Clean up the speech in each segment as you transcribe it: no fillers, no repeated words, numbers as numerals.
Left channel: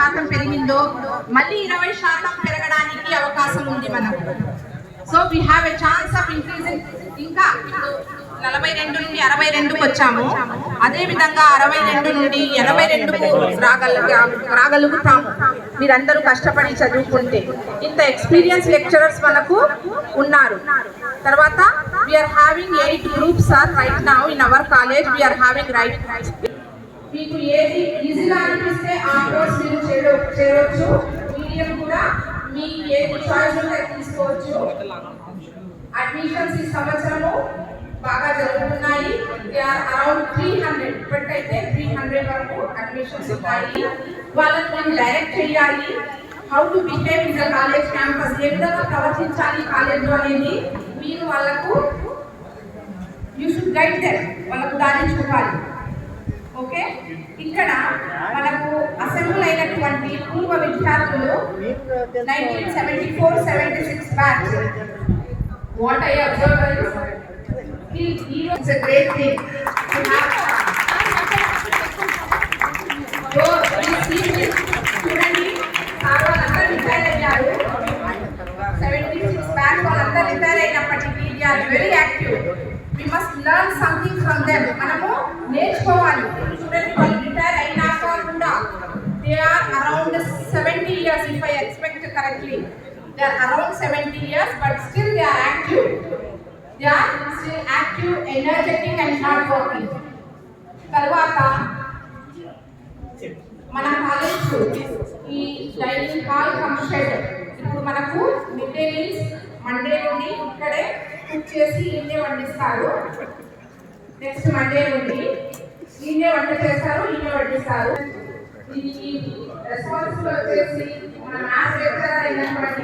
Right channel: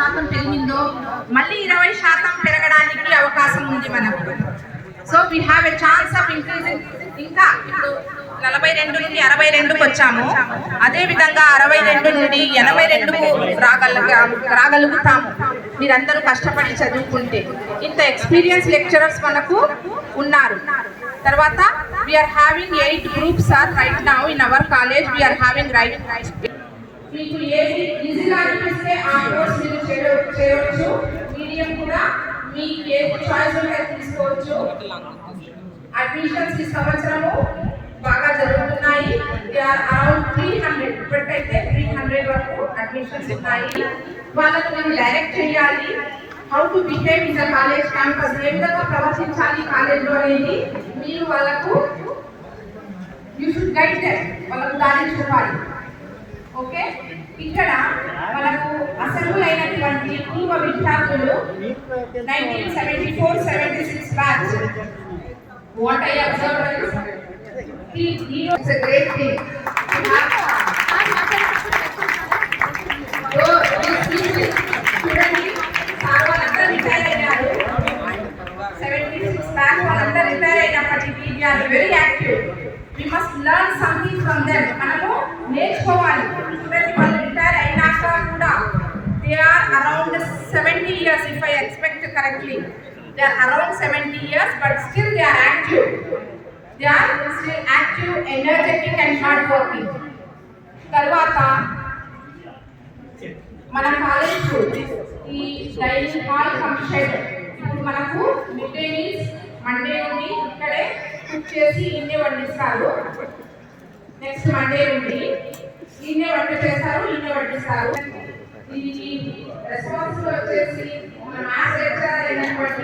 20% పెరిగిందో మళ్ళీ 20% పెరగడానికి అవకాశం ఉంది మనకు. So we have a chance of increasing. ఇంకా ఇప్పుడు 42 నుండి 62కు వచ్చాము, అదేవిధంగా 62 నుండి 82కు రాగలుగుతాము మీరందరూ కష్టపడి చదువుకుంటే. ఇంత ఎక్స్పీరియన్స్ లెక్చరర్స్ మనకు ఉన్నారు. తర్వాత we are having 8 groups are right now in our college. We are having right, మీకు ఏది ఈజీగా అనిపిస్తే ఆ కోర్స్ మీరు చేయవచ్చు. మీడియం కూడా మీకు ఏది చాయిస్ ఉంటే తీసుకోవచ్చు. అడ్మిషన్స్ ఈ సంవత్సరము బాగా జరుగుతున్నాయి. అరౌండ్ 300, ఇప్పటికైతే 300 వరకు అడ్మిషన్స్ ఉన్నాయి. వాళ్ళని మేము డైరెక్ట్ చేయాలి. How to behave in the college campus, ఏ విధంగా ప్రవర్తించాలి కాలేజ్లో అనేది మీరు వాళ్ళకు యూ షుడ్ గైడ్ దెమ్, వాళ్ళకు దారి చూపాలి. ఓకే, ఇక్కడ మనకు అసెంబ్లీ అయినటువంటి పూర్వ విద్యార్థులు 1974-76 batch. What I observe it's a great thing to have. So చూడండి, సార్ వాళ్ళంతా రిటైర్ అయ్యారు. 76 బ్యాచ్ వాళ్ళంతా రిటైర్ అయినప్పటికీ they are very active. We must learn something from them. మనము నేర్చుకోవాలి. చూడండి, వాళ్ళు రిటైర్ అయినాక కూడా they are around 70 years if I expect correctly. They are around 70 years but still they are active. They are still active, energetic and hard working. తర్వాత మన college ఈ dining hall function ఇప్పుడు మనకు మిడ్ డే మీల్స్ మండే నుండి ఇక్కడే cook చేసి ఇన్నే వండిస్తారు. Next Monday నుండి ఇన్నే వంట చేస్తారు, ఇన్నే వడ్డిస్తారు. దీనికి రెస్పాన్సిబుల్ వచ్చేసి మన మ్యాథ్స్ లెక్చరర్ అయినటువంటి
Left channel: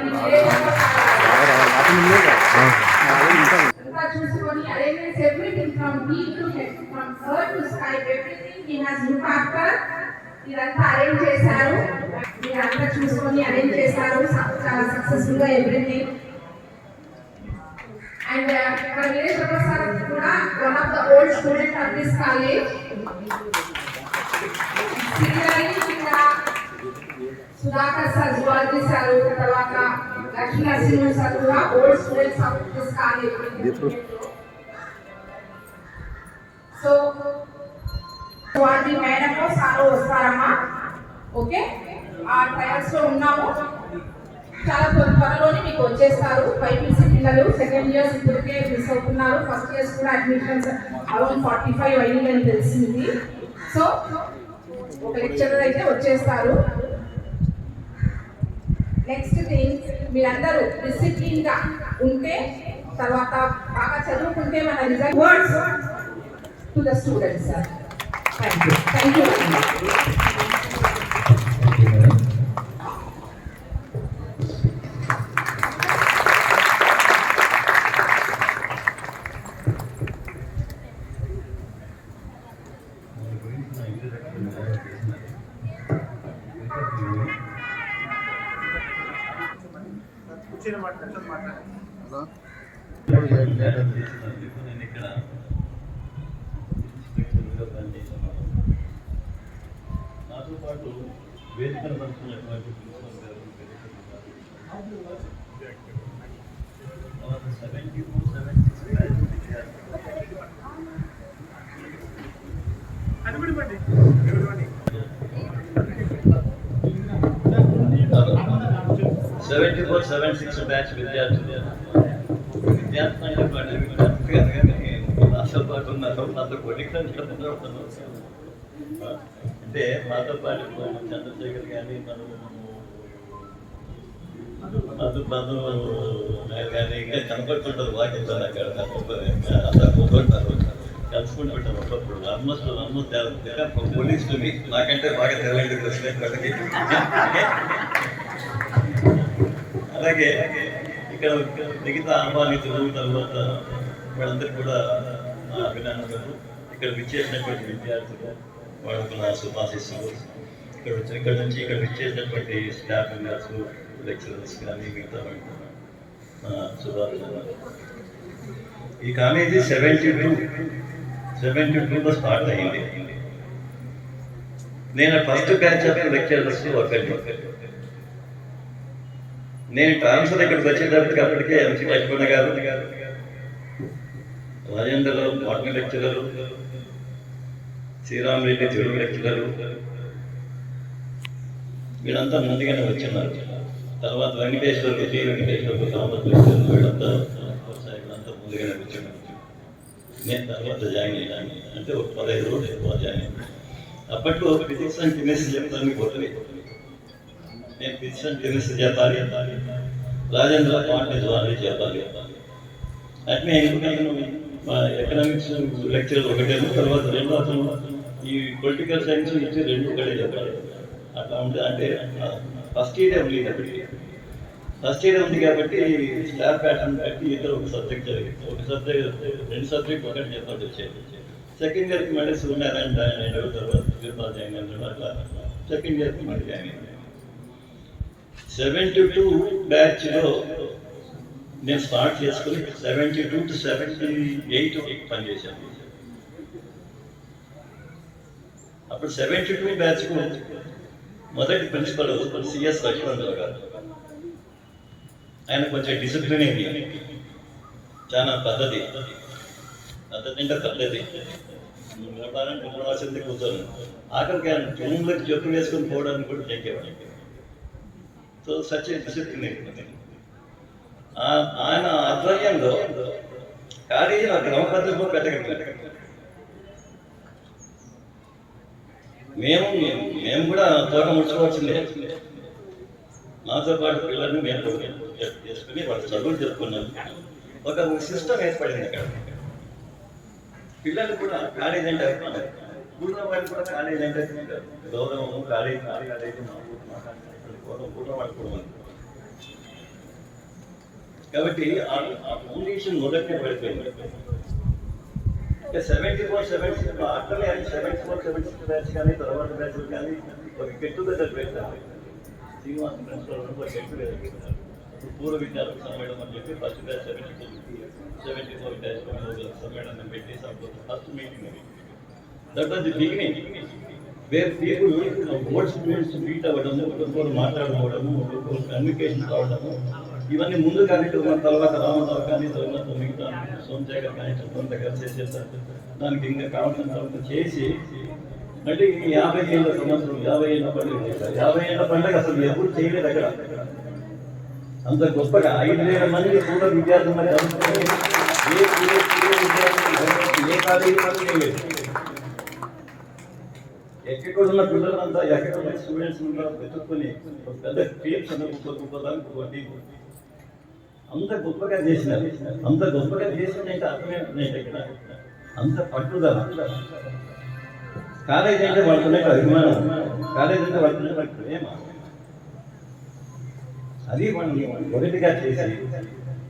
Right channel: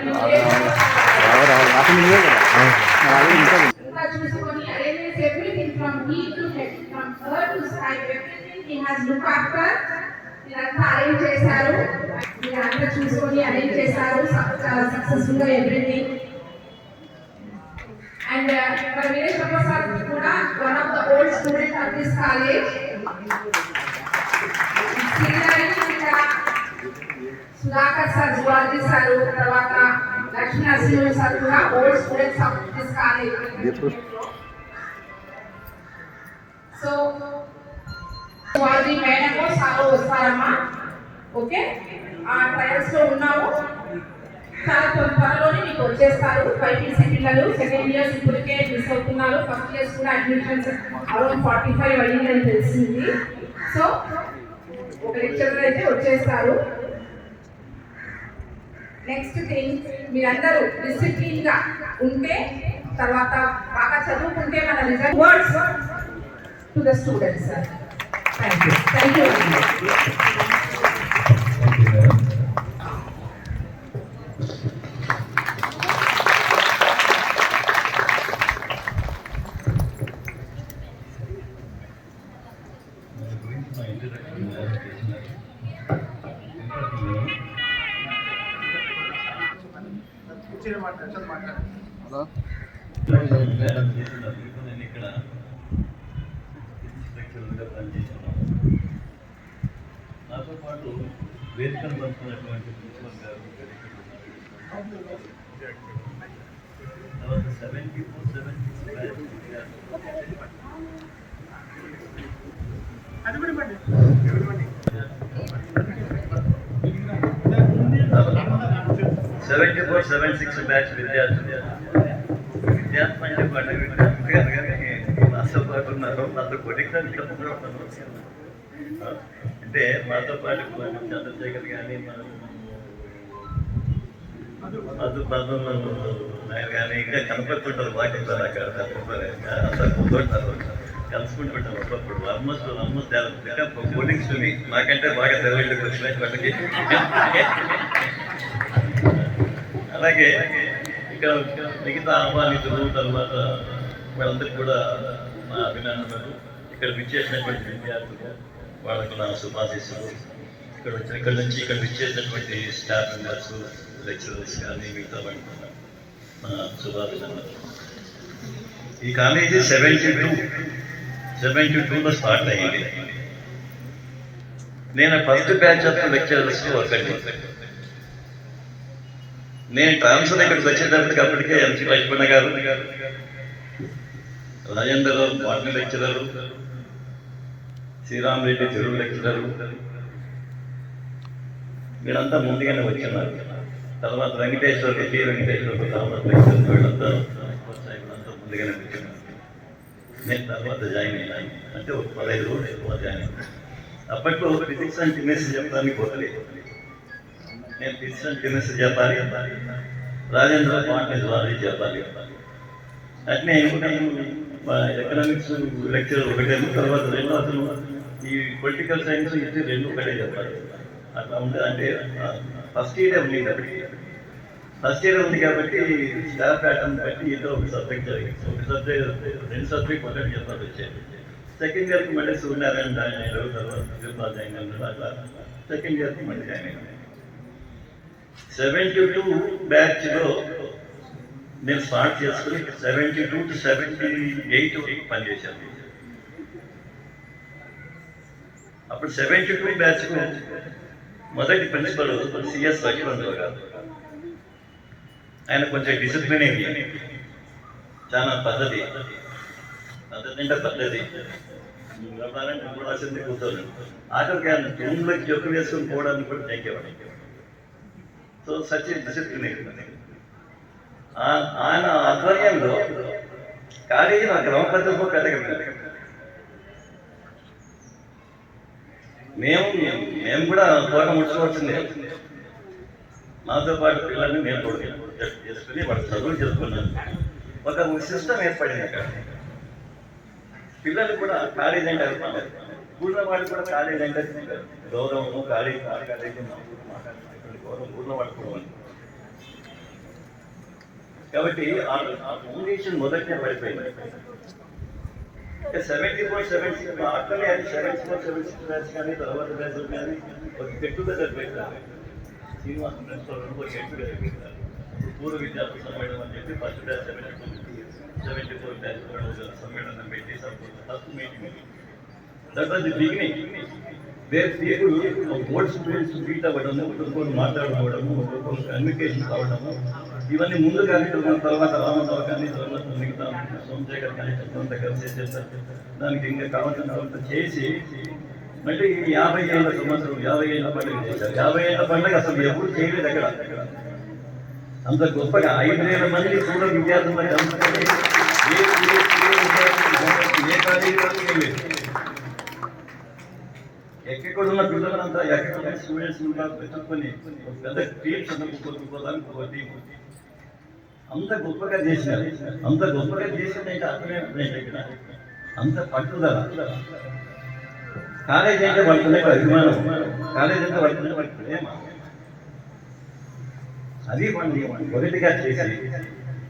చూసుకొని arranges everything from D to head, from earth to sky, everything he has look after. ఇదంతా అరేంజ్ చేశారు, మీరంతా చూసుకొని అరేంజ్ చేశారు చాలా సక్సెస్ఫుల్ గా ఎవ్రీథింగ్. అండ్ మన వినేష్ సార్ కూడా one of the old student of this college. Sudhakar sir zoology sir, తర్వాత లక్ష్మీ నరసింహ సార్ కూడా old students of this college. So zoology madam sir వస్తారమ్మా. ఓకే, ఆ ట్రయల్స్ లో ఉన్నాము. చాలా త్వరలోనే మీకు వచ్చేస్తారు. బైపీసీ పిల్లలు సెకండ్ ఇయర్స్ ఇప్పటికే మిస్ అవుతున్నారు. ఫస్ట్ ఇయర్స్ కూడా అడ్మిషన్స్ అరౌండ్ 45 అయ్యిందని తెలిసింది. సో ఒక లెక్చరర్ అయితే వచ్చేస్తారు. నెక్స్ట్ థింగ్, మీరందరూ డిసిప్లిన్ గా ఉంటే, తర్వాత బాగా చదువుకుంటే మన result. Words to the students sir. Thank you. Thank you. నేను ఇక్కడ ఇన్స్పెక్టర్గా పనిచేశాను. నాతో పాటు వేదికను పంచుకున్నటువంటి ప్రిన్సిపల్ గారు తర్వాత 74-76 బ్యాచ్ విద్యార్థులు 74-76 బ్యాచ్ విద్యార్థులు విద్యార్థులు పండుగ మాతో పాటు ఉన్నారు. నాతో కొనికలు అంటే మాతో పాటు చంద్రశేఖర్ కానీ మధు నాయర్ కానీ ఇంకా కనపడుతుంటారు. వాకింగ్ అక్కడ అందరు పోతుంటారు, కలుసుకుంటుంటారు. అప్పుడప్పుడు ఆల్మోస్ట్ పోలింగ్ స్టూడీ నాకంటే బాగా తెలంగాణకి వచ్చినాయి వాళ్ళకి. అలాగే ఇక్కడ మిగతా ఆహ్వానితులు తర్వాత వాళ్ళందరికీ కూడా నా అభినందనలు. ఇక్కడ విచ్చేసినటువంటి విద్యార్థులు వాళ్ళకు నా శుభాశీస్సులు. ఇక్కడ నుంచి ఇక్కడ విచ్చేసినటువంటి స్టాఫ్ మెంబర్స్, లెక్చరర్స్ కానీ మిగతా నా శుభాభినందనలు. ఈ కాలేజీ 72లో స్టార్ట్ అయ్యింది. నేను ఫస్ట్ బ్యాచ్ ఆఫ్ లెక్చరర్స్ ఒకటి. నేను ట్రాన్స్ఫర్ ఇక్కడికి వచ్చేటప్పటికి అప్పటికే ఎంసీ లక్ష్మణ గారు, రాజేంద్ర మాటల లెక్చరరు, శ్రీరామరెడ్డి తెలుగు లెక్చరరు, వీళ్ళంతా ముందుగానే వచ్చిన్నారు. తర్వాత Venkateswara T Venkateswara commerce lecturer వీళ్ళంతా ముందుగానే వచ్చినారు. నేను తర్వాత జాయిన్ అయ్యాను, అంటే ఒక 15 రోజులు ఎక్కువ జాయిన్ అయ్యాను. అప్పట్లో ఫిజిక్స్ అండ్ కెమిస్ట్రీ చెప్పడానికి పోతలేదు. నేను ఫిజిక్స్ అండ్ కెమిస్ట్రీ చెప్పాలి, రాజేంద్ర బాటనీ జువాలజీ చెప్పాలి. అట్నే మా ఎకనామిక్స్ లెక్చరర్ ఒకటేమో, తర్వాత రెండో అతను ఈ పొలిటికల్ సైన్స్ ఇచ్చి 2 ఒకటే చెప్పాలి. అట్లా ఉంటే అంటే ఫస్ట్ ఇయర్ ఉంది కాబట్టి, ఫస్ట్ ఇయర్ ఉంది కాబట్టి స్టాఫ్ ప్యాటర్న్ బట్టి ఇద్దరు ఒక సబ్జెక్ట్ జరిగింది. ఒక సబ్జెక్ట్ 2 సబ్జెక్ట్ ఒకటి చెప్పాల్సి వచ్చేది. సెకండ్ ఇయర్కి మళ్ళీ సూర్యనారాయణ జాయిన్ అయినారు, తర్వాత శ్రీపాల్ జాయిన్ అయినారు. అట్లా సెకండ్ ఇయర్కి మళ్ళీ జాయిన్ అయినారు. 72 బ్యాచ్లో నేను స్టార్ట్ చేసుకుని 72 to 78 పనిచేశాను. అప్పుడు 72 బ్యాచ్కు మొదటి ప్రిన్సిపల్ సిఎస్ లక్ష్మణరావు గారు. ఆయన కొంచెం డిసిప్లిన్ అయింది, చాలా పద్ధతి అంటే పద్ధతి వ్యాపారానికి ఎప్పుడు వచ్చింది కూర్చోలేదు. ఆఖరికి ఆయన రూమ్లోకి చెప్పు వేసుకొని పోవడానికి కూడా చెక్కేవాడు. సో సచ్ డిసిప్లిన్ అయింది. ఆయన ఆధ్వర్యంలో కాలేజీ నా క్రమపద్ధతిలో కట్టగలిగారు. మేము కూడా త్వరగా ముడుచుకోవాల్సిందే. నాతో పాటు పిల్లల్ని నేను కూడా చేసుకుని వాడు చదువులు చెప్పుకున్నాను. ఒక సిస్టమ్ ఏర్పడింది అక్కడ. పిల్లలు కూడా కాలేజ్ అంటే అభిమానం, ఊళ్ళో వాళ్ళు కూడా కాలేజ్ అంటే గౌరవము, కాలేజ్ గౌరవం ఊళ్ళో వాళ్ళు కూడా ఉంది. కాబట్టి ఆ ఫౌండేషన్ మొదటినే పడిపోయింది. 74-76 అట్లనే 74-76 బ్యాచ్ కానీ తర్వాత బ్యాచ్లు కానీ ఒక గెట్ టుగెదర్ పెట్టారు. శ్రీనివాస ప్రిన్సిపల్ ఒక గెట్ టుగెదర్ పెట్టారు. పూర్వ విద్యార్థుల సమ్మేళనం అని చెప్పి ఫస్ట్ బ్యాచ్ 74 బ్యాచ్ సమ్మేళనం పెట్టి ఫస్ట్ మీటింగ్ అది. That was the beginning where people old students meet అవ్వడము, ఒకరు మాట్లాడుకోవడము, ఒకరు కమ్యూనికేషన్ కావడము, ఇవన్నీ ముందు కానీ తర్వాత రామరావు కానీ తర్వాత మిగతా సోమశేఖర్ కానీ కొంత కలిసి చేస్తారు. దానికి ఇంకా కావాల్సిన కొంత చేసి మళ్ళీ 50 ఏళ్ళ సంవత్సరం 50 ఏళ్ళ పండుగ చేశారు. 50 ఏళ్ళ పండుగ అసలు ఎప్పుడు చేయలేదు అక్కడ. అంత గొప్పగా 5,000 మంది పూర్వ విద్యార్థులు మరి అందుకని ఏ కాలేజీలో చేయలేదు. ఎక్కడున్న పిల్లలంతా ఎక్కడున్న స్టూడెంట్స్ వెతుక్కొని పెద్ద టీమ్స్ అందుకోదానికి ఒక టీం అంత గొప్పగా చేసినారు. అంత గొప్పగా చేసిందంటే అర్థమేంటంటే ఇక్కడ అంత పట్టుదల. కాలేజ్ అంటే పడుతున్నాయి అభిమానం, కాలేజ్ అంటే పడుతున్నాయి వాటి ప్రేమ. అది వాళ్ళు ఒకటిగా చేసి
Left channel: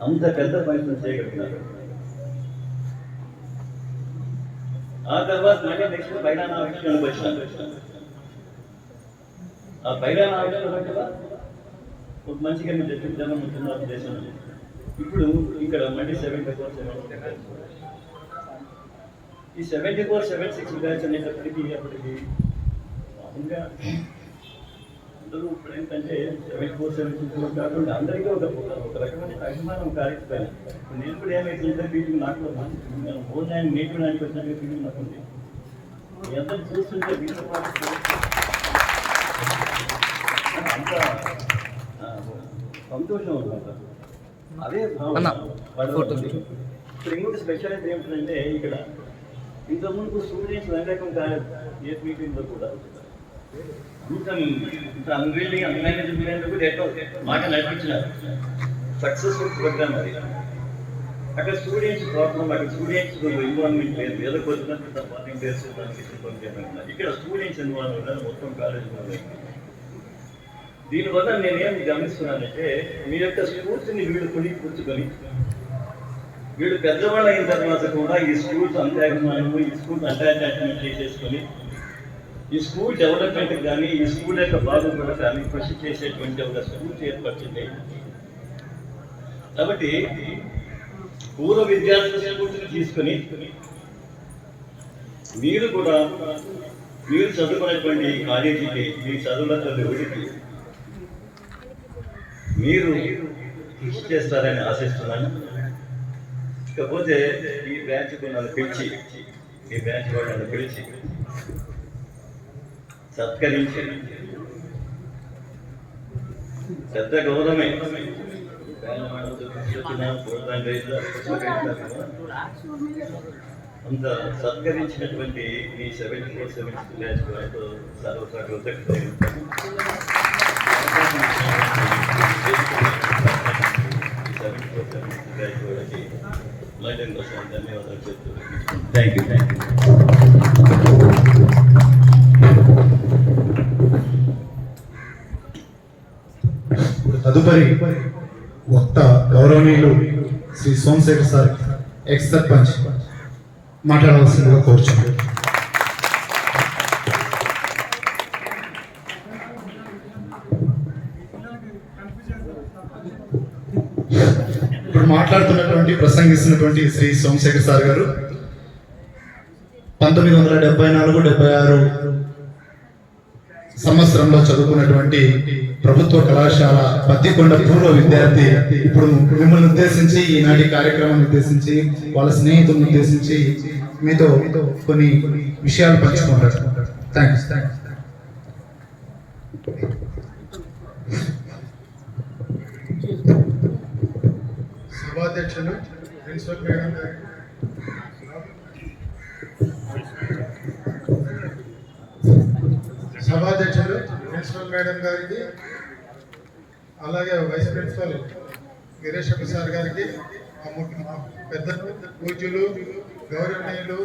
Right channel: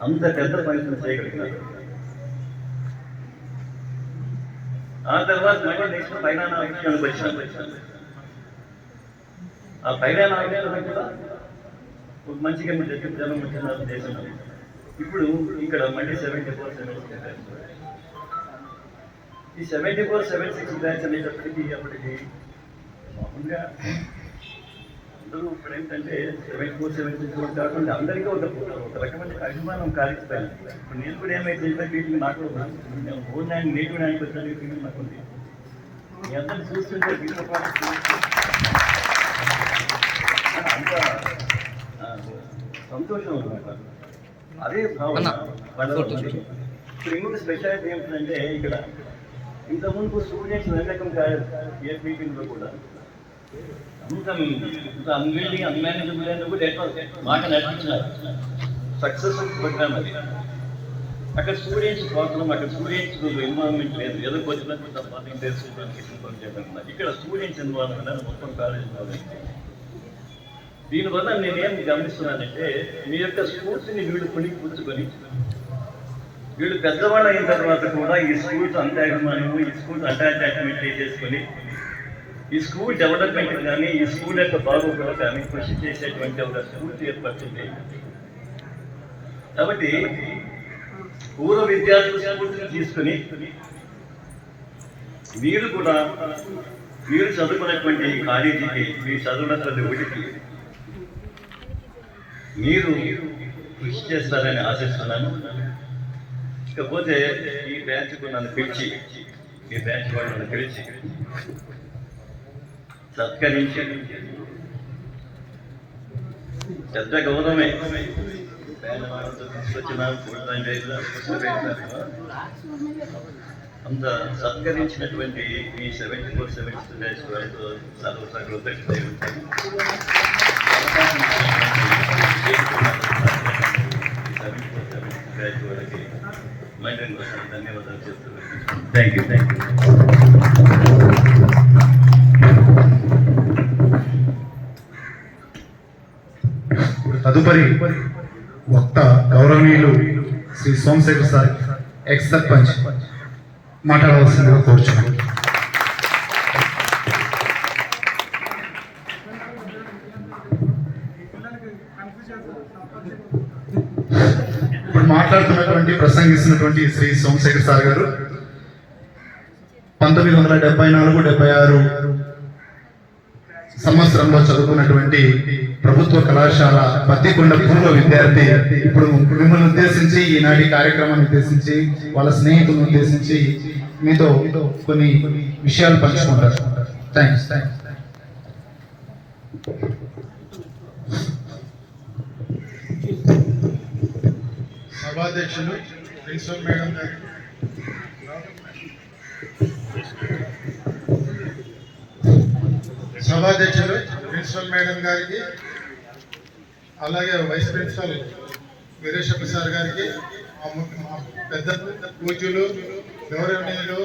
అంత పెద్ద పని చేయగలిగినారు. ఆ తర్వాత మళ్ళీ నెక్స్ట్ పైలానా విషయానికి వచ్చాను. ఆ పైలానా విషయంలో కూడా ఒక మంచిగా మీరు చెప్పిన జనం వచ్చిన దేశం. ఇప్పుడు ఇక్కడ మళ్ళీ 74-76 ఈ 74-76 బ్యాచ్ అనేటప్పటికీ అప్పటికి మామూలుగా అందరూ ఇప్పుడు ఏంటంటే 74-76 కాకుండా అందరికీ ఒక రకమైన అభిమానం కాలేకపోయినా. ఇప్పుడు నేను కూడా ఏమైతే వీటిని నాకు నేను ఓన్ హ్యాండ్ నేటివ్ హ్యాండ్కి వచ్చిన ఫీలింగ్ నాకు ఉంది. మీ అందరిని చూస్తుంటే వీటితో పాటు అంత సంతోషం అనమాట. అదే భావన ఇప్పుడు ఇంకొక స్పెషాలిటీ ఏమిటంటే ఇక్కడ ఇంతకుముందు స్టూడెంట్స్ వెనకం కాదు ఏ మీటింగ్లో కూడా అంత అన్విల్డింగ్ అన్మేనేజబుల్ అయినా కూడా ఎట్లా మాట నడిపించినారు. సక్సెస్ఫుల్ ప్రోగ్రామ్ అది. అక్కడ స్టూడెంట్స్ ప్రాబ్లం, అక్కడ స్టూడెంట్స్ ఇన్వాల్వ్మెంట్ లేదు. ఏదో కొద్దిమంది పార్టీ చెప్పకుండా ఇక్కడ స్టూడెంట్స్ ఇన్వాల్వ్మెంట్ మొత్తం కాలేజ్ ఇన్వాల్వ్. దీనివల్ల నేనేం గమనిస్తున్నానంటే మీ యొక్క స్కూల్స్ని వీళ్ళు పుచ్చుకొని వీళ్ళు పెద్దవాళ్ళు అయిన తర్వాత కూడా ఈ స్కూల్స్ అంత అభిమానము, ఈ స్కూల్స్ అంత అటాచ్మెంట్ చేసేసుకొని ఈ స్కూల్ డెవలప్మెంట్ కానీ ఈ స్కూల్ యొక్క బాగోగులు కానీ కృషి చేసేటువంటి ఒక స్కూల్స్ ఏర్పరిచింది. కాబట్టి పూర్వ విద్యార్థుల స్కూల్స్ని తీసుకొని మీరు కూడా మీరు చదువుకున్నటువంటి కాలేజీకి, మీరు చదువున్నటువంటి ఊరికి మీరు కృషి చేస్తారని ఆశిస్తున్నాను. ఇకపోతే ఈ బ్రాంచ్కు నన్ను పిలిచి, ఈ బ్రాంచ్ కూడా నన్ను పిలిచి సత్కరించి పెద్ద గౌరవమే తీసుకొచ్చినాను. అంత సత్కరించినటువంటి ఈ 74 సెవెంత్ బ్యాచ్ వాళ్ళతో కృతజ్ఞతలు ఉంటాను. బ్యాచ్ వాళ్ళకి లండన్ కోసం ధన్యవాదాలు చెప్తున్నాను. Thank you. తదుపరి వక్త గౌరవనీయులు శ్రీ సోమశేఖర్ సార్, ఎక్స్ సర్పంచ్, మాట్లాడవలసిందిగా కోరుచున్నాను. ఇప్పుడు మాట్లాడుతున్నటువంటి ప్రసంగిస్తున్నటువంటి శ్రీ సోమశేఖర్ సార్ గారు 1974-76 సంవత్సరంలో చదువుకున్నటువంటి ప్రభుత్వ కళాశాల పత్తికొండ పూర్వ విద్యార్థి. ఇప్పుడు మిమ్మల్ని ఉద్దేశించి, ఈనాటి కార్యక్రమాన్ని ఉద్దేశించి, వాళ్ళ స్నేహితులను ఉద్దేశించి మీతో కొన్ని విషయాలు పంచుకుంటారు. థ్యాంక్స్. సభాధ్యక్షులు ప్రిన్సిపల్ మేడం గారు, సభాధ్యక్షులు ప్రిన్సిపల్ మేడం గారికి, అలాగే వైస్ ప్రిన్సిపల్ వీరేశ ప్రసాద్ గారికి, మా పెద్ద పూజ్యులు గౌరవనీయులు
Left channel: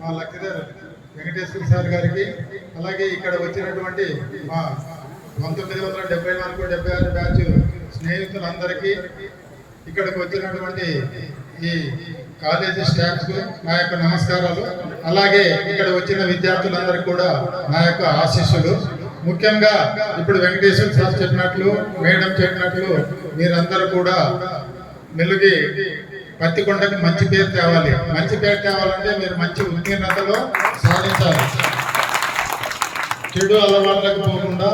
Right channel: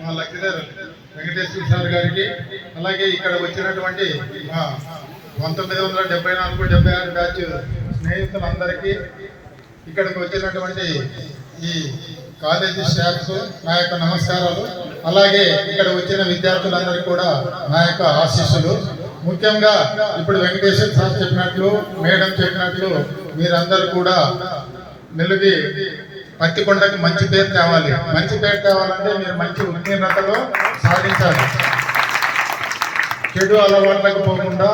మా లెక్చరర్ వెంకటేశ్వర సార్ గారికి, అలాగే ఇక్కడ వచ్చినటువంటి మా 1974-76 బ్యాచ్ స్నేహితులందరికీ, ఇక్కడికి వచ్చినటువంటి ఈ కాలేజీ స్టాఫ్ నా యొక్క నమస్కారాలు. అలాగే ఇక్కడ వచ్చిన విద్యార్థులందరికీ కూడా నా యొక్క ఆశీస్సులు. ముఖ్యంగా ఇప్పుడు వెంకటేశ్వర సార్ చెప్పినట్లు, మేడం చెప్పినట్లు, మీరందరూ కూడా మెలుగి పత్తికొండకి మంచి పేరు తేవాలి. మంచి పేరు తేవాలంటే మీరు మంచి ఉత్తీర్ణతలో సాధించాలి. చెడు అలవాట్లకు పోకుండా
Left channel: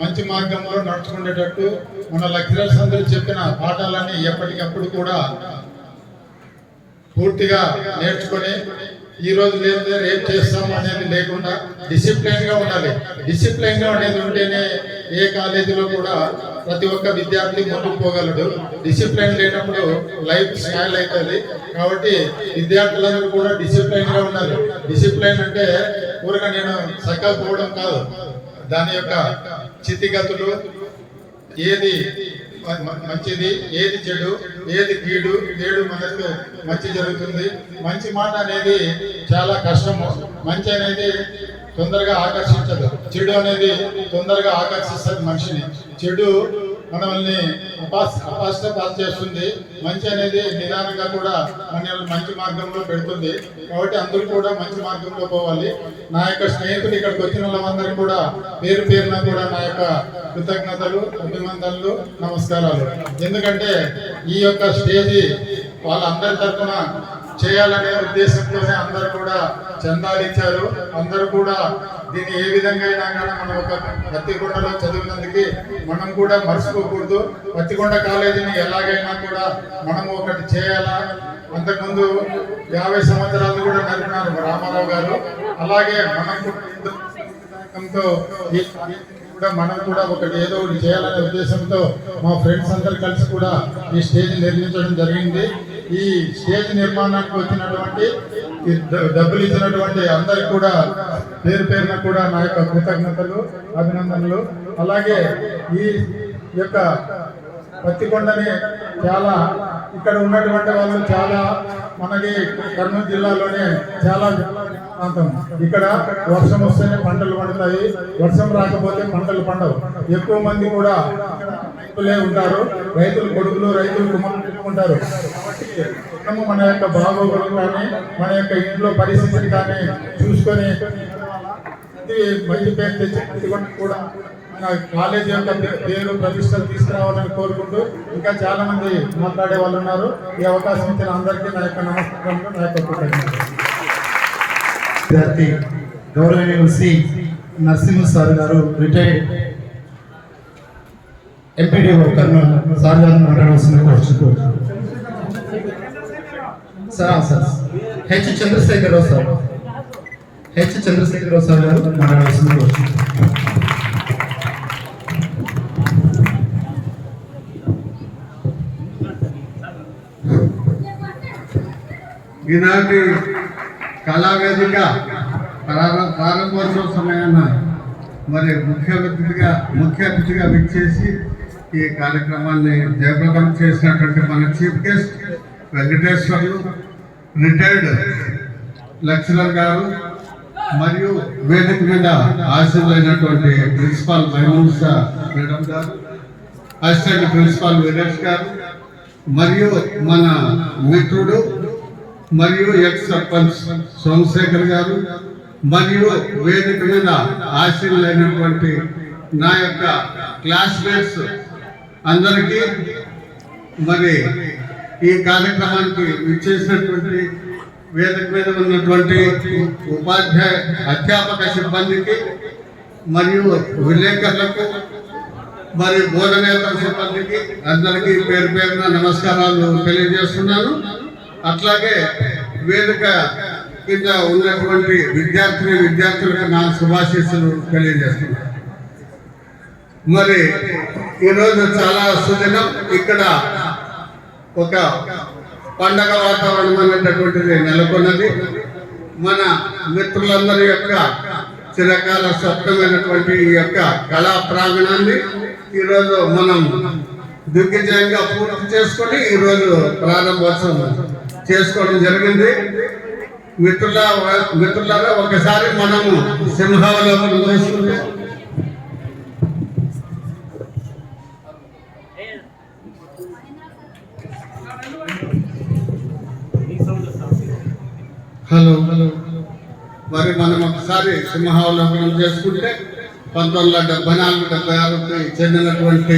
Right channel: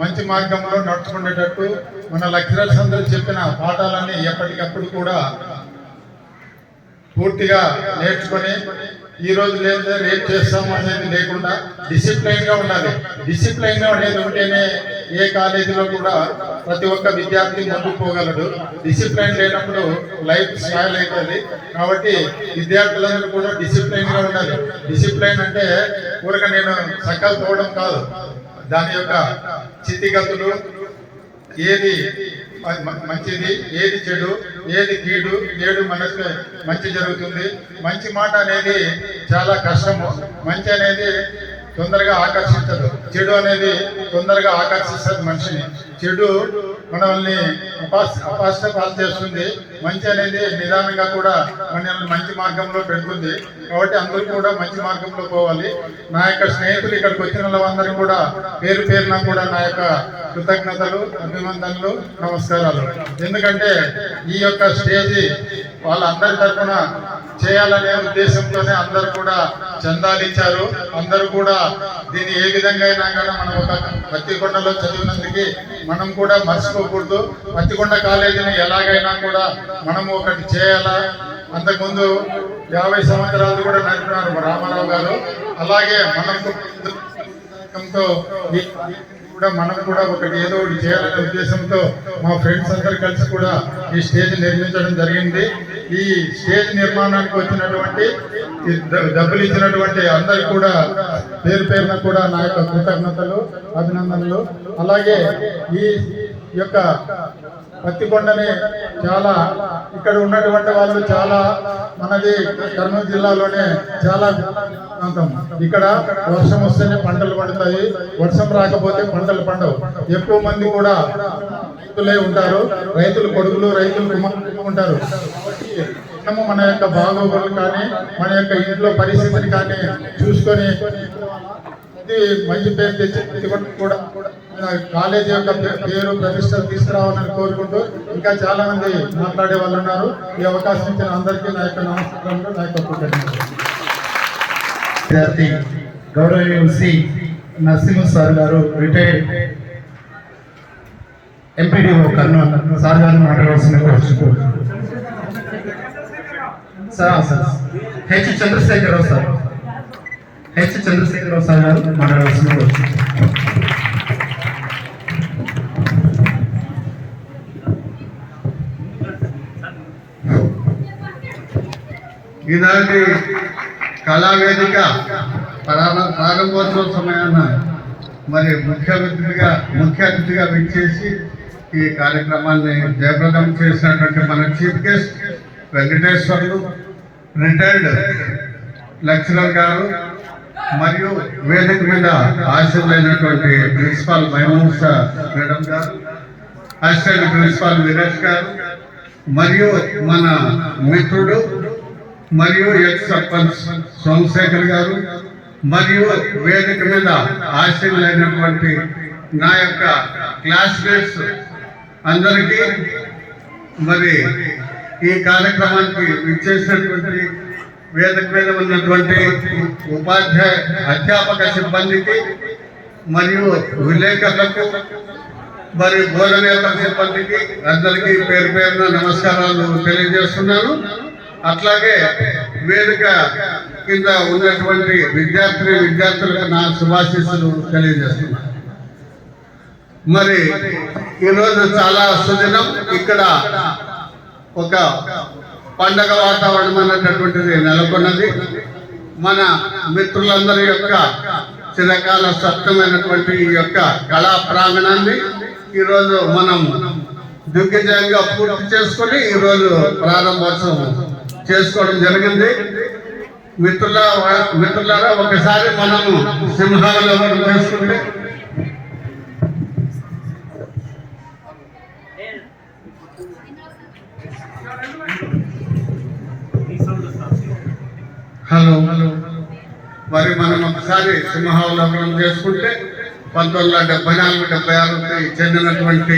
మంచి మార్గంలో నడుచుకునేటట్టు మన లెక్చరర్స్ అందరూ చెప్పిన పాఠాలన్నీ ఎప్పటికప్పుడు కూడా పూర్తిగా నేర్చుకొని, ఈ రోజు లేదా రేపు చేస్తాం అనేది లేకుండా డిసిప్లైన్ గా ఉండాలి. డిసిప్లైన్ గా అనేది ఉంటేనే ఏ కాలేజీలో కూడా ప్రతి ఒక్క విద్యార్థి ముందుకు పోగలడు. డిసిప్లైన్ లేనప్పుడు లైఫ్ స్పాయిల్ అవుతుంది. కాబట్టి విద్యార్థులందరూ కూడా డిసిప్లైన్ గా ఉండాలి. డిసిప్లైన్ అంటే ఊరగా నేను సకాలు పోవడం కాదు, దాని యొక్క స్థితిగతులు, ఏది మంచిది, ఏది చెడు, ఏది కీడు, ఏడు మనకు మంచి జరుగుతుంది. మంచి మాట అనేది చాలా కష్టము. మంచి అనేది తొందరగా ఆకర్షించదు, చెడు అనేది తొందరగా ఆకర్షిస్తుంది మనిషిని. చెడు మనల్ని అపాస్టపాలు చేస్తుంది. మంచి అనేది నిదానంగా కూడా మనల్ని మంచి మార్గంలో పెడుతుంది. కాబట్టి అందరూ కూడా మంచి మార్గంలో పోవాలి. నా యొక్క స్నేహితులు ఇక్కడికి వచ్చిన వాళ్ళందరికీ కూడా పేరు పేరున కూడా నా యొక్క కృతజ్ఞతలు, అభినందనలు, నమస్కారాలు. ఎందుకంటే ఈ యొక్క స్టేజీ వాళ్ళందరి తరఫున చేయాలనే ఉద్దేశంతోనే అందరూ కూడా చందాలు ఇచ్చారు. అందరూ కూడా దీన్ని ఏ విధంగా అయినా కానీ మనం ఒక పత్తికొండలో చదివినందుకు మనం కూడా మర్చిపోకూడదు. పత్తికొండ కాలేజీని ఎలాగైనా కూడా మనం ఒకటి చేయాలా. అంతకుముందు 50 సంవత్సరాలు కూడా నడిపినారు రామారావు గారు. అలాగే మనం మనం కూడా ఒకటి ఏదో ఒకటి చేయాలనే ఉద్దేశంతో మా ఫ్రెండ్స్ అందరు కలిసి కూడా ఈ స్టేజ్ నిర్మించడం జరిగింది. ఈ స్టేజ్ నిర్మాణానికి వచ్చినటువంటి డబ్బులు ఇచ్చినటువంటి అందరికి కూడా పేరు పేరున కూడా నా యొక్క కృతజ్ఞతలు, అభినందనలు. అలాగే ఈ యొక్క పత్తికొండని చాలా ఇక్కడ ఉన్నటువంటి వాళ్ళు చాలా మనకి కర్నూలు జిల్లాలోనే చాలా ప్రాంతం. ఇక్కడ వర్షం వస్తేనే పంటలు పండుతాయి, వర్షం రాకపోతే పంటలు పండవు. ఎక్కువ మంది కూడా రైతులే ఉంటారు, రైతులు కొడుకులు, రైతులు కుమారులు ఉంటారు. కాబట్టి మేము మన యొక్క బాగోగులు కానీ మన యొక్క ఇంట్లో పరిస్థితిని కానీ చూసుకొని మంచి పేరు తెచ్చి కూడా మన కాలేజీ యొక్క పేరు ప్రతిష్టలు తీసుకురావాలని కోరుకుంటూ ఇంకా చాలా మంది మాట్లాడే వాళ్ళు ఉన్నారు. ఈ అవకాశం ఇచ్చిన అందరికీ నా యొక్క నమస్కారం, నా యొక్క కృతజ్ఞతలు. విద్యార్థి గౌరవనీయులు శ్రీ నరసింహ సార్ గారు రిటైర్డ్ ఎంపీడీఓ కర్నూలు సార్ గారిని మాట్లాడవలసిందిగా కోరుచుకోవచ్చు. సార్ హెచ్ చంద్రశేఖరరావు సార్ గారు మాట్లాడవలసిందిగా కోరుచుకోవచ్చు. ఈనాటి కళావేదిక ప్రారంభోత్సవ సమయాన మరి ముఖ్య అతిథిగా విచ్చేసి ఈ కార్యక్రమాన్ని జయప్రదం చేసినటువంటి మన chief guest Venkateswarlu retired lecturer గారు మరియు వేదిక మీద ఆశీర్వైనటువంటి ప్రిన్సిపాల్ మైమూసా మేడం గారు, అసిస్టెంట్ ప్రిన్సిపాల్ వీరేష్ గారు మరియు మన మిత్రుడు మరియు ఎక్స్ సర్పంచ్ సోమశేఖర్ గారు మరియు వేదిక మీద ఆశీర్వైనటువంటి నా యొక్క క్లాస్మేట్స్ అందరికీ మరి ఈ కార్యక్రమానికి విచ్చేసినటువంటి వేదిక మీద ఉన్నటువంటి ఉపాధ్యాయ అధ్యాపక సిబ్బందికి మరియు విలేకరులకు మరి బోధనేతర సిబ్బందికి అందరికీ పేరు పేరున నమస్కారాలు తెలియజేస్తున్నాను. అట్లాగే వేదిక కింద ఉన్నటువంటి విద్యార్థులకు నా శుభాశీస్సులు తెలియజేస్తున్నాను. మరి ఈరోజు చాలా సుదినం. ఇక్కడ ఒక పండగ వాతావరణం అనేటటువంటిది నెలకొన్నది. మన మిత్రులందరి యొక్క చిరకాల స్వప్నమైనటువంటి ఈ యొక్క కళా ప్రాంగణాన్ని ఈరోజు మనం దిగ్విజయంగా పూర్తి చేసుకొని ఈరోజు ప్రారంభోత్సవం చేసుకోవడం జరిగింది. మిత్రులారా ఒకసారి మనము సింహావలోకనం చేసుకుంటే హలో మరి మనం ఒకసారి సింహావలోకనం చేసుకుంటే 1974-76కి చెందినటువంటి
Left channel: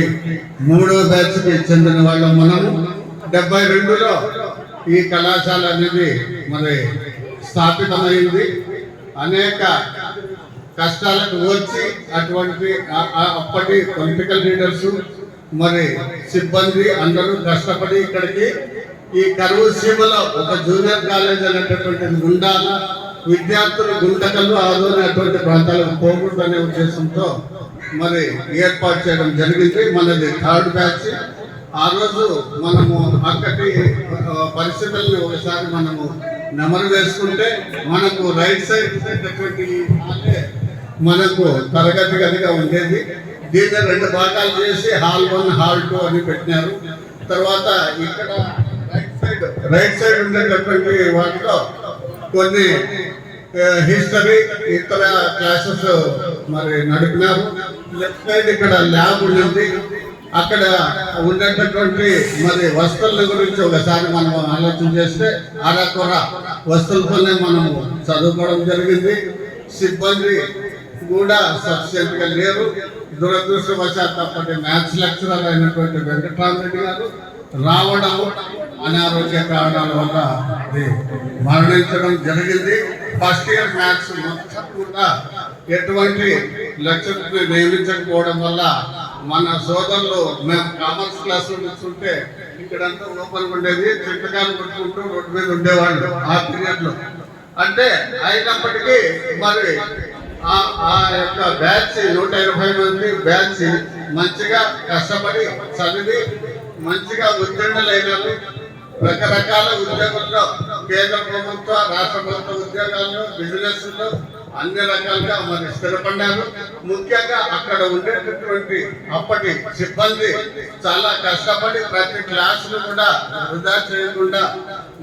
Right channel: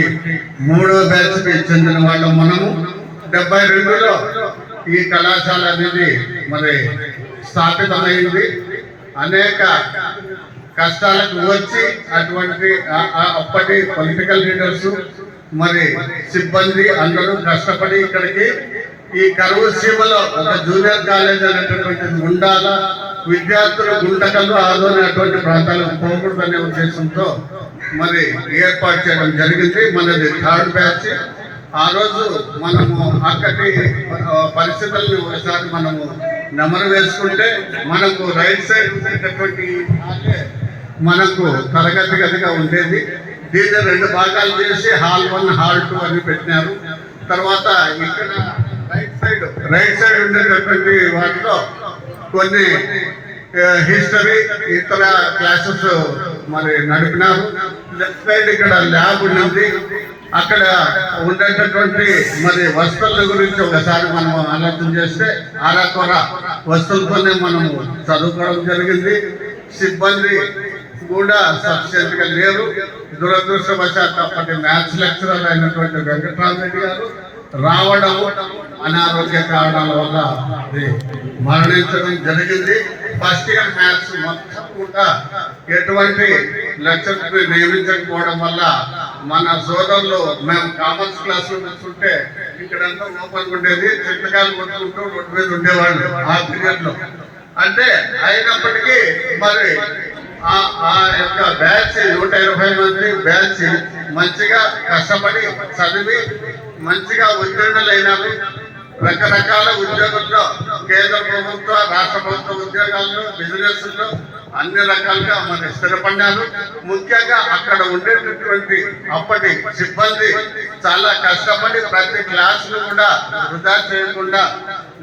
3వ బ్యాచ్కి చెందిన వాళ్ళు మనము. 72లో ఈ కళాశాల అనేది మరి స్థాపితమైంది. అనేక కష్టాలకు వచ్చి అటువంటి అప్పటి పొలిటికల్ లీడర్స్ మరి సిబ్బంది అందరూ కష్టపడి ఇక్కడికి ఈ కరువు సీమలో ఒక జూనియర్ కాలేజ్ అనేటటువంటిది ఉండాల, విద్యార్థులు గుంటకలు ఆదోని అటువంటి ప్రాంతాలకు పోకూడదు అనే ఉద్దేశంతో మరి ఏర్పాటు చేయడం జరిగింది. మనది 3rd బ్యాచ్. ఆ రోజు మనము అక్కడి పరిస్థితులను ఒకసారి మనము నెమరు వేసుకుంటే మనకు రైట్ సైడ్ ఉండేటటువంటి మనకు తరగతి గదిగా ఉండేది. దీన్ని 2 భాగాలు చేసి హాల్ 1 హాల్ 2 అని పెట్టినారు. తర్వాత ఇక్కడ రైట్ సైడ్ ఉండేటటువంటి వాటిలో కొన్ని హిస్టరీ ఇతర క్లాసెస్ మరి నడిపినారు. లెఫ్ట్ సైడ్ ఇక్కడ ల్యాబ్ ఉంది. అక్కడ ఉండేటటువంటి మరి వస్తువుల గురించి ఒకసారి మనం ఆలోచన చేస్తే అరకొర వస్తువులతోనే మనము చదువుకోవడం జరిగింది. సిబ్బంది కూడా సఫిషియెంట్ గా లేరు. దురదృష్టవశాత్తు అప్పటి మ్యాథ్స్ లెక్చరర్ అయినటువంటి వెంకటరామరెడ్డి గారు రావడం అనారోగ్య కారణాల వల్ల అది మరణించడం జరిగింది. ఫస్ట్ ఇయర్ మ్యాథ్స్ మొత్తం కూడా ఎటువంటి లెక్చర్ని నియమించకపోవడం వల్ల మన సోదరులు మేము కామర్స్ క్లాసులు చూస్తుంటే ఇక్కడంతా ఓపెన్ ఉండేది, చిత్తకాలు కొట్టుకుంటూ రోడ్డు మీద ఉండేవాళ్ళు ఆ పీరియడ్ లో. అంటే అయినప్పటికీ మరి ఆ యొక్క బ్యాచ్ 120 మంది బ్యాచ్ మంచిగా కష్టపడి చదివి మంచిగా ఉత్తీర్ణులైనారు. రకరకాల ఉద్యోగుల్లో కేంద్ర ప్రభుత్వ రాష్ట్ర ప్రభుత్వ ఉద్యోగాల్లో బిజినెస్లో అన్ని రకాలుగా మరి స్థిరపడ్డారు. ముఖ్యంగా అక్కడ ఉండేటటువంటి అప్పటి సిబ్బంది చాలా కష్టపడి ప్రతి క్లాసులు కూడా వృధా చేయకుండా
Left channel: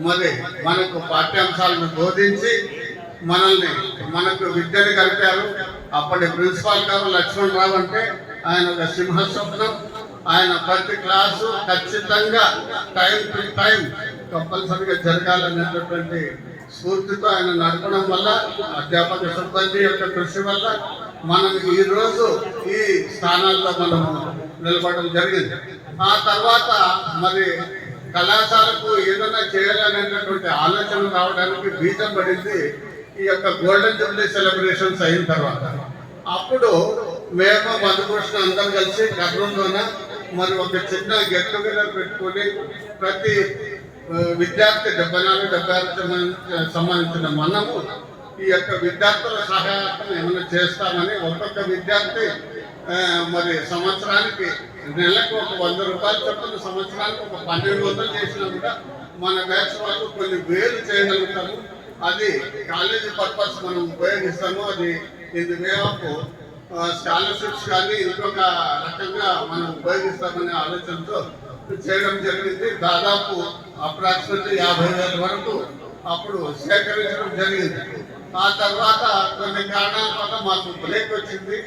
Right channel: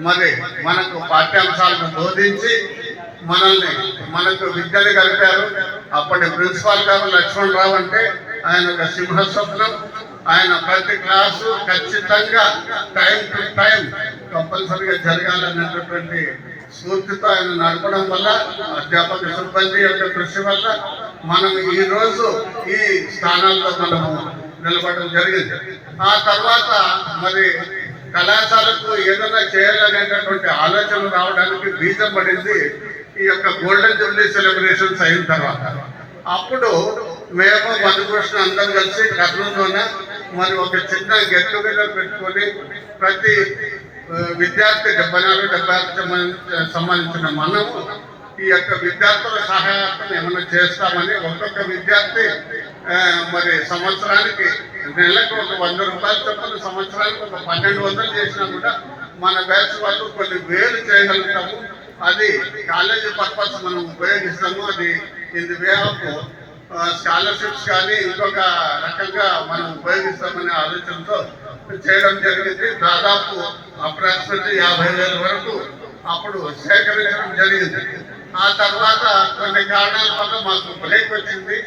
మరి మనకు పాఠ్యాంశాలను బోధించి మనకు విద్యను కలిపారు. అప్పటి ప్రిన్సిపాల్ గారు లక్ష్మణరావు అంటే ఆయన ఒక సింహస్వప్నం. ఆయన ప్రతి క్లాసు ఖచ్చితంగా టైం టు టైం కంపల్సరీగా జరగాలనేటటువంటి స్ఫూర్తితో ఆయన నడపడం వల్ల అధ్యాపక సిబ్బంది యొక్క కృషి వల్ల మనం ఈరోజు ఈ స్థానాల్లో మనము నిలబడడం జరిగింది. ఆ తర్వాత మరి కళాశాలకు ఏదైనా చేయాలనేటటువంటి ఆలోచన రావడానికి బీజం పడింది ఈ యొక్క గోల్డెన్ జూబ్లీ సెలబ్రేషన్స్ అయిన తర్వాత అప్పుడు మేము మధుకృష్ణ అందరం కలిసి కర్నూలులోనే మరి ఒక చిన్న గెట్ టుగెదర్ పెట్టుకొని ప్రతి విద్యార్థి 74-76 సంబంధించిన మనము ఈ యొక్క విద్యార్థుల సహాయార్థం ఏమైనా చేస్తామని ఒక్కొక్క విద్యార్థి మరి సంవత్సరానికి నెలకు ఒక 100 రూపాయలు చొప్పున సంవత్సరానికి ఒక 1200 చేసినా కూడా మన బ్యాచ్ వాళ్ళు కొన్ని వేలు చేయగలుగుతాము. అది కాలేజీ పర్పస్ మనం ఉపయోగిస్తాము. అది in the way of scholarships కానీ ఇంకొక రకంగా మనం ఉపయోగిస్తామనే ఆలోచనతో చేయడం జరిగింది. దాదాపు అప్రాక్సిమేట్లీ 50,000 వరకు అప్పుడు సేకరించడం జరిగింది. ఆ తర్వాత కొన్ని కారణాల వల్ల మాకు బ్రేక్ వచ్చింది.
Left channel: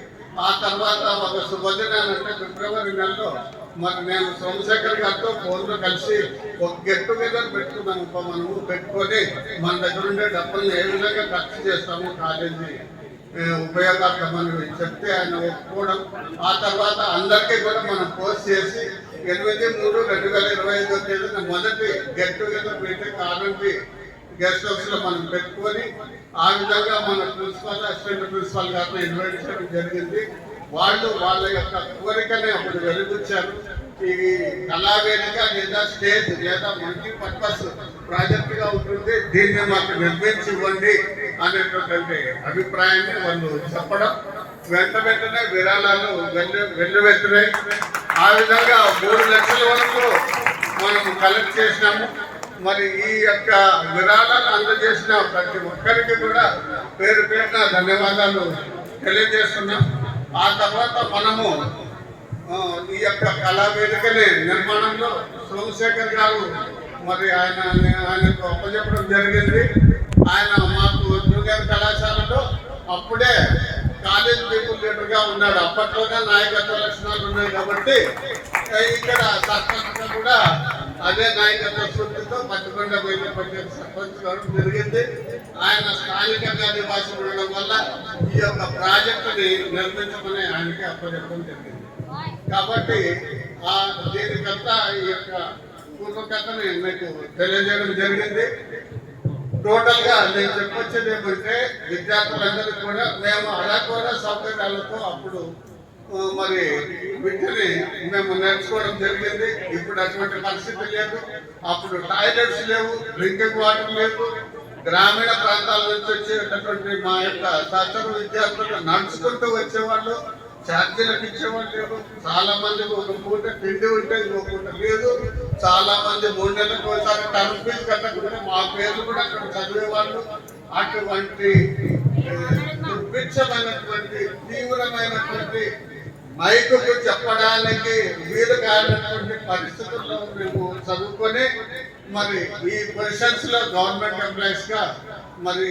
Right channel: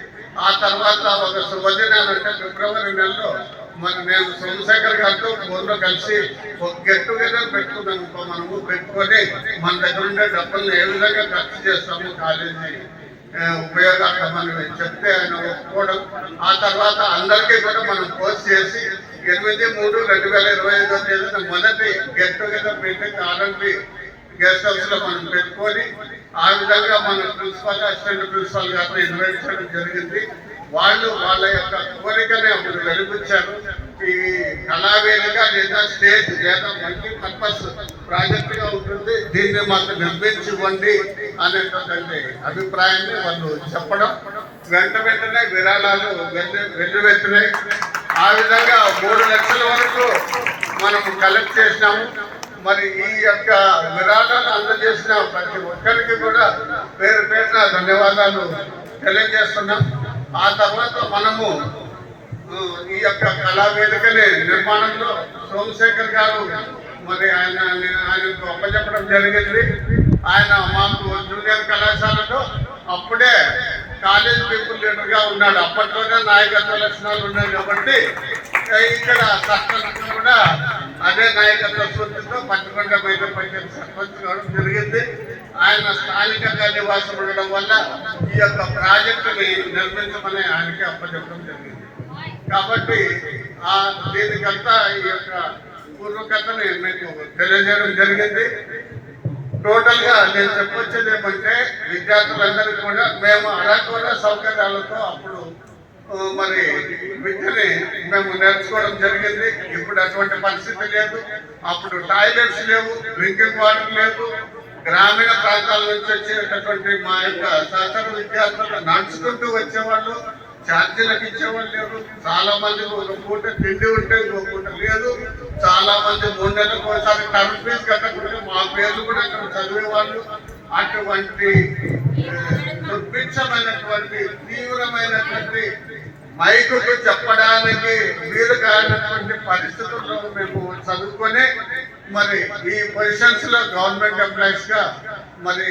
ఆ తర్వాత ఒక శుభదినాలంటే ఫిబ్రవరి నెలలో మరి నేను సోమశేఖర్ గారితో ఫోన్లో కలిసి ఒక గెట్ టుగెదర్ పెట్టుకున్నాము. మనము పెట్టుకొని మన దగ్గర ఉండే డబ్బులను ఏ విధంగా ఖర్చు చేస్తాము కాలేజీ ఉపయోగార్థమని చెప్తే ఆయన ఒప్పుకోవడం. ఆ తర్వాత అందరికీ కూడా మనం పోస్ట్ చేసి 8/3/2025 తేదీన మొదటి get together meeting R&B guest house లో మనం పెట్టుకొని ఆ విధంగా మన ప్రిన్సిపల్ అసిస్టెంట్ ప్రిన్సిపల్ గారిని ఇన్వైట్ చేయడం జరిగింది. వాళ్ళు వాళ్ళ యొక్క కోరికని అప్పుడు వెలిపించారు. ఈ కళావేదిక లేదా స్టేజ్ లేదా మల్టీపర్పస్ ప్రాజెక్ట్ గా ఉంటుంది, దీన్ని మాకు నిర్మించి ఇవ్వండి అనేటువంటి అభిప్రాయాన్ని వాళ్ళు చెప్పడం, వెంటనే విరాళాలు వెల్లువెత్తినాయి. ఆ విధంగా 3 లక్షల వరకు మనం కలెక్ట్ చేసినాము. మరి ఈ యొక్క విరాళాలను అందజేసిన ప్రతి ఒక్కరికి కూడా పేరు పేరున ధన్యవాదాలు తెలియజేస్తున్నాం. ఆ తర్వాత మనము ఈ యొక్క కళావేదికని నిర్మాణంలో సోమశేఖర్ గారు మరి ఆయనకు అప్పచెప్పడం జరిగింది. ఆయన మాకు జూనియర్ కళాశాలలో అప్పుడే కాలేజ్ పీపుల్ లీడర్గా ఉన్నాడు. అప్పట్లోనే నాయకత్వ లక్షణాలు ఉన్నాయి కాబట్టి ఇక్కడ సర్పంచ్ కూడా అదే నాయకత్వ స్ఫూర్తితో పట్టుకొండ బయట పంచాయతీ సర్పంచ్ కావడం జరిగింది. ఆయన స్థానికంగా నివాసం ఉండడం వల్ల ఈ యొక్క ప్రాజెక్టుని నిర్మించమని ఆయనకి అప్పచెప్పడం జరిగింది. కాబట్టి దీనికంతా ఈ యొక్క పూర్వకథని మీకు తెలియజేయడం జరిగింది. టోటల్ గా నేను చెప్పొచ్చేది ఏమంటే విద్యార్థులందరికీ కూడా మేము అరాకొర సౌకర్యాలతో అప్పుడు మరి విద్యని మేము నేర్చుకోవడం జరిగింది. ఇప్పుడు అటువంటి పరిస్థితి లేదు. అప్పుడు టాయిలెట్స్ లేవు, డ్రింకింగ్ వాటర్ లేదు. గ్రామీణ ప్రాంతాల నుంచి వచ్చేటటువంటి మా యొక్క సహచర విద్యార్థులు నడుచుకుంటూ వచ్చేవాళ్ళు, ఛార్జీలకు ఇచ్చేవాళ్ళు లేరు. చాలా మంది ఒక పూట తిండి ఉంటే ఇంకో పూట లేదు. చాలా మంది 3 నెలలకు ఒకసారి టర్మ్ ఫీజు కట్టకుంటే మా పేర్లు కూడా అక్కడ చదివేవాళ్ళు. అటువంటి దుర్భిక్షమైనటువంటి తీవ్రమైనటువంటి మైకుకు చెప్పడానికి వీలు కానటువంటి పరిస్థితుల్లో మేము చదువుకొని మరి ఈ పొజిషన్స్ లో గవర్నమెంట్ ఎంప్లాయీస్ గా మరి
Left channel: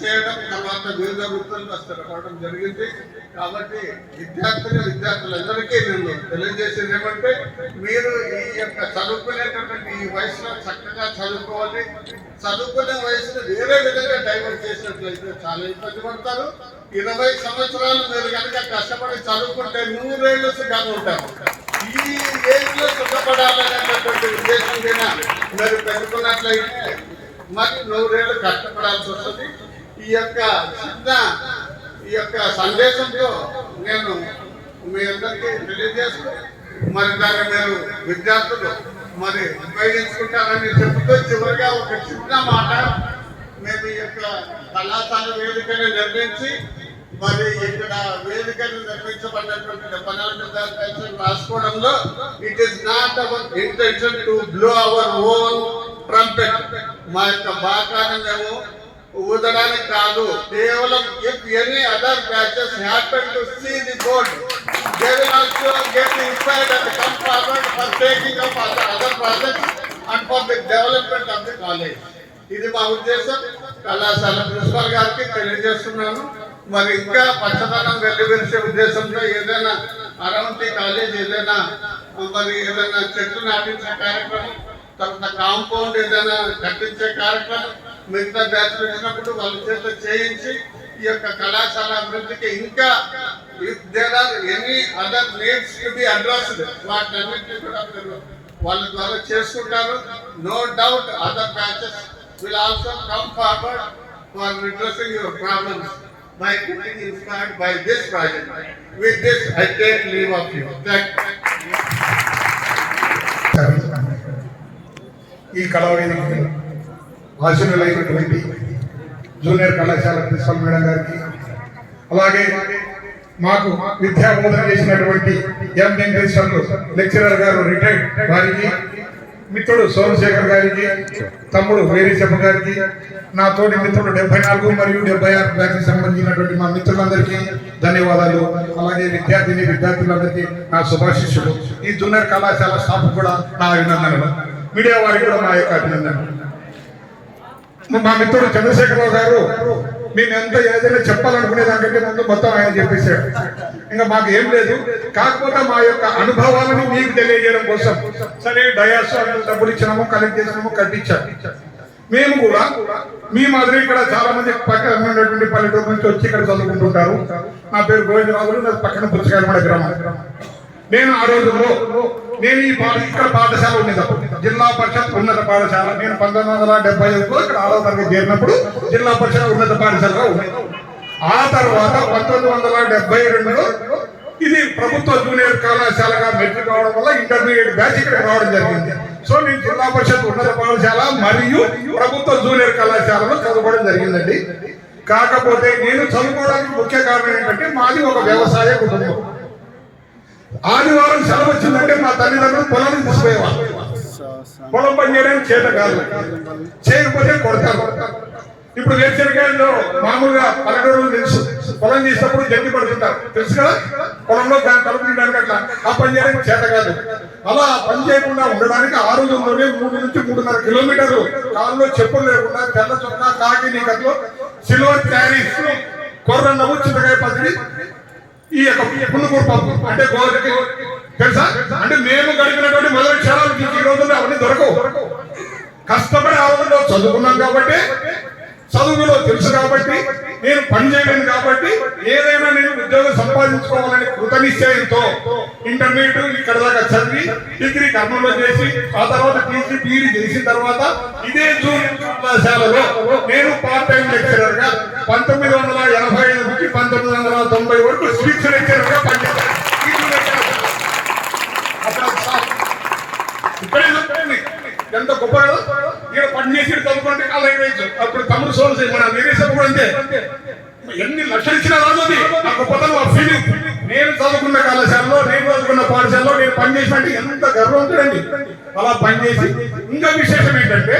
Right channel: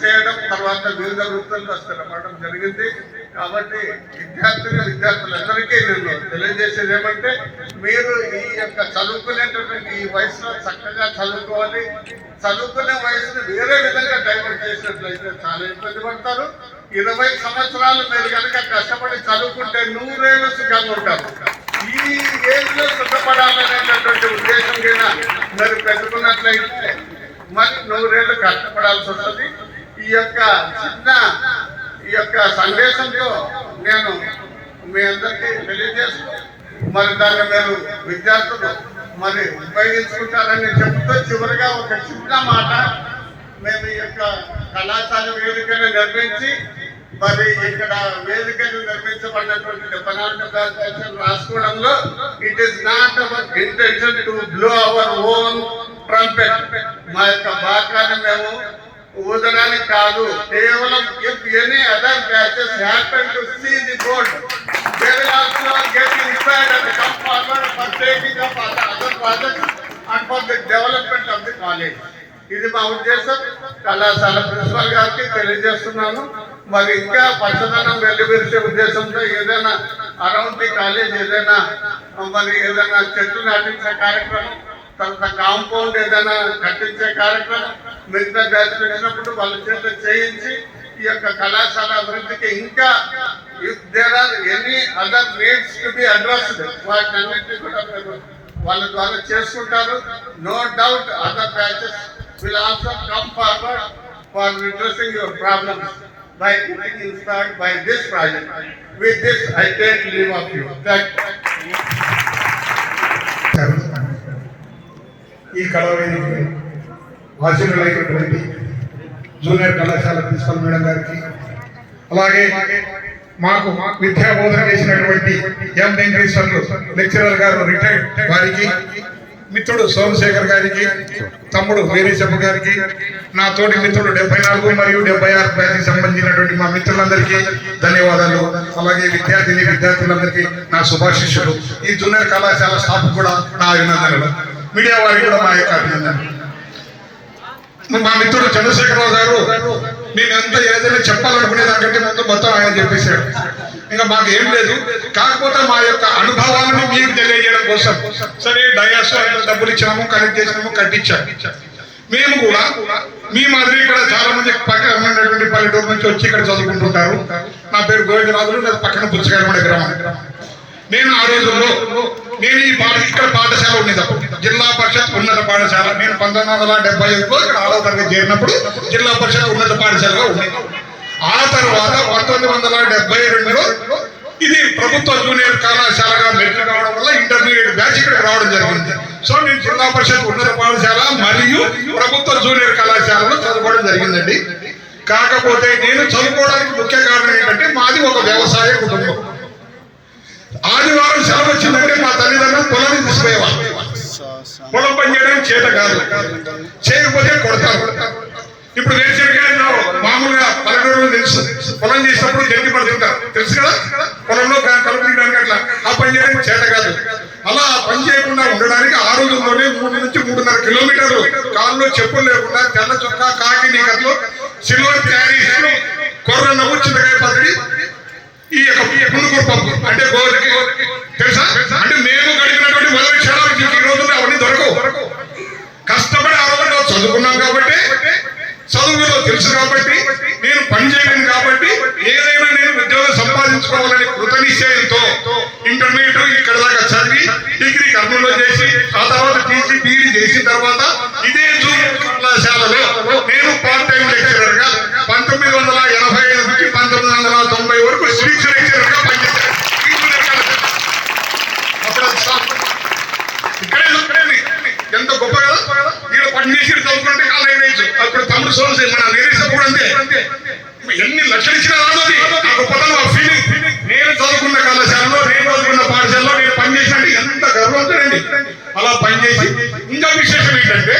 చేయడం, తర్వాత వివిధ వృత్తుల్లో స్థిరపడడం జరిగింది. కాబట్టి విద్యార్థులందరికీ నేను తెలియజేసేది ఏమంటే మీరు ఈ యొక్క చదువుకునేటటువంటి ఈ వయసులో చక్కగా చదువుకోవాలి. చదువుకునే వయసును వేరే విధంగా డైవర్ట్ చేసినట్లయితే చాలా ఇబ్బంది పడతారు. 20 సంవత్సరాలు మీరు కనుక కష్టపడి చదువుకుంటే 100 ఏళ్ళు సుఖంగా ఉంటారు. ఈ ఏజ్లో సుఖపడాలనేటటువంటి ఉద్దేశం కింద మీరు పెట్టుకున్నట్లయితే మరి 100 ఏళ్ళు కష్టపడాల్సి వస్తుంది. ఈ యొక్క సందేశంతో నేను మీ అందరికీ తెలియజేస్తూ మరి దాన్ని మీరు విద్యార్థులు మరి ఉపయోగించుకుంటారని చెబుతూ చివరిగా ఒక చిన్న మాట, మేము ఈ యొక్క కళాశాల వేదికను నిర్మించి మరి ఇక్కడ వేదికను నిర్మించబడినటువంటి 74 రాసుకోవడంలో it is not our intention to blow our own trumpet. మా యొక్క బాకాన్ని మేము ఊదడానికి కాదు, కేవలం if any other batches happen to see the board they will also get inspired and come forward for taking up other projects and for the development of the college. ఇది మా ఉద్దేశం. కళాశాల ప్రిన్సిపల్ గారికి తెలియజేస్తున్నాను. మరి ఇంకా పచ్చదనం వెల్లివిరిసే ఉద్దేశంతో ఏదైనా అరౌండ్ ది కాలేజ్ ఏదైనా చెట్లు నాటించే కార్యక్రమం, తర్వాత కాంపౌండ్ ఏదైనా కట్టించే కార్యక్రమం మిగతా బ్యాచ్లు వచ్చినప్పుడు వాళ్ళ చేత చేయించి ఈ యొక్క కళాశాల అభివృద్ధికి ఇంకా if there are any other needs to be addressed వాటిన్నింటినీ కూడా మీరు వాళ్ళ ద్వారా చేసుకుంటారు. No doubt other batches will also come forward for redressing your problems by getting inspired by this project. With this, I take leave of you. Thank you. ఈ కళావేదికను ఆశీనులైనటువంటి junior కళాశాల principal madam గారికి, అలాగే మాకు విద్యా బోధన చేసినటువంటి ఎం వెంకటేశ్వర్లు లెక్చరర్ గారు retired గారికి, మిత్రుడు సోమశేఖర్ గారికి, తమ్ముడు వేరేశప్ప గారికి, నా తోటి మిత్రుడు 74 మరియు 76 బ్యాచ్కి సంబంధించినటువంటి మా మిత్రులందరికీ ధన్యవాదాలు. అలాగే విద్యార్థులందరికీ నా శుభాశిష్యులు. ఈ జూనియర్ కళాశాల స్టాఫ్ కూడా నా అభినందనలు. మీడియా వారికి కూడా మా యొక్క అభినందనలు. మా మిత్రుడు చంద్రశేఖరరావు గారు నేను ఎంత ఏదైనా చెప్పాలనుకునే దానికంటే ముందు మొత్తం ఆయన చెప్పేశాడు. ఇంకా మాకు ఏం లేదు, కాకపోతే మా యొక్క అనుభవాలను మీకు తెలియజేయడం కోసం సరే డయాస్ డబ్బులు ఇచ్చినాము, కనెక్ట్ చేసినాము, కట్టించాము. మేము కూడా మీ మాదిరి ఇక్కడ చాలా మంది పక్కన ఉన్నటువంటి పల్లెటూరు నుంచి వచ్చి ఇక్కడ చదువుకుంటుంటారు. నా పేరు గోవిందరాజులు, నాకు పక్కన పుచ్చకాయలమూడ గ్రామం. నేను ఆ రోజుల్లో నేను ఇక్కడ పాఠశాల ఉండేది, జిల్లా పరిషత్ ఉన్నత పాఠశాల. నేను 1975లో ఇక్కడ 6వ తరగతి చేరినప్పుడు జిల్లా పరిషత్ ఉన్నత పాఠశాలగా ఉండేది. ఆ తర్వాత 1972లో ఇది ప్రభుత్వ జూనియర్ కళాశాలగా మెట్లు కావడం వల్ల ఇంటర్మీడియట్ బ్యాచ్ ఇక్కడ రావడం జరిగింది. సో నేను జిల్లా పరిషత్ ఉన్నత పాఠశాల మరియు ప్రభుత్వ జూనియర్ కళాశాలలో చదువుకోవడం జరిగిందండి. కాకపోతే నేను చదువుకోవడానికి ముఖ్య కారణం ఏంటంటే మాది ఒక వ్యవసాయ కుటుంబం. ఆదివారం సెలవు వచ్చిందంటే మా తల్లిదండ్రులు పొలాన్ని తీసుకుపోయేవాళ్ళు. పొలం పని చేయడానికి చేత కాదు, చేయకపోతే కొడతారు. ఇప్పుడు రేషన్ గారిలో మామూలుగా పల్లెటూరులు తెలుసు, పొలం చేసినప్పుడు జల్లి పడుతుంటారు, తెలుసు కదా, పొలంలో కలుపు తీయడానికి అట్లా ఆ పని చేయడానికి చేత కాదు. అలా పని చేయకుండా ఉండడానికి ఆ రోజుల్లోనే 3 నుంచి 3.5 కిలోమీటర్లు కారులో చెప్పులు లేకుండా తెల్ల చొక్కా కాకి నీకట్లో సిల్వర్ క్యారీస్ కొర్రన్నవు చింతకాయ పచ్చడి ఈ యొక్క పులుకూరు పప్పు అంటే గోరికి తెలుసా. అంటే మేము గడిపినటువంటి మొదటి క్షణాలు ఈ రోజుల్లో అవన్నీ దొరకవు. కష్టపడి ఆ రోజుల్లో చదువుకున్నాం కాబట్టి, చదువులో తెలుసు కాబట్టి, నేను పని చేయలేను కాబట్టి ఏదైనా నేను ఉద్యోగం సంపాదించుకోవాలని కృతనిశ్చయంతో ఇంటర్మీడియట్ ఇక్కడ దాకా చదివి డిగ్రీ కర్నూలులో చేసి ఆ తర్వాత టీసీ బీఈడీ చేసిన తర్వాత ఇదే జూనియర్ కళాశాలలో నేను పార్ట్ టైం లెక్చరర్ గా 1985 నుంచి 1990 వరకు స్పీచ్ లెక్చరర్ గా పనిచేశాను. అప్పుడు ఇక్కడే ఎంత గొప్ప కదా, ఇక్కడ పనిచేసి చదువుకుంటే కాలం వేయచ్చు. అప్పుడు తమ్ముడు సోల్స్ కూడా అంతే, ఎన్ని లక్షలు ఇచ్చినా రాదు ఆ గొప్పతనం, ఆ ఫీలింగ్. నేను చదువుకున్న కళాశాలలో, నేను చదువుకున్న పాఠశాలలో నేను పనిచేసినట్టు ఎంత గర్వంతుడండి. అలా పనిచేసి ఇంకా విశేషం ఏంటంటే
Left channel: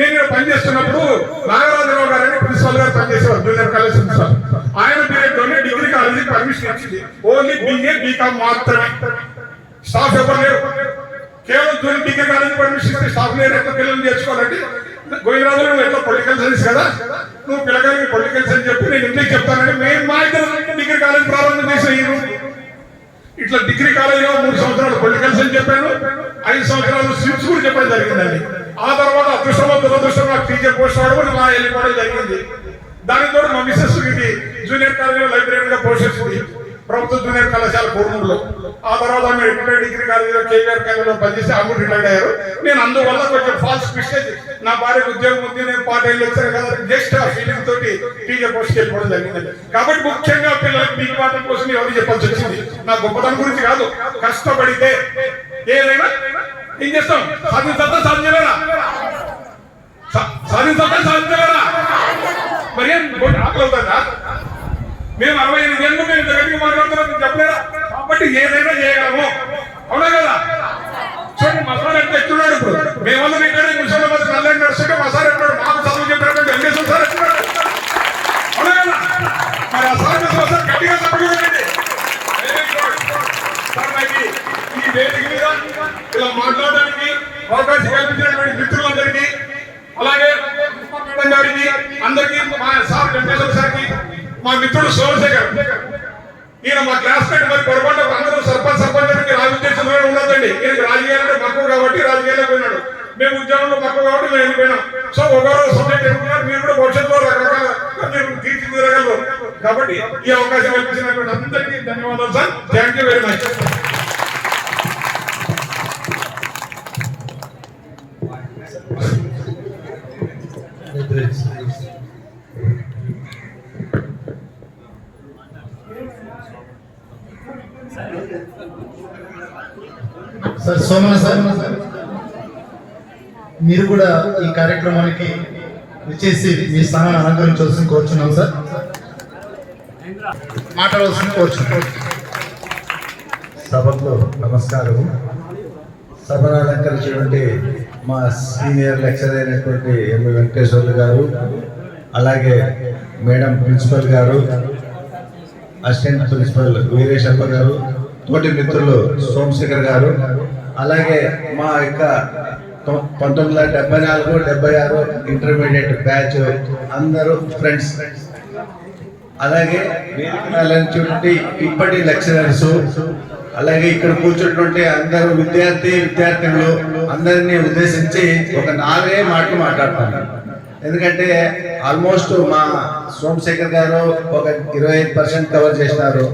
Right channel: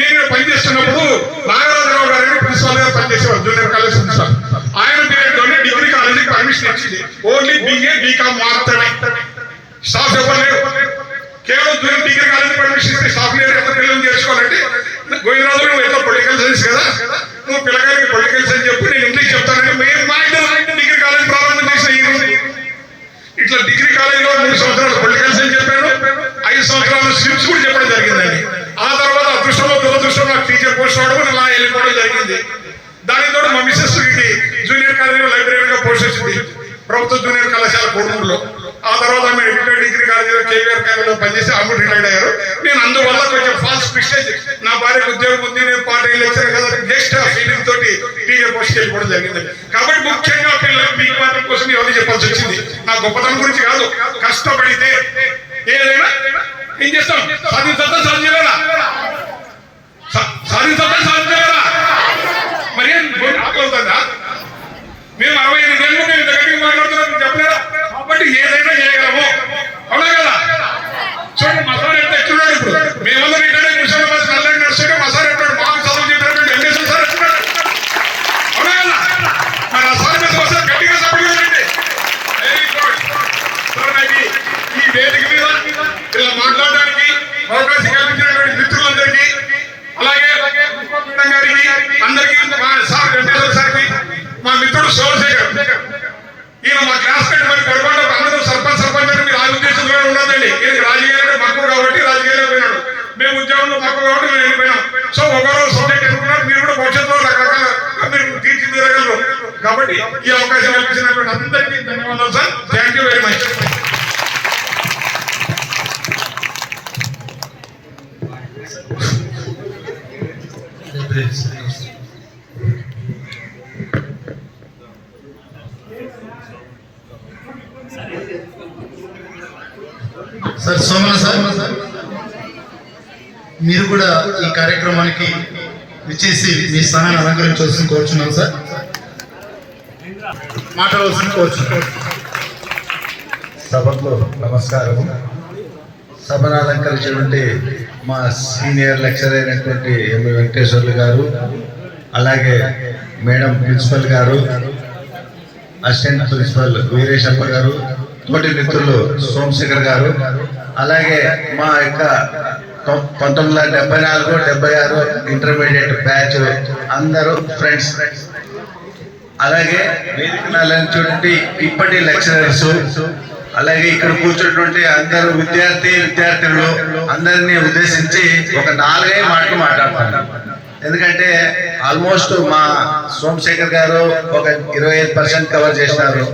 నేను పనిచేస్తున్నప్పుడు నాగరాజరావు గారు ప్రిన్సిపల్ గారు పనిచేసేవారు జూనియర్ కాలేజ్ ప్రిన్సిపల్. ఆయన పీరియడ్ లోనే డిగ్రీ కాలేజీకి పర్మిషన్ ఇచ్చింది. ఓన్లీ BA BCom మాత్రమే, స్టాఫ్ ఎవరు లేరు. కేవలం జూనియర్ డిగ్రీ కాలేజీ పర్మిషన్ ఇస్తే స్టాఫ్ లేరు. ఎంత పిల్లలు నేర్చుకోవాలంటే గోవిందరాజు నువ్వు ఎట్లా పొలిటికల్ సైన్స్ కదా, నువ్వు పిల్లకాయలకి పొలిటికల్ సైన్స్ చెప్పు, నేను ఇంగ్లీష్ చెప్తానంటే మేము మా ఇద్దరు డిగ్రీ కాలేజ్ ప్రారంభం చేసిన ఈ రోజు ఇట్లా డిగ్రీ కాలేజీలో 3 సంవత్సరాలు పొలిటికల్ సైన్స్ చెప్పాను, 5 సంవత్సరాలు స్విమ్స్ కూడా చెప్పడం జరిగిందండి. ఆ తర్వాత అదృష్టంలో దురదృష్టం నాకు టీచర్ పోస్ట్ రావడం ఇలా వెళ్ళిపోవడం జరిగింది. దానితో మా మిస్సెస్ జూనియర్ కాలేజీలో లైబ్రరీగా పోస్ట్ వచ్చింది ప్రభుత్వ జూనియర్ కళాశాల కోడూరులో. ఆ తర్వాత ఆమె డిగ్రీ కాలేజీలో కేవీఆర్ కాలేజీలో పనిచేసి ఆమె రిటైర్డ్ అయ్యారు. నేను అందువల్ల కొంచెం ఫాల్స్ మిస్టేక్, నా భార్యకు ఉద్యోగం ఉంది, నేను పార్ట్ టైం లెక్చర్ కదా, జస్ట్ ఆ ఫీలింగ్ తోటి టీచర్ పోస్ట్ వెళ్ళిపోవడం జరిగింది. కాబట్టి ముఖ్యంగా పిల్లలకు మీ మాత్రం కోసం ఎవరు చెప్పాల్సి వచ్చింది. నా గొప్పతనం గురించి కాదు, కష్టపడితే ఏదైనా ఏం చేస్తాం, సాధించా సాధించలేరా, మరి ఆపోతుందా? మేము 65 ఏళ్ళు మేము దగ్గరికి మాట్లాడుతున్నాం, చెప్పలేదా? కాబట్టి ఏదైనా చేయగలము, అవునా కదా? చూడండి మసాలా ఎంత ఎట్లున్నాడు. ఇప్పుడు మేమందరం ఇక్కడ ముసలి నల్లని నడుస్తుంటే మసాలా ఎట్టాడు, మాకు చదువు చెప్పినటువంటి ఎంఎస్ఎల్ సార్ ఎట్లున్నాడు, అవునా కదా? మరి ఆ సార్ మీద ఒకసారి గట్టిగా సపోర్ట్ చేయండి. Very good sir. నాకు ఈ వేదిక మీద ఇలా మాట్లాడడానికి అవకాశం కల్పించినటువంటి మిత్రులందరికీ, అలాగే గారికి అందరికీ, మా సార్ వెంకటేశ్వర సార్కి, మా మిత్రుడు సోమశేఖర్, ఈయన మా క్లాస్ పెట్టి మరి పొరపాటు అందరూ సర్పంచ్ మీరు ఆ ఉద్దేశంలో ఉన్నదండి. ఈయనకి రాజకీయాలంటే మక్కువ కాబట్టి రాజకీయాల్లో పోయినాడు, మేము ఉద్యోగంలో మక్కువ కాబట్టి మేము వెళ్ళిపోయినాం. సో ఒకరో సబ్జెక్ట్ ఎన్నుకున్నారు, మీరు కూడా భవిష్యత్తులో రకరకాల మీరు తీర్చిదిద్దగలరు. కాబట్టి ఈ అవకాశం కల్పించినటువంటి అందరికీ ధన్యవాదాలు sir. Thank you very much. Somana sir మీరు కూడా ఈ కార్యక్రమానికి విచ్చేసి మీ స్థానాన్ని అలంకరించవలసింది కోరుచున్నాం సార్. మాట్లాడవలసింది కోరుచున్నాం. సభకు నమస్కారం. సభను అలంకరించినటువంటి మా సీనియర్ లెక్చరర్ అయినటువంటి ఎం వెంకటేశ్వర్లు గారు, అలాగే మేడం ప్రిన్సిపల్ గారు, అసిస్టెంట్ ప్రిన్సిపల్ వీరేశప్ప గారు, తోటి మిత్రులు సోమశేఖర్ గారు, అలాగే మా యొక్క 1974-76 ఇంటర్మీడియట్ బ్యాచ్ అందరూ ఫ్రెండ్స్, అలాగే వేదికటువంటి ఇప్పటి లెక్చరర్స్, అలాగే ఇక్కడ కూర్చున్నటువంటి అందరూ విద్యార్థినులు అందరినీ ఉద్దేశించి ఒక 4 మాటలు మాట్లాడుతున్నాను. ఎందుకంటే ఆల్మోస్ట్ మా సోమశేఖర్ గారు ఒక 25% కవర్ చేసినారు,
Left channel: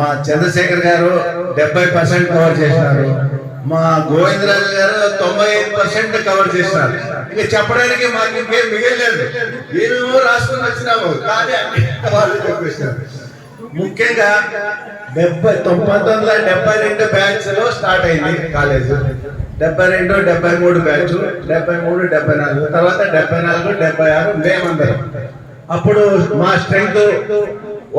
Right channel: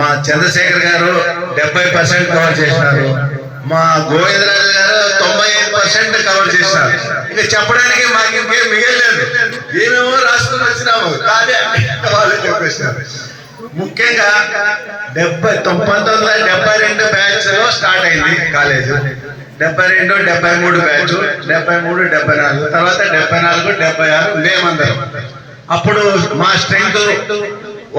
మా చంద్రశేఖర్ గారు 70% కవర్ చేసినారు, మా గోవిందరాజు గారు 95% కవర్ చేసినారు. ఇంకా చెప్పడానికి మాకు ఇంకేం మిగలేదు, ఏమేమో రాసుకుని వచ్చినాము కానీ వాళ్ళు చెప్పేసినారు. ముఖ్యంగా 1972 బ్యాచ్ లో స్టార్ట్ అయింది కాలేజ్. 72, 73 బ్యాచ్, 73, 74, తర్వాత 74, 76 మేమందరం. అప్పుడు మా స్ట్రెంగ్త్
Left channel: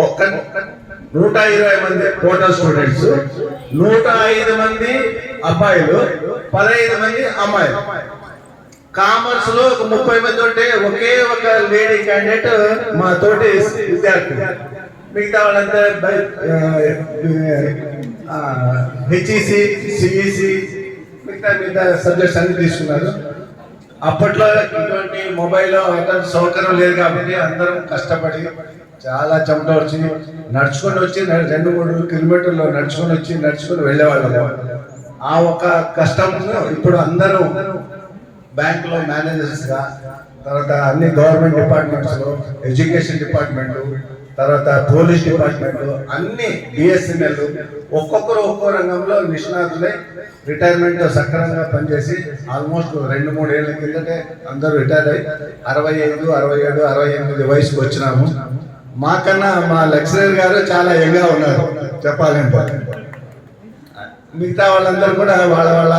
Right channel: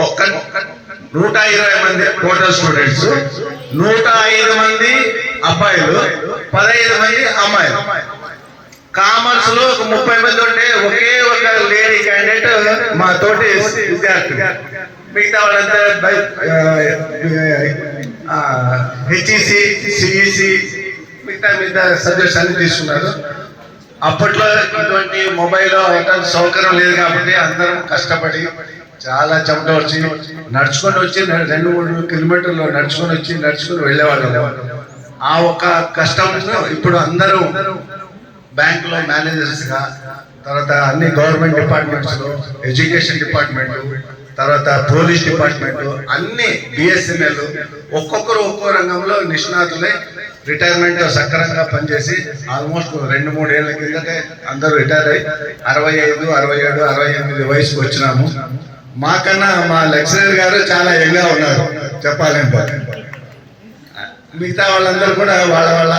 120 మంది టోటల్ స్టూడెంట్స్, 105 మంది అబ్బాయిలు, 15 మంది అమ్మాయిలు. కామర్స్ లో ఒక 30 మంది ఉంటే ఒకే ఒక లేడీ క్యాండిడేట్ మా తోటి విద్యార్థి. మిగతా వాళ్ళంతా హెచ్ఈసి, సిఈసి, మిగతా సబ్జెక్ట్స్ అన్ని తీసుకున్నారు. అప్పట్లో ఇటువంటి మొబైల్ అటువంటి సౌకర్యం లేదు కాబట్టి అందరం కష్టపడి చాలా చెమట వచ్చి నడుచుకొని వచ్చి 2-3 కిలోమీటర్లు నడుచుకొని వెళ్ళేవాళ్ళు. ఆ ఒక కష్టం ఇప్పుడు అందరూ బ్యాంకులో మేనేజర్స్ గా, తర్వాత అన్ని గవర్నమెంట్ డిపార్ట్మెంట్స్ లో, ఎడ్యుకేషన్ డిపార్ట్మెంట్, తర్వాత పోలీస్ డిపార్ట్మెంట్, అన్ని బిఎస్ఎన్ఎల్, ఒక్కొక్కరు ఒక్కో రంగంలో నిష్ణాతులై రిటైర్మెంట్ సక్రమంగా పనిచేసి ఆల్మోస్ట్ 2-3 ఏళ్ల కిందటే అందరూ రిటైర్ అయ్యి 65, 67, 68 వయసుకు వచ్చినాము. మాకన్నా మా లెక్చరర్ గారు చాలా యంగా ఉన్నారు చెప్పాలంటే. మిగతా వాళ్ళందరూ కూడా వాళ్ళ వాళ్ళ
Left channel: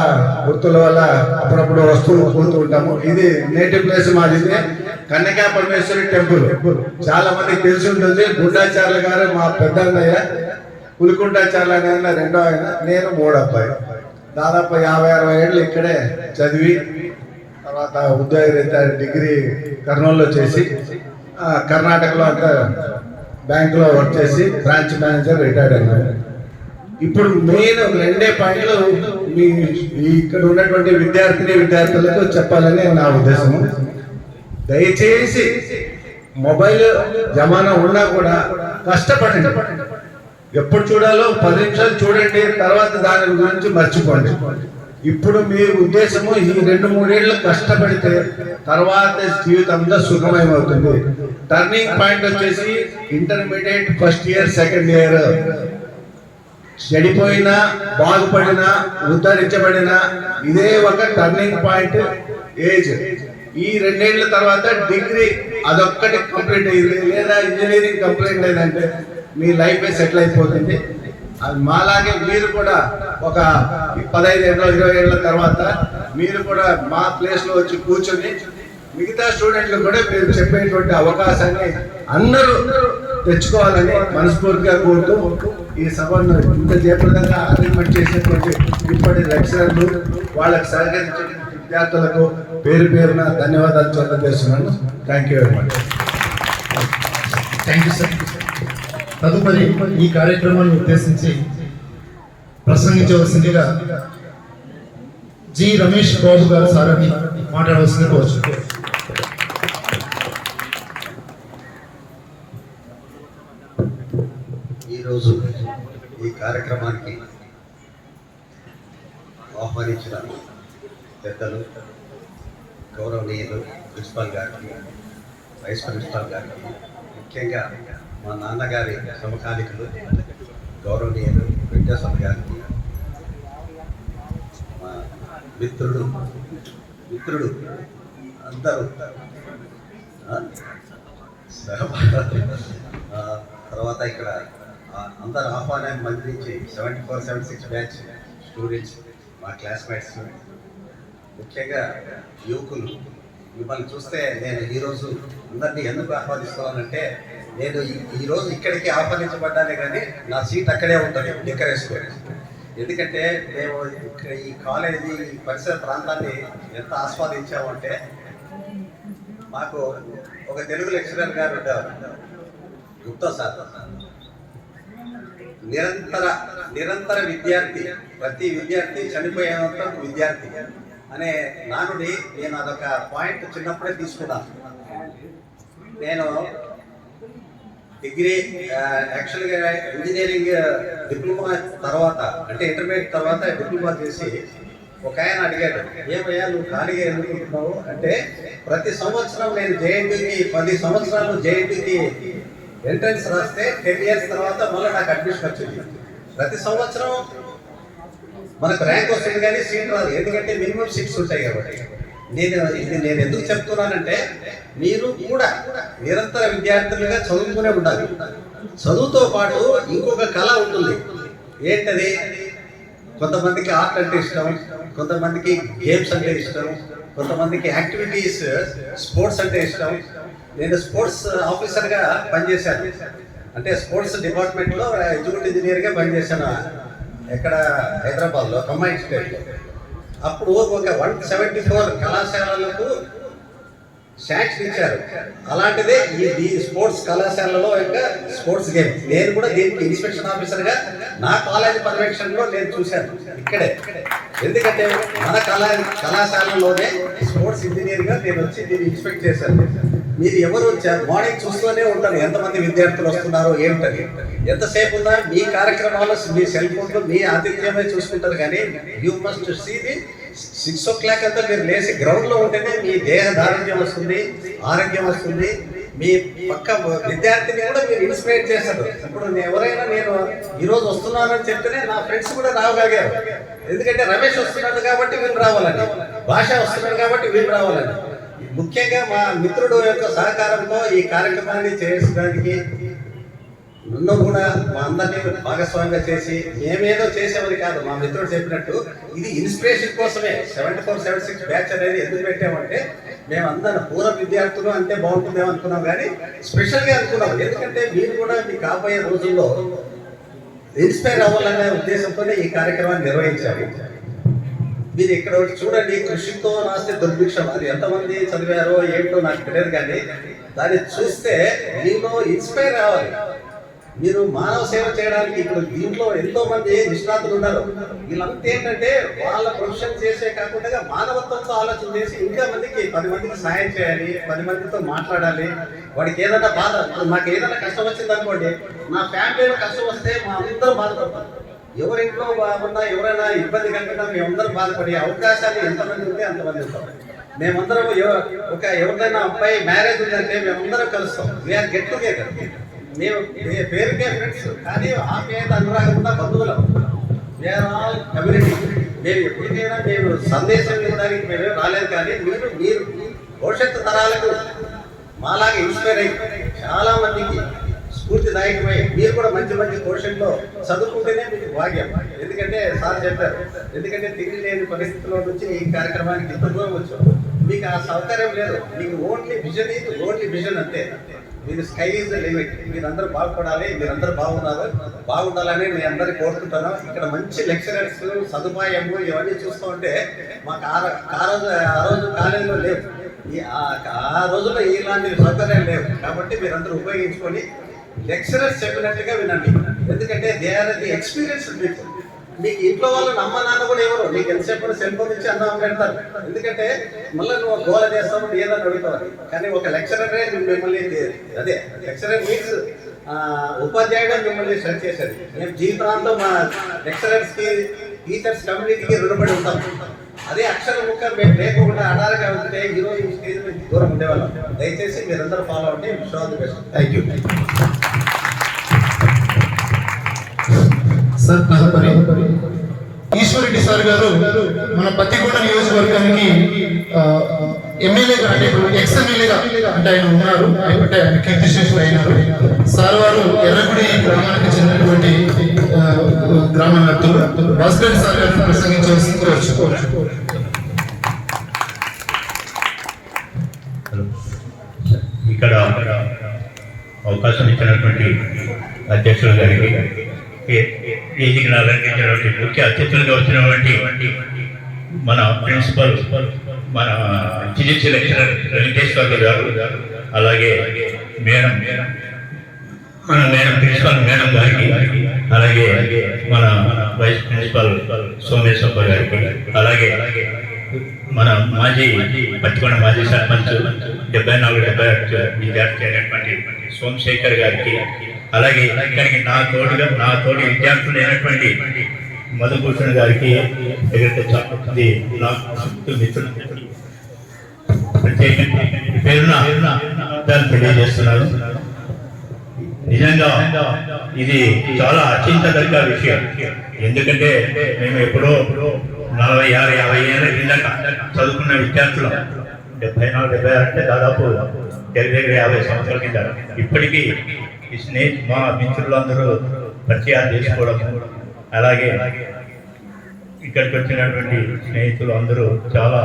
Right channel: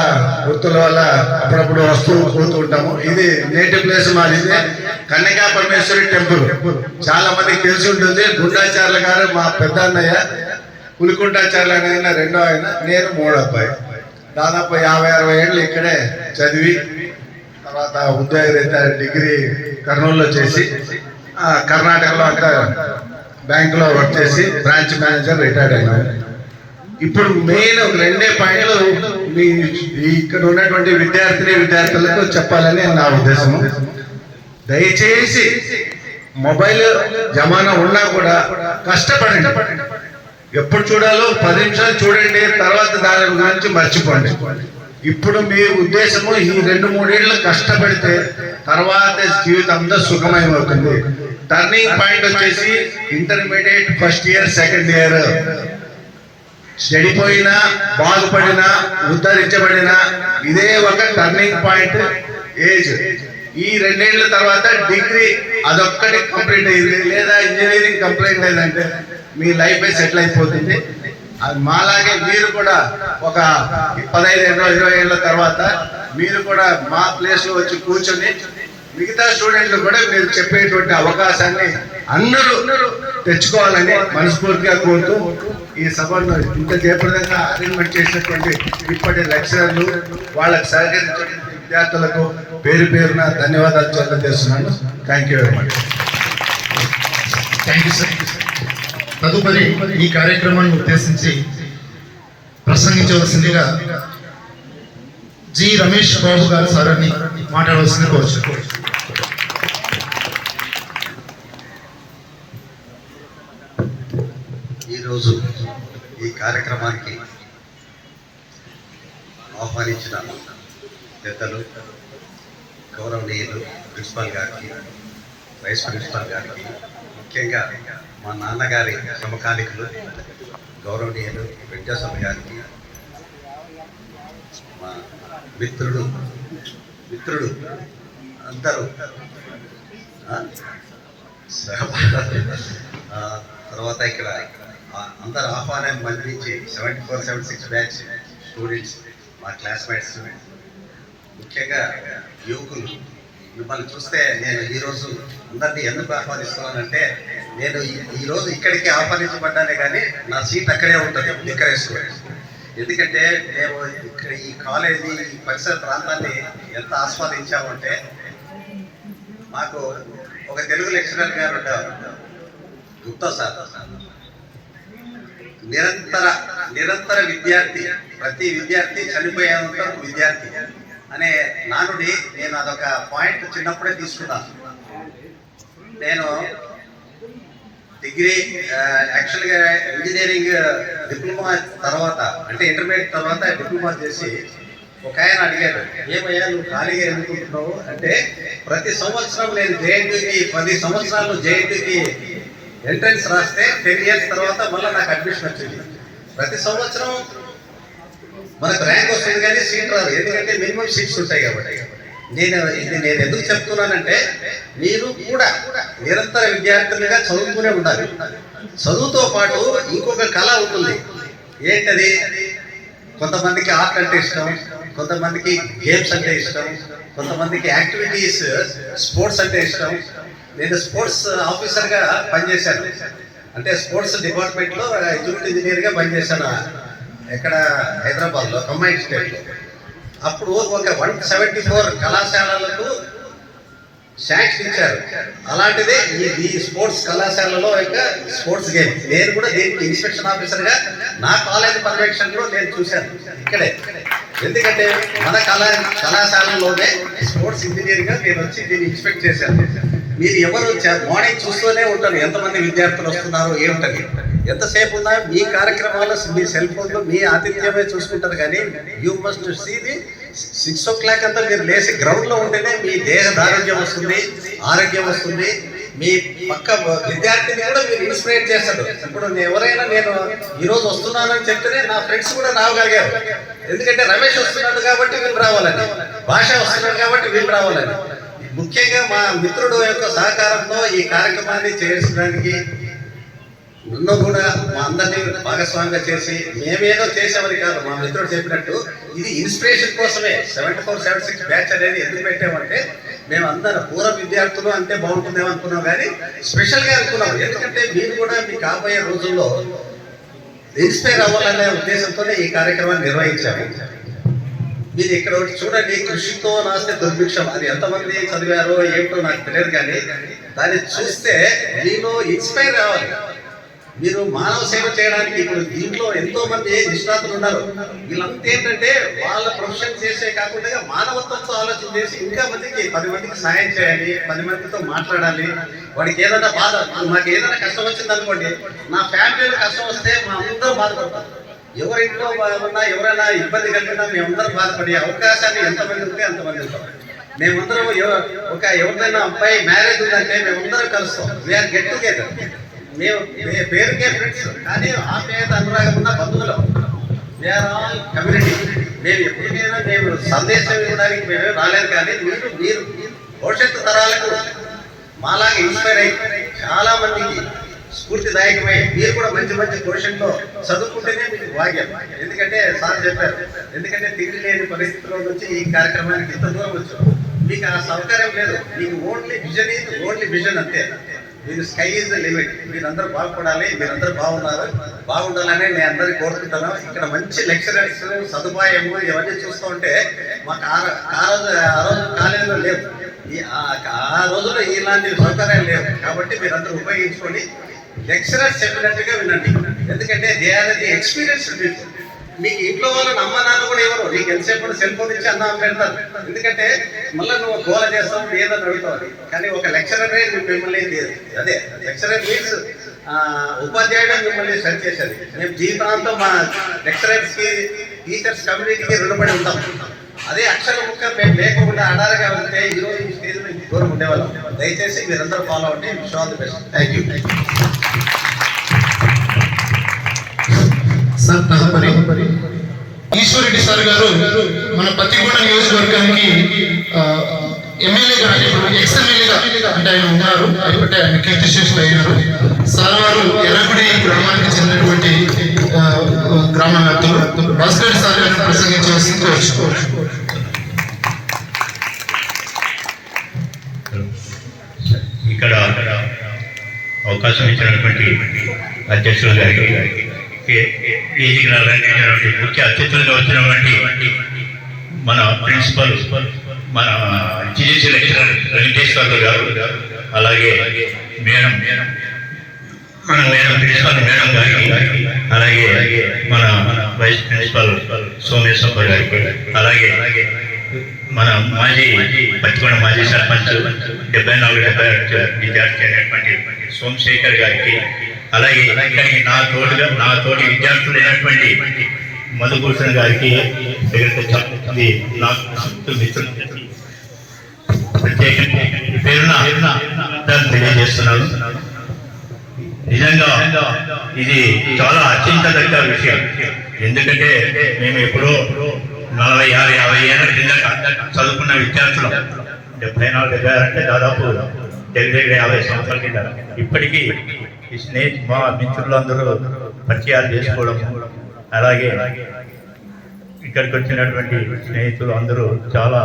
వృత్తుల వల్ల అప్పుడప్పుడు వస్తూ పోతూ ఉంటాము. ఇది నేటివ్ ప్లేస్ మాది, కన్యకా పరమేశ్వరి టెంపుల్. చాలా మందికి తెలిసి ఉంటుంది. గుండాచార్ల గారు మా పెద్ద అన్నయ్య, పులికుంటాచార్ల ఆయన రెండో ఆయన, నేను 3వ అబ్బాయి. దాదాపు 50-60 ఏళ్ళు ఇక్కడే చదివి తర్వాత ఉద్యోగరీత్యా డిగ్రీ కర్నూలులో చేసి కర్ణాటకలో అంతా బ్యాంకులో వర్క్ చేసి బ్రాంచ్ మేనేజర్ రిటైర్డ్ అయినాను. ఇప్పుడు మెయిన్ 2 పాయింట్లు మీ ఇక్కడ ఉన్నటువంటి విద్యార్థులకు చెప్పాలని నా ఉద్దేశము. దయచేసి మొబైల్ జమానా ఉన్నా కూడా కష్టపడండి. ఎప్పుడు చూడాలో 10 నిమిషాలు చూడండి, తర్వాత దాని గురించి మర్చిపోండి. ఇప్పుడు మీ ఉద్దేశము ఈ 2-3 ఏళ్ళు కష్టపడితే తర్వాత జీవితం అంతా సుఖమయమవుతుంది. టర్నింగ్ పాయింట్ వచ్చేసి intermediate first year, second year. చెడిపోయినా, బాగుపడినా, ఉద్ధరించబడినా ఇదే ఒక టర్నింగ్ పాయింట్ ఏజ్. ఈ 2 ఏళ్ల తర్వాత డిగ్రీ అదొక్కటి కంప్లీట్ అయింది, లేదా ఇంజనీరింగ్ కంప్లీట్ అయిందంటే మీ లైఫ్ సెటిల్ అయిపోతుంది. అది మాలాగే మీరు కూడా ఒక 15 ఏళ్ళ 20 ఏళ్ళ తర్వాత మీరు కూడా మా ప్లేస్ లో వచ్చి కూర్చొని మిగతా స్టూడెంట్లు కూడా మీరు చెప్పేటువంటి అవకాశాన్ని అందరూ తెచ్చుకోవాలని మనస్ఫూర్తిగా కోరుతూ ఈ సభను ఇంత జయప్రదంగా అరేంజ్మెంట్ చేసినటువంటి ఇప్పటి లెక్చరర్లు, వాళ్ళకు సహకరించిన విద్యార్థులకు పేరున ధన్యవాదాలు తెలియజేస్తున్నాను. Thank you very much. Thank you sir. తదుపరి ఈ కార్యక్రమాన్ని ఉద్దేశించి ప్రసంగించవలసిందిగా జి రమేష్ బాబు గారు సార్ని మాట్లాడవలసింది కోరుచు. ఈరోజు ఈ కార్యక్రమానికి ఆహ్వానించిన పెద్దలు, గౌరవనీయులు ప్రిన్సిపాల్ గారికి, వైస్ ప్రిన్సిపాల్ గారికి, ముఖ్యంగా మా నాన్నగారి సమకాలికులు గౌరవనీయులు వెంకటేశ్వర గారికి, మా మిత్రుడు అందరూ, తర్వాత ఇక్కడ అందరు ఆహ్వానాన్ని మళ్ళించి 74-76 బ్యాచ్ స్టూడెంట్స్, మా క్లాస్మేట్స్, ముఖ్యంగా యువకులు, మిమ్మల్ని చూస్తే నేను ఈరోజు అందరినీ ఎందుకు ఆహ్వానిస్తున్నానంటే, నేను ఈరోజు ఇక్కడికి ఆహ్వానించబడ్డానే కానీ నా సీట్ అక్కడే ఉంటుంది లిక్కరేసుకోవాలి. ఎందుకంటే మేము ఇక్కడ ఈ కాలేజీ ఈ పరిసర ప్రాంతాన్ని ఎంత ఆస్వాదించామంటే, మాకు ఒక తెలుగు లెక్చరర్ గారు ఉంటారు, గుప్తా సార్. నిరంతర విద్యార్థి, ప్రతి విద్యార్థి చనిపోయేంత విద్యార్థి అనే నానుడి నేను అదొక పాయింట్ చిన్నప్పుడే తీసుకున్నాను. నేను డిగ్రీ యాక్చువల్గా ఇంజనీరింగ్ డిప్లొమా తర్వాత, అంటే ఇంటర్మీడియట్ తర్వాత డిప్లొమా చేసి ఒక ఆయన అడిగాడు, ఏమయ్యా నువ్వు ఖాళీగా ఎందుకుంటున్నావు అంటే, ప్రతి సంవత్సరం నేను జేఎన్టీకి 10 సంవత్సరాలు జేఎన్టీకి ఎంట్రన్స్ రాస్తే 10 ఇయర్స్ తర్వాత మళ్ళీ నాకు అడ్మిషన్ వచ్చింది. ప్రతి సంవత్సరం మనకు ర్యాంక్ వస్తుంది కానీ సీట్ రాదు, ఎందుకంటే మినిమం సీట్స్ ఉంటాయి కాబట్టి. నేను ఎందుకు చెప్తున్నానంటే, మీరు కూడా నిరంతర విద్యార్థులుగా చదువుతూనే ఉండాలి. చదువుతో పాటు ఇంకొక కళ ఉంటుంది. ఏంటది? కొంతమందికి ఆర్ట్ అంటే ఇష్టం, కొంతమందికి గేమ్స్ అంటే ఇష్టం, కొంతమందికి యాక్టివిటీస్ స్పోర్ట్స్ అంటే ఇష్టం. నేను స్పోర్ట్స్ ఆఫీసర్గా పనిచేశాను, అంటే స్పోర్ట్స్ డిపార్ట్మెంట్లో ఎగ్జిక్యూటివ్ ఇంజనీర్గా పనిచేశాను ఎక్కడ హైదరాబాద్లో, కంబైన్డ్ స్టేట్లో. అప్పుడు ఒక 174 కళాశాలలకు శాంక్షన్ ఇచ్చారు. అలాంటిదే ఈ స్పోర్ట్స్ కళాశాలలో ఇంకా స్పోర్ట్స్ గేమ్. నేను కూడా దీనికి ఇన్స్పెక్షన్ ఆఫీసర్గా నా కాలేజ్ పర్యవేక్షణలో నేను చూశాను ఇక్కడే. ఎందుకంటే మన కళాశాలలోనే స్పోర్ట్స్ ఇంజనీర్గా నేను వచ్చి దీన్ని ఇన్స్పెక్ట్ చేశాను. మీరు ఎవరు మార్నింగ్ చూస్తూనే ఉంటారు ఎంతమంది విద్యార్థులు వస్తున్నారు ఏమిటని. ఎంతసేపు ఉన్నా మీ కార్యక్రమాలు మీ సెల్ ఫోన్లో మీ ఆతిథ్యమే చూసుకుంటారు, కానీ you must see the 6 o'clock అంతా మీరు లేచి గ్రౌండ్లో ఉంటేనే మీ దేహ దారోగ్యం వస్తుంది, ఆరోగ్యం వస్తుంది. మీ పక్క విద్యార్థిని కూడా మీరు ఇన్స్పైర్ చేస్తారు. ఇప్పుడు ఎవరైనా నేను ఈరోజు వస్తున్నానని చెప్తేనే నా ఫ్రెండ్స్ కూడా రావగలిగారు. ఎందుకంటే రమేష్ వస్తున్నాడు కాబట్టి వీళ్ళు రావాలని, భాష వస్తున్నాడు కాబట్టి వీళ్ళు రావాలని. ముఖ్యంగా మా మిత్రుడు యొక్క సహకారంతో ఈ కార్యక్రమాన్ని చేయడానికి నన్ను కూడా మా అందరినీ భాగస్వామిగా చేసి, మేమేదో చేసామని కాదు, మా మిత్రుడు చెప్పినట్టు ఇది ఇన్స్పిరేషన్ కోసమే 74-76 బ్యాచ్ అనేది ఎందుకు పెట్టామంటే, మేమందరం పూర్వ విద్యార్థులు అంటే బాగుంటుందేమో అనుకున్నాం, కానీ స్పెషల్గా అనుకున్నాం. ఎందుకంటే మీరు కూడా మీ కాబోయే రోజుల్లో ఇన్స్పైర్ అవ్వాలనే ఉద్దేశంతోనే ఈ కార్యక్రమాన్ని నిర్వహించాము. మీరు ఇక్కడ చూడండి, కృషితో నాస్తే దుర్భిక్షం. అది ఎంతమంది చదివారో ఏంటో నాకు తెలియదు, కానీ దాన్ని చూస్తే మీలో ఇన్స్పైర్ అవ్వాలి. మీరు మానవ సేవ చేయడానికి ఇప్పుడు దీంట్లో ఎంతో మంది నిష్ణాతులు ఉన్నారు. వీళ్ళంతా ఏంటంటే వాళ్ళ ప్రొఫెషన్ చేసే కాకుండా మానవత్వంతో ఆలోచన చేసి ఇంకా మందికి 10 మందికి సాయం చేయాలి, 10 మందితో మాట్లాడాలి. వాడికి ఏదైనా బాధ, మాకు ఏదైనా కష్టం వచ్చింది అనుకోండి, నా ఫ్యామిలీలో కష్టం వస్తే మా అందరూ బాధపడతారు. ఎవరింట్లో ఎవరైనా ఇబ్బంది కలిగినా మేమందరం బాధపడే అవకాశాన్ని ఎంతమంది ఉంటే అంతమంది ఉంటాం. మేమందరం ఎవరిదైనా అబ్బాయి మ్యారేజ్ ఉందంటే మేమందరం కలుస్తాం. We are get together. మేము పేరుకే ఫ్రెండ్స్, కానీ ఆ పేరు అనురాగం ఉన్న బంధువులం. We are all community. మేము ఎప్పటికైనా మేము సందేశం ఇవ్వడానికి మేమే రాలేదు, కానీ మీరు భవిష్యత్తు తరాలకు మాలాగా ఇన్స్పైర్ అయ్యి చాలా మందికి స్ఫూర్తిదాయకమై మీరు కూడా మంచి మంచి పొజిషన్లో చదువుకుంటేనే మీకు భాగ్యం. ఎందుకంటే సార్ చెప్పారు, ఎందుకంటే తిరిగి లేని పరిస్థితుల్లో నుంచి ఈ కార్యక్రమానికి ఇంత దూరం వచ్చాం. మీకు ఆ సౌకర్యం లేదు, మీకు ఓన్లీ విజన్ అంతే. మీరు స్కై ఈజ్ ద లిమిట్. మీరందరూ బాగుపడాలి, మీరందరూ బాగుండాలని నేను అందరికీ కోరుకుంటాను. ఇక్కడ మంచి లెక్చరర్స్, సదుపాయము ఇవన్నీ చూస్తూ ఉంటే మాకు ఆ రోజు కాలేజీలో లేవు. ఆ రోజుల్లో ఇలాంటి సౌకర్యాలు లేవు. కాబట్టి మీరందరూ ఉపయోగించుకొని లెక్చరర్స్ చెప్పినట్టుగా వినండి. ఎందుకంటే దే ఆర్ ది ఎక్స్పీరియన్స్. మీకు ఇంట్లో వాళ్ళని అమ్మ నాన్న కూడా ఎవరు నీకు ఎంతసేపు సెల్ ఫోన్ ఇచ్చి అన్నం పెడతారు. ఎందుకంటే మళ్ళీ నువ్వు గోల చేస్తావు, ఏదో చదువుతావు. కానీ ఒక లెక్చరరే మిమ్మల్ని, అదే లెక్చరర్ మీన్స్ ఉపాధ్యాయుడు మిమ్మల్ని సెర్చ్ చేసేది. మేము జీవితాంతం మా లెక్చరర్స్కి, టీచర్స్ కమ్యూనిటీకి రుణపడి ఉంటాం. అదే అక్షర ముక్క మేము లేకుండా అడారగా ఉంటే ఈరోజు ఈ స్టేజ్ నుంచి దూరం ఉండేవాళ్ళం. దయచేసి మీరందరూ ఫాలో అవ్వండి. Wish all the best. Thank you. Sir తదుపరి ఈశ్వరెడ్డి సార్ గారు మన పత్తికొండ నియోజకవర్గానికి ఎమ్మెల్యేగా అంటే ఇప్పుడు ఎక్స్ ఎమ్మెల్యేగా అంటే ఆయన ఉన్నారు, అంటే ఆయన కీర్తిశేషులు అయినారు. సార్ వారు ఎర్రగుడి గ్రామానికి చెందినటువంటి గ్రామ వ్యాప్తులు భాస్కర్ సార్ గారిని ప్రసంగించవలసింది కోరుచుకోవచ్చు. ఇక్కడ అవకాశం ఇచ్చినటువంటి అధ్యక్షుల గారికి, వేదికను అలంకరించినటువంటి ముఖ్య అతిథులుగా వచ్చినటువంటి మన ప్రిన్సిపల్, మన జిఎస్సీ లెక్చరర్ వెంకటేశ్వర్లు గారు, అలాగే మేడం ప్రిన్సిపల్ మేడం గారికి, అలాగే మన వైస్ ప్రిన్సిపల్ సోమేశ్వర గారికి, అలాగే మన పత్తికొండ మాజీ సర్పంచ్ 74-75 విద్యార్థి అయినటువంటి సోమశేఖర్ గారికి, అలాగే ఇక్కడికి నా తోటి విద్యార్థులు అయినటువంటి మధుభూషణ్ గారికి, మిత్రులు ప్రత్యేకంగా పేరున దాన్ని తెలియజేస్తున్నాను. నిజంగా ఇది చాలా అత్యంతదగ్గ విషయం. ఎందుకంటే మేము ఎప్పుడో 46-50 ఏళ్ళ క్రిందట చదువుకున్న విద్యార్థులు, 74-76 అంటే దాదాపు దగ్గర 50 సంవత్సరాల కింద. ఇప్పటికీ ఈ మా మిత్రులందరూ పరిచయాలు చేసుకోవడం, అలాగే ఇక్కడికి వచ్చినటువంటి స్నేహితులు అందరూ చాలా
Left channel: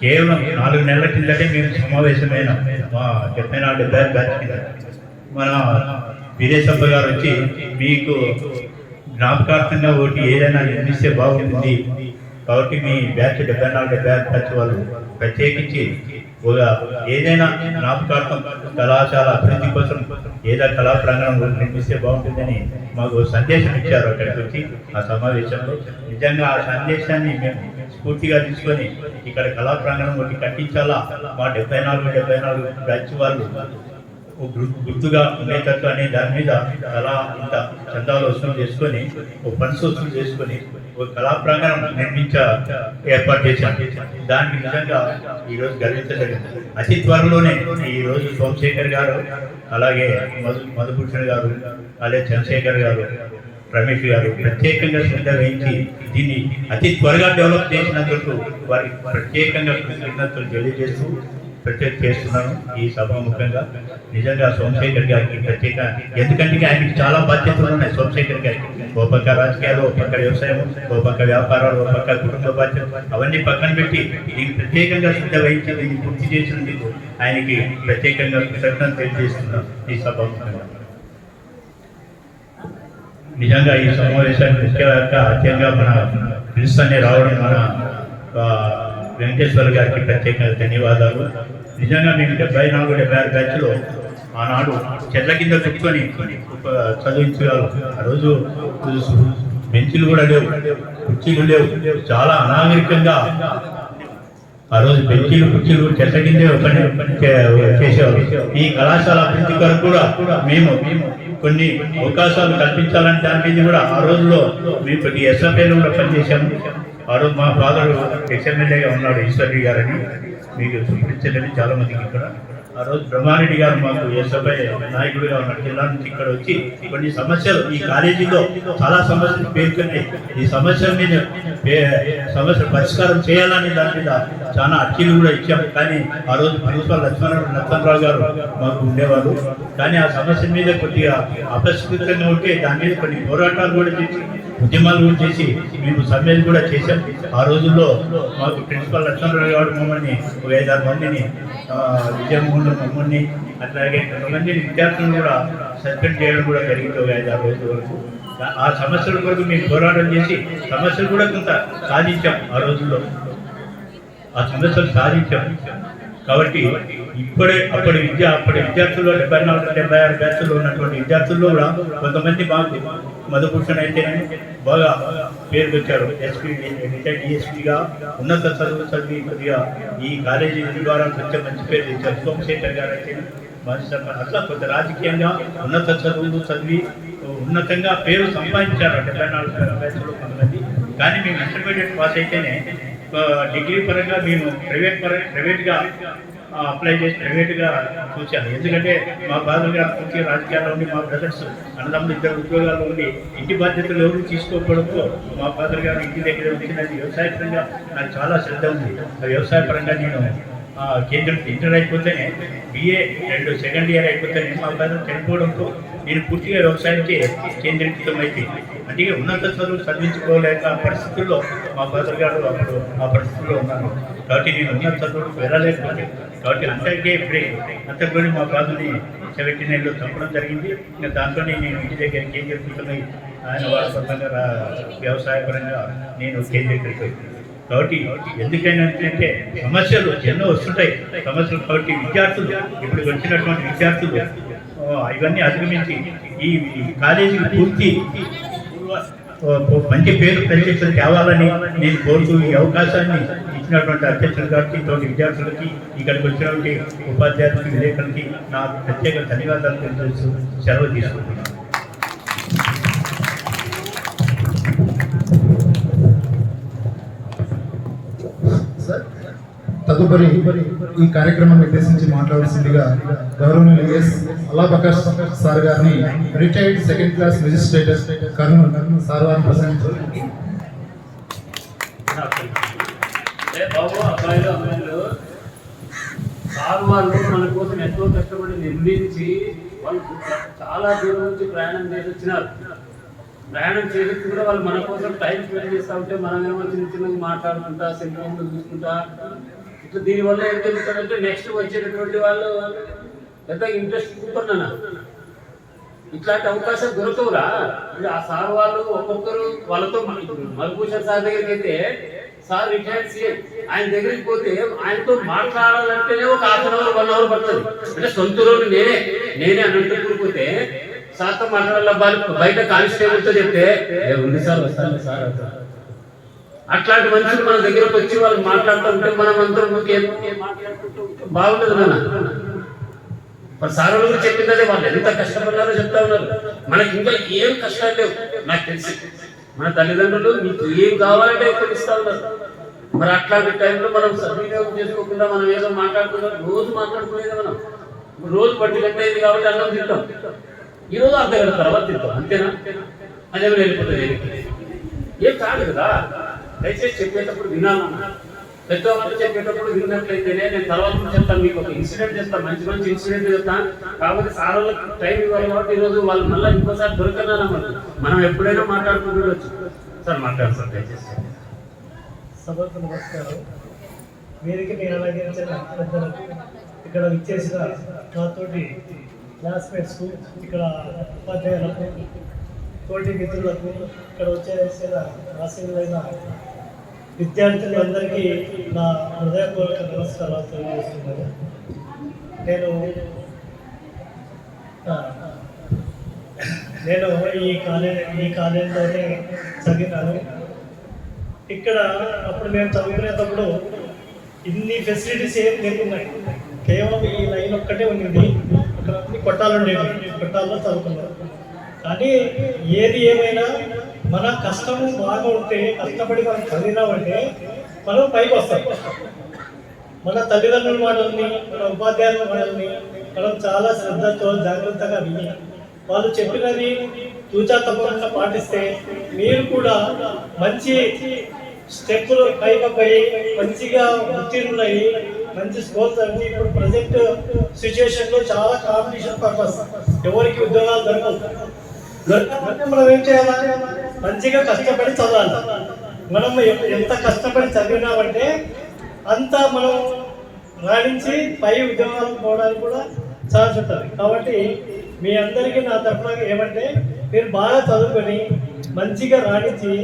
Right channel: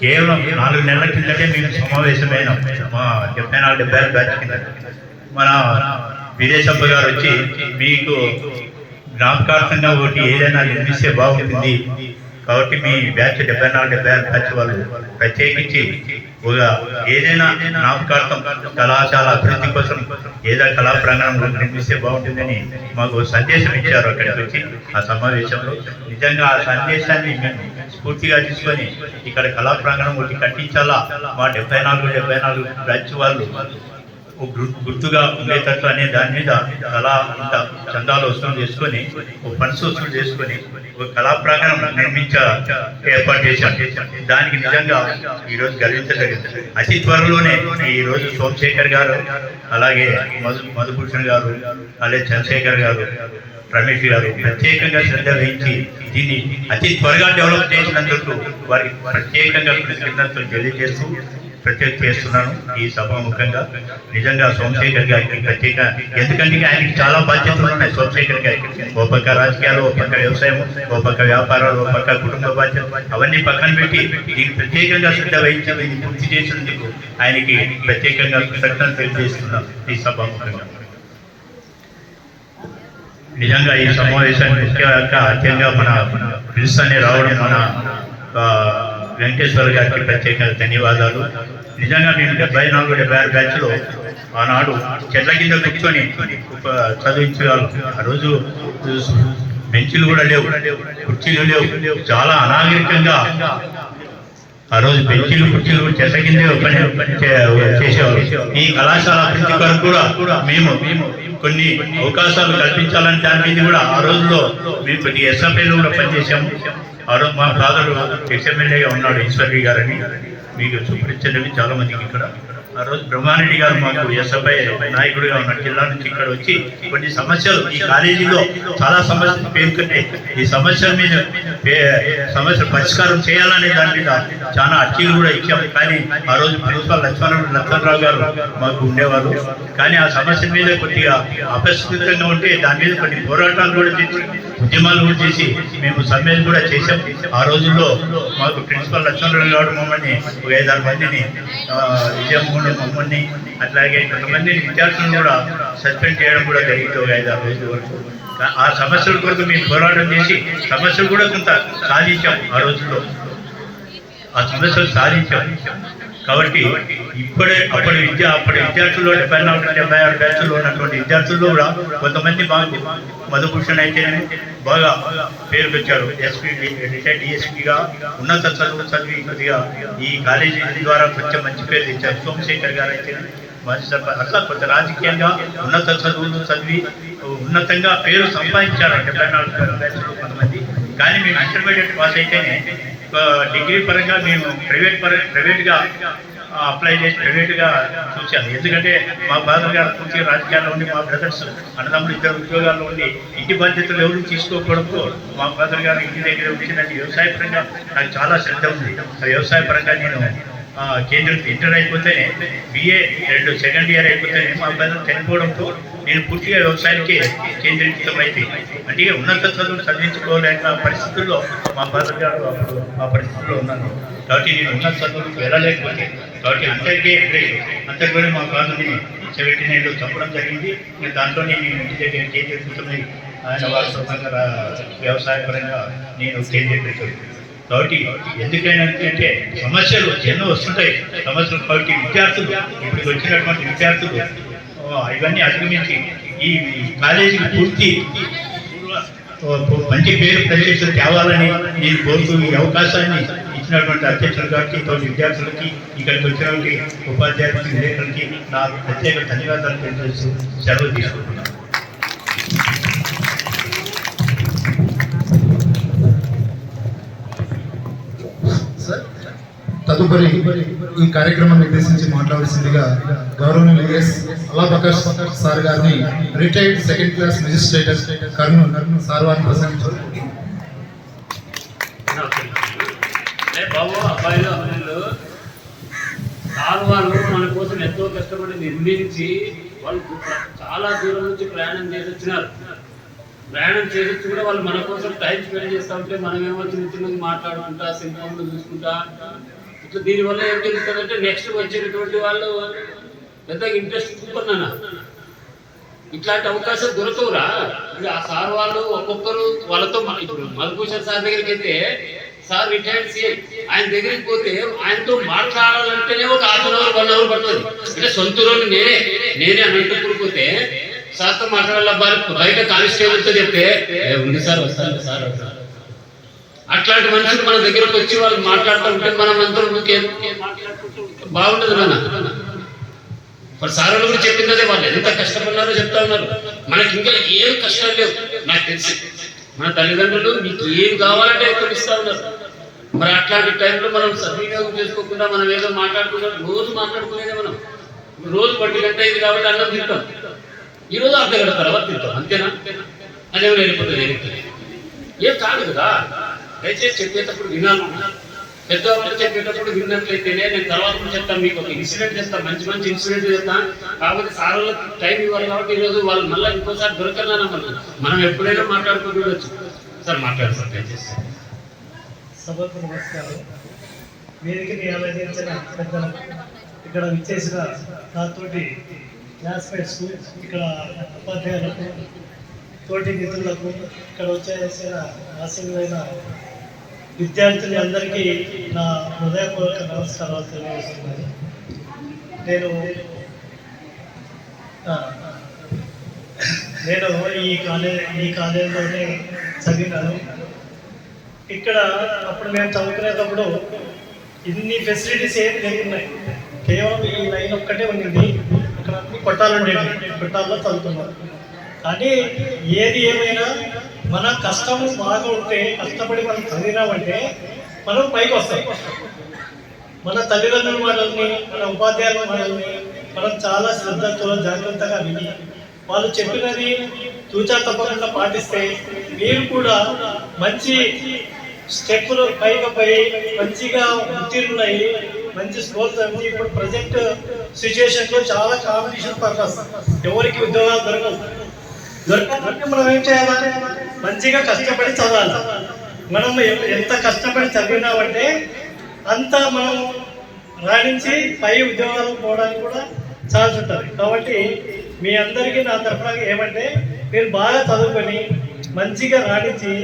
కేవలం 4 నెలల కిందటే మేము సమావేశమైన మా 74-76 బ్యాచ్ కింద మన విదేశప్ప గారు వచ్చి మీకు జ్ఞాపకార్థంగా ఒకటి ఏదైనా నిర్మిస్తే బాగుంటుంది, కాబట్టి మీ బ్యాచ్ 74-76 బ్యాచ్ వాళ్ళు ప్రత్యేకించి ఒక ఏదైనా జ్ఞాపకార్థం కళాశాల అభివృద్ధి కోసం ఏదో కళా ప్రాంగణం నిర్మిస్తే బాగుంటుందని మాకు సందేశం ఇచ్చారు అక్కడికి వచ్చి ఆ సమావేశంలో. నిజంగా ఆ సందేశాన్ని మేము స్ఫూర్తిగా తీసుకొని ఇక్కడ కళా ప్రాంగణం ఒకటి కట్టించాలా, మా 74 బ్యాచ్ వాళ్ళు గుర్తుగా ఉండేటట్లు అనే దాని మీద కళా అంత చందాలు వసూలు చేసుకొని, ఫండ్స్ వసూలు చేసుకొని ఒక కళా ప్రాంగణం ఏర్పాటు చేశాను. దానికి నిజంగా ఈరోజు గర్వించదగింది. అతి త్వరలోనే ఈరోజు సోమశేఖర్ గారు, అలాగే మధుభూషణ్ గారు, అలాగే చంద్రశేఖర్ గారు, రమేష్ గారు ప్రత్యేకంగా శ్రద్ధ వహించి దీన్ని అతి త్వరగా డెవలప్ చేసినందుకు వారికి ప్రత్యేకంగా కృతజ్ఞతలు తెలియజేస్తూ చేస్తున్నాను ఈ సభాముఖంగా. నిజంగా సోమశేఖర్ గారికి ప్రత్యేక, ఎందుకంటే ఆయనకి చాలా బాధ్యతలు ఉన్నాయి. సోమశేఖర్ గారికి ఓ పక్క రాజకీయాలు, ఓ పక్క వ్యవసాయం, ఓ పక్క వ్యాపారాలు, ఓ పక్క కుటుంబ బాధ్యతలు, అవన్నీ పక్కన పెట్టి దీన్ని ప్రత్యేకంగా శ్రద్ధ వహించి దీన్ని పూర్తి చేసినందుకు ఆయనకి ప్రత్యేకంగా కృతజ్ఞతలు తెలియజేస్తున్నాను ఈ సభాముఖంగా. నిజంగా ఈ సమావేశానికి ముఖ్యంగా అత్యంగా మన పిలుస్తూనే రావడం మన వెంకటేశ్వర గారికి ప్రత్యేకంగా ధన్యవాదాలు. నిజంగా నేను 74-76 బ్యాచ్లో ఆనాడు చెట్ల కింద కూర్చొని చదివించేవాళ్ళు. ఆ రోజు బెంచీలు కూడా లేవు, కుర్చీలు లేవు, చాలా అనాగరికంగా ఆ రోజు బెంచీలు కుర్చీలు చెట్ల కిందే చేసేవాళ్ళు. ఈ కళాశాల అభివృద్ధి కొరకు కూడా మేము కొన్ని అవకాశాలు కల్పించాలంటే దాని మీద కూడా ఆ రోజుల్లో మేము కొద్ది ఎస్ఎఫ్ఐలో కూడా పనిచేసాము. ఆ రోజు మా ఫాదర్ ఎక్స్ఎమ్మెల్యేగా ఉన్నాడు ఈశ్వరి గారని, మీకు చూపించండి చాలా మందికి ఇక్కడ. ఆ రోజు బ్రహ్మారెడ్డి గారు మాకు ఎస్ఎఫ్ఐ నాయకుడిగా ఉన్న జిల్లా నుంచి ఇక్కడ వచ్చి కొన్ని సమస్యలు ఈ కాలేజీలో చాలా సమస్యలు పేర్కొన్నాయి. ఈ సమస్యల మీద సమస్య పరిష్కారం చేయాలనే దాని మీద చాలా అర్జీలు కూడా ఇచ్చాము. కానీ ఆ రోజు ప్రిన్సిపల్ లక్ష్మణరావు గారు మాకు ఉండేవారు. కానీ ఆ సమస్య మీద కొద్దిగా అపరిష్కృతంగా ఉంటే దాని మీద కొన్ని పోరాటాలు కూడా చేసి, ఉద్యమాలు కూడా చేసి మేము సమ్మెలు కూడా చేశాం. ఆ రోజుల్లో మాకు ప్రిన్సిపల్ లక్ష్మణరావు గారు మమ్మల్ని ఒక 5-6 మందిని విజయమోహన్ మమ్మల్ని అట్లాగే కొంతమంది విద్యార్థులను కూడా సస్పెండ్ చేయడం కూడా జరిగింది ఒక 5-6 రోజుల వరకు. ఆ సమస్యల కొరకు మేము పోరాటం చేసి సమస్యలు కూడా కొంత సాధించాం. ఆ రోజుల్లో ఆ సమస్యలు సాధించాం. కాబట్టి అప్పటి విద్యార్థుల్లో 74-76 బ్యాచ్లో ఉన్నటువంటి విద్యార్థుల్లో కూడా కొంతమంది బాగా మధుభూషణ్ అయితే బాగా పేరు వచ్చారు. ఎస్పీ రిటైర్డ్ డిఎస్పీగా ఉన్నత చదువులు చదివి కొద్దిగా ఈ కాలేజీ ద్వారా కొంచెం మంచి పేరు తెచ్చారు. సోమశేఖర్ గారు అయితే మాజీ సర్పంచ్, అట్లా కొంత రాజకీయంగా ఉన్నత చదువులు చదివి ఉన్నతంగా పేరు సంపాదించారు 74 బ్యాచ్లో కొంతమంది. కానీ మేము ఇంటర్మీడియట్ పాస్ అయితేనే డిగ్రీ పరంగా మేము ప్రైవేట్గా అప్లై చేసి ప్రైవేట్గా చూశాను. ఎందుకంటే మా ఫాదర్ గారు పూర్తిగా రాజకీయాల్లో ఉండి, మా బ్రదర్స్ అన్నదమ్ములు ఇద్దరు ఉద్యోగాల్లో ఉండి ఇంటి బాధ్యతలు ఎవరు తీసుకోకపోవడంతో మా ఫాదర్ గారు ఇంటి దగ్గర వచ్చినది వ్యవసాయపరంగా నాకు చాలా శ్రద్ధ ఉంది. వ్యవసాయపరంగా నేను కేంద్రం ఇంటర్ అయిపోతేనే BA 2 సెకండ్ ఇయర్ అయిపోతేనే మా ఫాదర్ చనిపోవడంతో నేను పూర్తిగా వ్యవసాయానికి కేంద్రీకృతం అయితే, అంటే ఉన్నత చదువులు చదివించుకోలేక పరిస్థితుల్లో మా ఫాదర్ గారు అప్పుడు ఆ పరిస్థితుల్లో ఉన్నాను. కాబట్టి నేను ఉన్నత చదువులకు వెళ్ళలేకపోతే, కాబట్టి అంతటిలోనే మా ఫాదర్ని 79లో చంపడం జరిగింది. నేను దాంట్లో నేను ఇంటి దగ్గర కేంద్రీకృతమై ఆయన వారసత్వంగా వ్యవసాయపరంగా నేను కేంద్రీకృతం. కాబట్టి ఎందుకైనా అంటే సమస్యలు ఎన్నో వస్తుంటాయి సమస్యలు. కాబట్టి విద్యార్థులు ఇప్పుడు వచ్చినటువంటి విద్యార్థులు ఇవన్నీ అధిగమించి ఈ కాలేజీకి పూర్తి మంచి పేరు ప్రజలకు తేవాలని నేను కోరుతూ ఈ అవకాశాన్ని ఇచ్చినటువంటి అధ్యక్షులు గారికి, విద్యార్థులకి, ఇక్కడికి వచ్చినటువంటి ఉపాధ్యాయులకి, విలేకరులకి నా ప్రత్యేక ధన్యవాదాలు తెలియజేస్తూ సెలవు తీసుకుంటున్నాను. తదుపరి ఈ కార్యక్రమాన్ని ఉద్దేశించి మాట్లాడాల్సిందిగా గౌరవనీయులు ఎస్ అల్లాబకర్ సార్ గారిని, retired second class magistrate Kurnool sir వారిని ప్రసంగించారు. అబ్బాయిలు అమ్మాయిలు సార్ వాళ్ళు మన కోసం ఎంతో కష్టపడి నిర్మించి వాళ్ళు చాలా దూరం నుంచి ప్రయాణం చేసి వచ్చినారు. ప్రయాణం చేసి కూడా వాళ్ళు మన కోసం టైం స్పెండ్ చేస్తూ ఉంటే మనమేమో చిన్న చిన్నగా మాట్లాడుకుంటా, సినిమాలు చూసుకుంటా, ఇట్లా దీనివల్ల ఏం జరుగుతుందంటే నెక్స్ట్ వచ్చేటటువంటి వాళ్ళు పెద్దగా ఇంట్రెస్ట్ చూపుకున్నా ఇట్లాంటి అవకాశం దొరకవురా. ఇప్పుడు ఆ సార్ వాళ్ళు ఒక్కొక్కరు వాళ్ళతో ఇప్పుడు మధుభూషణ్ సార్ దగ్గరికి అయితే సార్ రిటైర్డ్ CI, ఆయన దగ్గరికి పోతే ఆయనతో మాట్లాడాలంటేనే ఒక ½ అవర్ 1 అవర్ పడుతుంది. అంటే సొంత రోజు నేనే అనంతపురం పోతే సార్తో మాట్లాడాల, బయట కానిస్టేబుల్తో చెప్తే ఉంది సార్ వస్తాను సార్ అంటారు. అట్లాంటి మనుషులు మన దగ్గరకు వచ్చి వాళ్ళు మాట్లాడుతూ ఉంటే మనం అందరం మాట్లాడుకుంటూ ఉంటే బాగుండదు నాన్న. మరి సార్ వాళ్ళు కూడా చెప్పింది అదే, వాళ్ళు ఎంత కష్టపడినారో చెప్తా ఉన్నారు. మనకి ఇంకా ఏం కష్టాలు లేవు నాకు తెలిసి. మన తల్లిదండ్రులు మీకు ఏం కావాలంటే ఎక్కువ ఇస్తా ఉన్నారు. మరి అట్లాంటి టైంలో మనం సద్వినియోగం చేసుకోకుండా మనం ఏదో మాట్లాడుకుంటాం. రోజు మాట్లాడుకునేదే మనం. రోజు 10 గంట అయింది కాబట్టి అన్నం తింటాం, ఈరోజు అర్ధ గంట తర్వాత తింటాం, అంతేనా? అదేమో వెళ్ళిపోతుంది. ఏం కాదు కదా. దయచేసి చెప్పేటప్పుడు వినాలి. పెద్దవాళ్ళు చెప్పేటప్పుడు విన్నట్లయితేనే నేను తర్వాత కూడా చెప్తాను. మీకు ఒక ఇన్సిడెంట్ చెప్తాను, మంచి మంచి ఇన్సిడెంట్ చెప్తాను. కాకపోతే సార్ వాళ్ళకి టైం ఇవ్వాలి కాబట్టి ఈరోజు వాళ్ళు మళ్ళీ ఇంకోసారి దొరకదా. మనం ఎప్పుడైనా మాట్లాడుకుంటూ సార్ మాట్లాడతారు. దయచేసి సభకు నమస్కారం. వేదికని ఆలోచించిన పెద్దలకు, ఇక్కడ విచ్చేసిన నాతోటి క్లాస్మేట్స్కు, ఇక్కడ ఉపాధ్యాయులకు, తోటి మిత్రులకు, ఇక్కడ వచ్చేసిన ఆశీర్వైన విద్యార్థులందరికీ నా హృదయపూర్వక నమస్కారాలు తెలియజేస్తున్నాను. నేను ఈ కాలేజీలోనే చదివినాను. ఇక్కడ అప్పుడు మేము చదువుకునేటప్పుడు ఇన్ని ఫెసిలిటీస్ ఏం లేకున్నాయి. కేవలం ఈ లైన్ ఒక్కటే ఉండింది. అక్కడ అన్ని కొట్టాల్లో చదువుకున్నాం. కానీ ఏది ఏమైనా మన కష్టం బాగా ఉంటే, కష్టపడి మనం చదివినామంటే మనం పైకి వస్తాం. మన తల్లిదండ్రుల మనల్ని, మన ఉపాధ్యాయుల మనల్ని మనం చాలా శ్రద్ధతో జాగ్రత్తగా విని వాళ్ళు చెప్పినది తూచా తప్పకుండా పాటిస్తే మీరు కూడా మంచి స్టెప్పులు పైకి మంచిగా ఉత్తీర్ణులై మంచి స్కోర్స్ అంటే ఇప్పుడు ప్రజెంట్ సిచ్యుయేషన్లో చాలా కాంపిటీషన్ పర్పస్, ఎవరికి ఉద్యోగాలు దొరకాలంటే మనం ఏం చేయాలి? మంచిగా కష్టపడి చదవాలి. మనం ఎంత కష్టపడి చదివినామంటే అంత మనం రాణించి పై ఉద్యోగాలకు పోవడానికి కూడా ఛాన్స్ ఉంటుంది. కాబట్టి మీ అందరికీ నా తరఫున ఏమంటే మీరు బాగా చదువుకొని మంచిగా రాణించి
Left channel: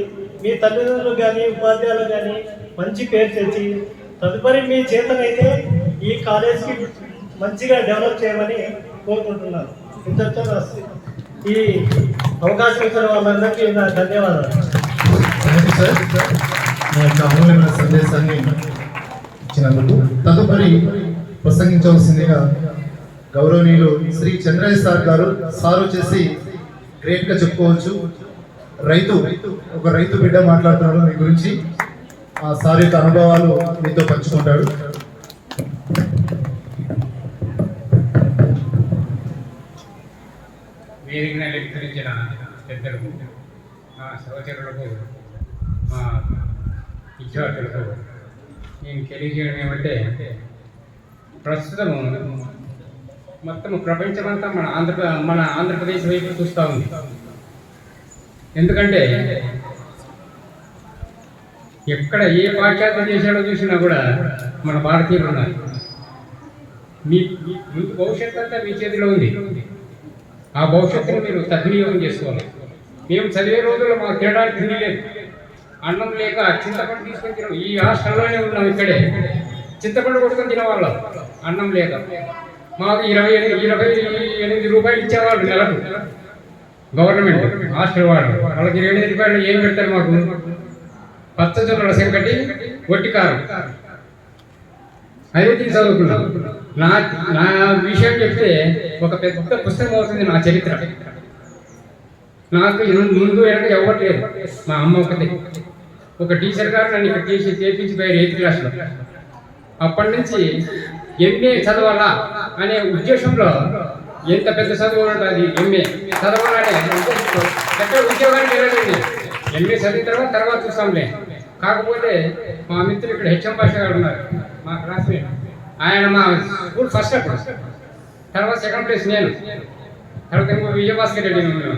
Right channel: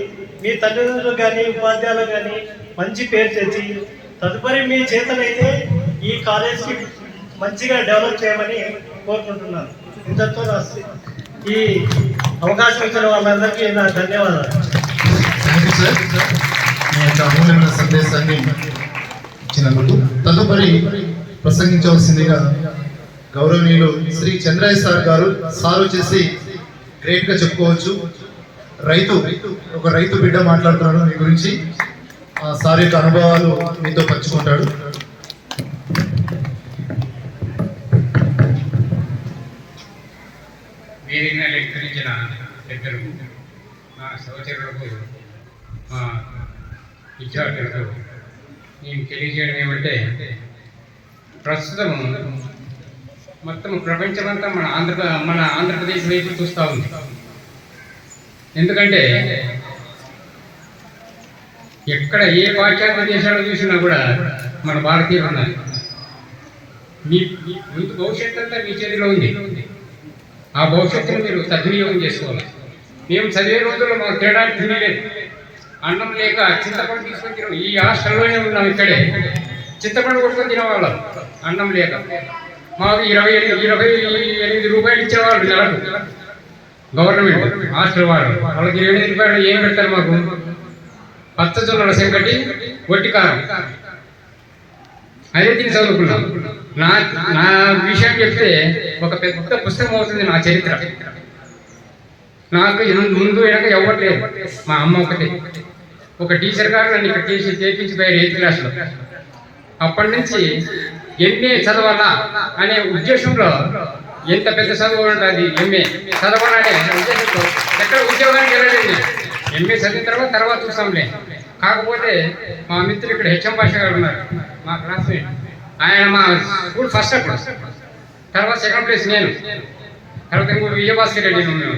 మీ తల్లిదండ్రులకు కానీ ఉపాధ్యాయులకు కానీ మంచి పేరు తెచ్చి తదుపరి మీ చేతనైతే ఈ కాలేజ్కి మంచిగా డెవలప్ చేయమని కోరుకుంటున్నాను. ఇంతతో ఈ అవకాశం ఇచ్చిన వాళ్ళందరికీ నా ధన్యవాదాలు. థ్యాంక్ యూ సార్, మీ యొక్క అమూల్యమైన సందేశాన్ని ఇచ్చినందుకు. తదుపరి ప్రసంగించవలసిందిగా గౌరవనీయులు శ్రీ చంద్రయ్య సార్ గారు. సార్ వచ్చేసి గ్రేట్గా చెప్పుకోవచ్చు. ఒక రైతు బిడ్డ మాట్లాడుతున్నాడు మీ గురించి. ఆ సార్ యొక్క అనుభవాలు మీతో పంచుకుంటాడు. అలంకరించిన పెద్దలకు, మా సహచరులకు, మా విద్యార్థులకు నేను తెలియజేయడం ఏమంటే, ప్రస్తుతం మొత్తం ప్రపంచమంతా మన ఆంధ్రప్రదేశ్ వైపు చూస్తూ ఉంది. ఎందుకంటే ఎక్కడ ఏ పాశ్చాత్య దేశాల్లో చూసినా కూడా మన భారతీయులు ఉన్నారు. మీ ముందు భవిష్యత్తు అంతా మీ చేతిలో ఉంది. ఆ భవిష్యత్తును మీరు సద్వినియోగం చేసుకోవాలి. మేము చదివే రోజుల్లో మాకు తినడానికి తినలేదు, అన్నం లేక చింతపండు తీసుకొని తిన, ఈ హాస్టల్లోనే ఉన్నాం, ఇక్కడే చింతపండు కొట్టుకొని తినేవాళ్ళం అన్నం లేక. మాకు 28 రూపాయలు ఇచ్చేవాళ్ళు నెలకు గవర్నమెంట్ హాస్టల్ వాళ్ళు. వాళ్ళకి 28 రూపాయలు ఏం పెడతారు మాకు? పచ్చజొన్నల సంకటి, వట్టి కారం, అదే తిని చదువుకున్నాం. నా విషయం చెప్తే ఒక పెద్ద పుస్తకం అవుతుంది నా చరిత్ర. నాకు ముందు వెనక ఇవ్వట్లేదు, మా అమ్మ ఒకటే. ఒక టీచర్ గారు నన్ను ఇక్కడ చేపించిపోయారు 8th క్లాస్లో. అప్పటి నుంచి ఎంఏ చదవాలా అనే ఉద్దేశంలో, ఎంత పెద్ద చదువు ఉంటుంది ఎంఏ చదవాలనే ఉద్దేశంతో ఎక్కడ ఉద్యోగానికి వెళ్ళలేదు. ఎంఏ చదివిన తర్వాత చూస్తాంలే. కాకపోతే మా మిత్రులు ఇక్కడ హెచ్ఎం భాష గారు ఉన్నారు, మా క్లాస్మేట్. ఆయన మా స్కూల్ ఫస్ట్ అప్పుడు, తర్వాత 2nd ప్లేస్ నేను, తర్వాత ఇంకో విజయభాస్కర్ రెడ్డి ఉన్నాను.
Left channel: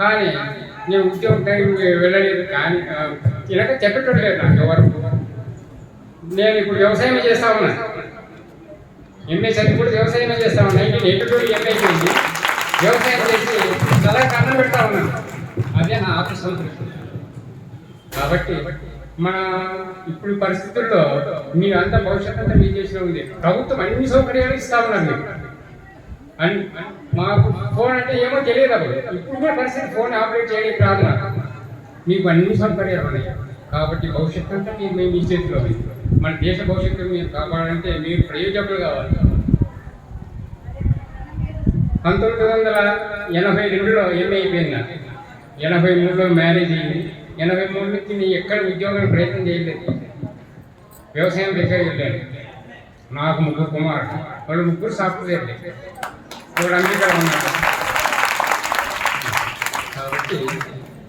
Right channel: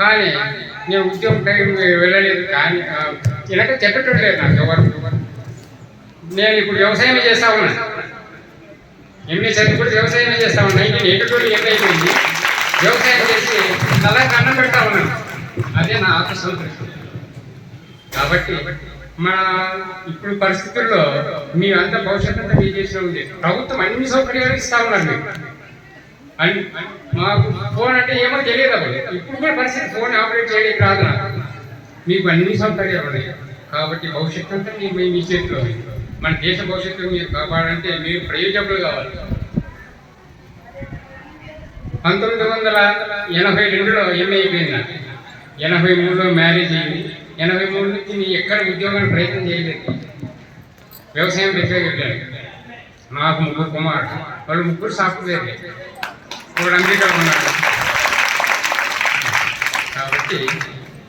కానీ నేను ఉద్యోగం వెళ్ళలేదు. కానీ వెనక చెప్పేటట్టు లేదు నాకు ఎవరు. నేను ఇప్పుడు వ్యవసాయమే చేస్తా ఉన్నాను. ఎంఏ చదివి కూడా వ్యవసాయమే చేస్తా ఉన్నాను. 1982 ఎంఐపోయింది. వ్యవసాయం చేసి అలా అన్నం పెడతా ఉన్నాను. అదే నా ఆత్మసంతృప్తి. కాబట్టి మన ఇప్పుడు పరిస్థితుల్లో మీ అంత భవిష్యత్తు అంతా మీ చేసిన ఉంది. ప్రభుత్వం అన్ని సౌకర్యాలు ఇస్తా ఉన్నారు మీరు. మాకు ఫోన్ అంటే ఏమో తెలియదు అప్పుడు. ఇప్పుడు కూడా పరిస్థితి ఫోన్ ఆపరేట్ చేయడానికి రాదు నాకు. మీకు అన్ని సౌకర్యాలు ఉన్నాయి. కాబట్టి భవిష్యత్తు అంతా మీ చేతిలో ఉంది. మన దేశ భవిష్యత్తు మీరు కాపాడాలంటే మీరు ప్రయోజకులు కావాలి. 1982లో ఎంఏ అయిపోయింది నాకు. 83లో మ్యారేజ్ అయింది. 83 నుంచి నేను ఎక్కడ ఉద్యోగానికి ప్రయత్నం చేయలేదు. వ్యవసాయం పెట్టగలిగాను. నాకు 3 కుమారులు, వాళ్ళు 3 సాఫ్ట్వేర్, వాడు అమెరికాలో ఉన్నాడు. కాబట్టి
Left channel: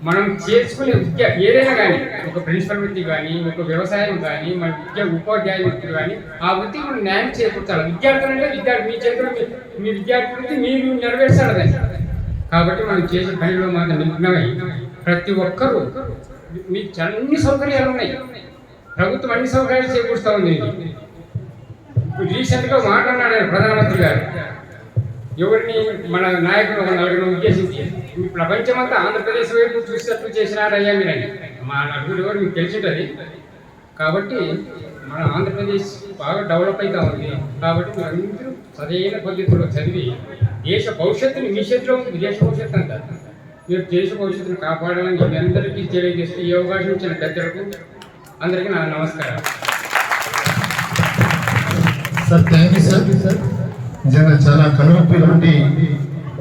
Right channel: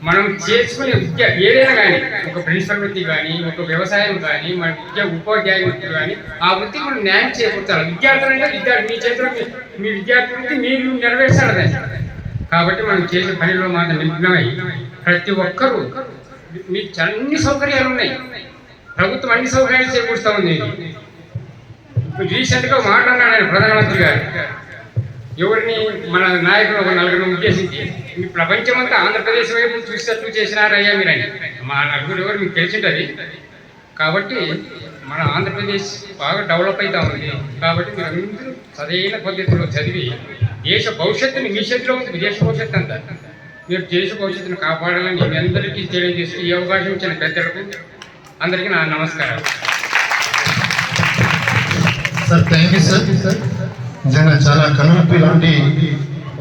మనం చేసుకునే విద్య ఏదైనా కానీ, ఒక ప్రిన్సిపల్ వృత్తి కానీ, ఒక వ్యవసాయం కానీ, మన విద్య ఉపాధ్యాయ వృత్తి కానీ, ఆ వృత్తి మనం న్యాయం చేకూర్చాలి. విద్యార్థులు అంటే విద్యార్థి మీ చేతిలో, మీ విద్యార్థి వృత్తి మీరు నెరవేర్చాలి దాన్ని. కాబట్టి మనం చేసే పనిలో మాత్రం నిమగ్నమై ప్రతి ఒక్కరూ, మీకు అన్ని సౌకర్యాలు ఉన్నాయి. ప్రభుత్వం అన్ని సౌకర్యాలు చేకూరుస్తూ ఉంది. రీసెంట్గా మాట్లాడినాడు ప్రధానమంత్రి గారు, ఎవరిని మన నాయకులు ఒక 4 ఉద్దేశించి, మీ ప్రపంచమంతా ఆంధ్రప్రదేశ్ వైపు చూసేటట్టు చేసినారయ్యా మీరని. మా నలుగురు ఎవరు మీకు తెలిసింటుంది. కాబట్టి మన ఆంధ్రప్రదేశ్ బాగా డెవలప్ అవుతా ఉంది. కాబట్టి మీరందరూ సరైన పద్ధతిలో చదివి దేశ భవిష్యత్తుని మీ చేతిలో ఉంది. దేశ భవిష్యత్తు అంతా మీరు దేశ భవిష్యత్తును కాపాడాలని మీ అందరికీ తెలియజేస్తూ ఈ అవకాశం ఇచ్చిన పెద్దలకు అందరికీ నా నమస్కారాలు. Sir thank you sir. నిజంగా చాలా కనువిప్పి లాంటి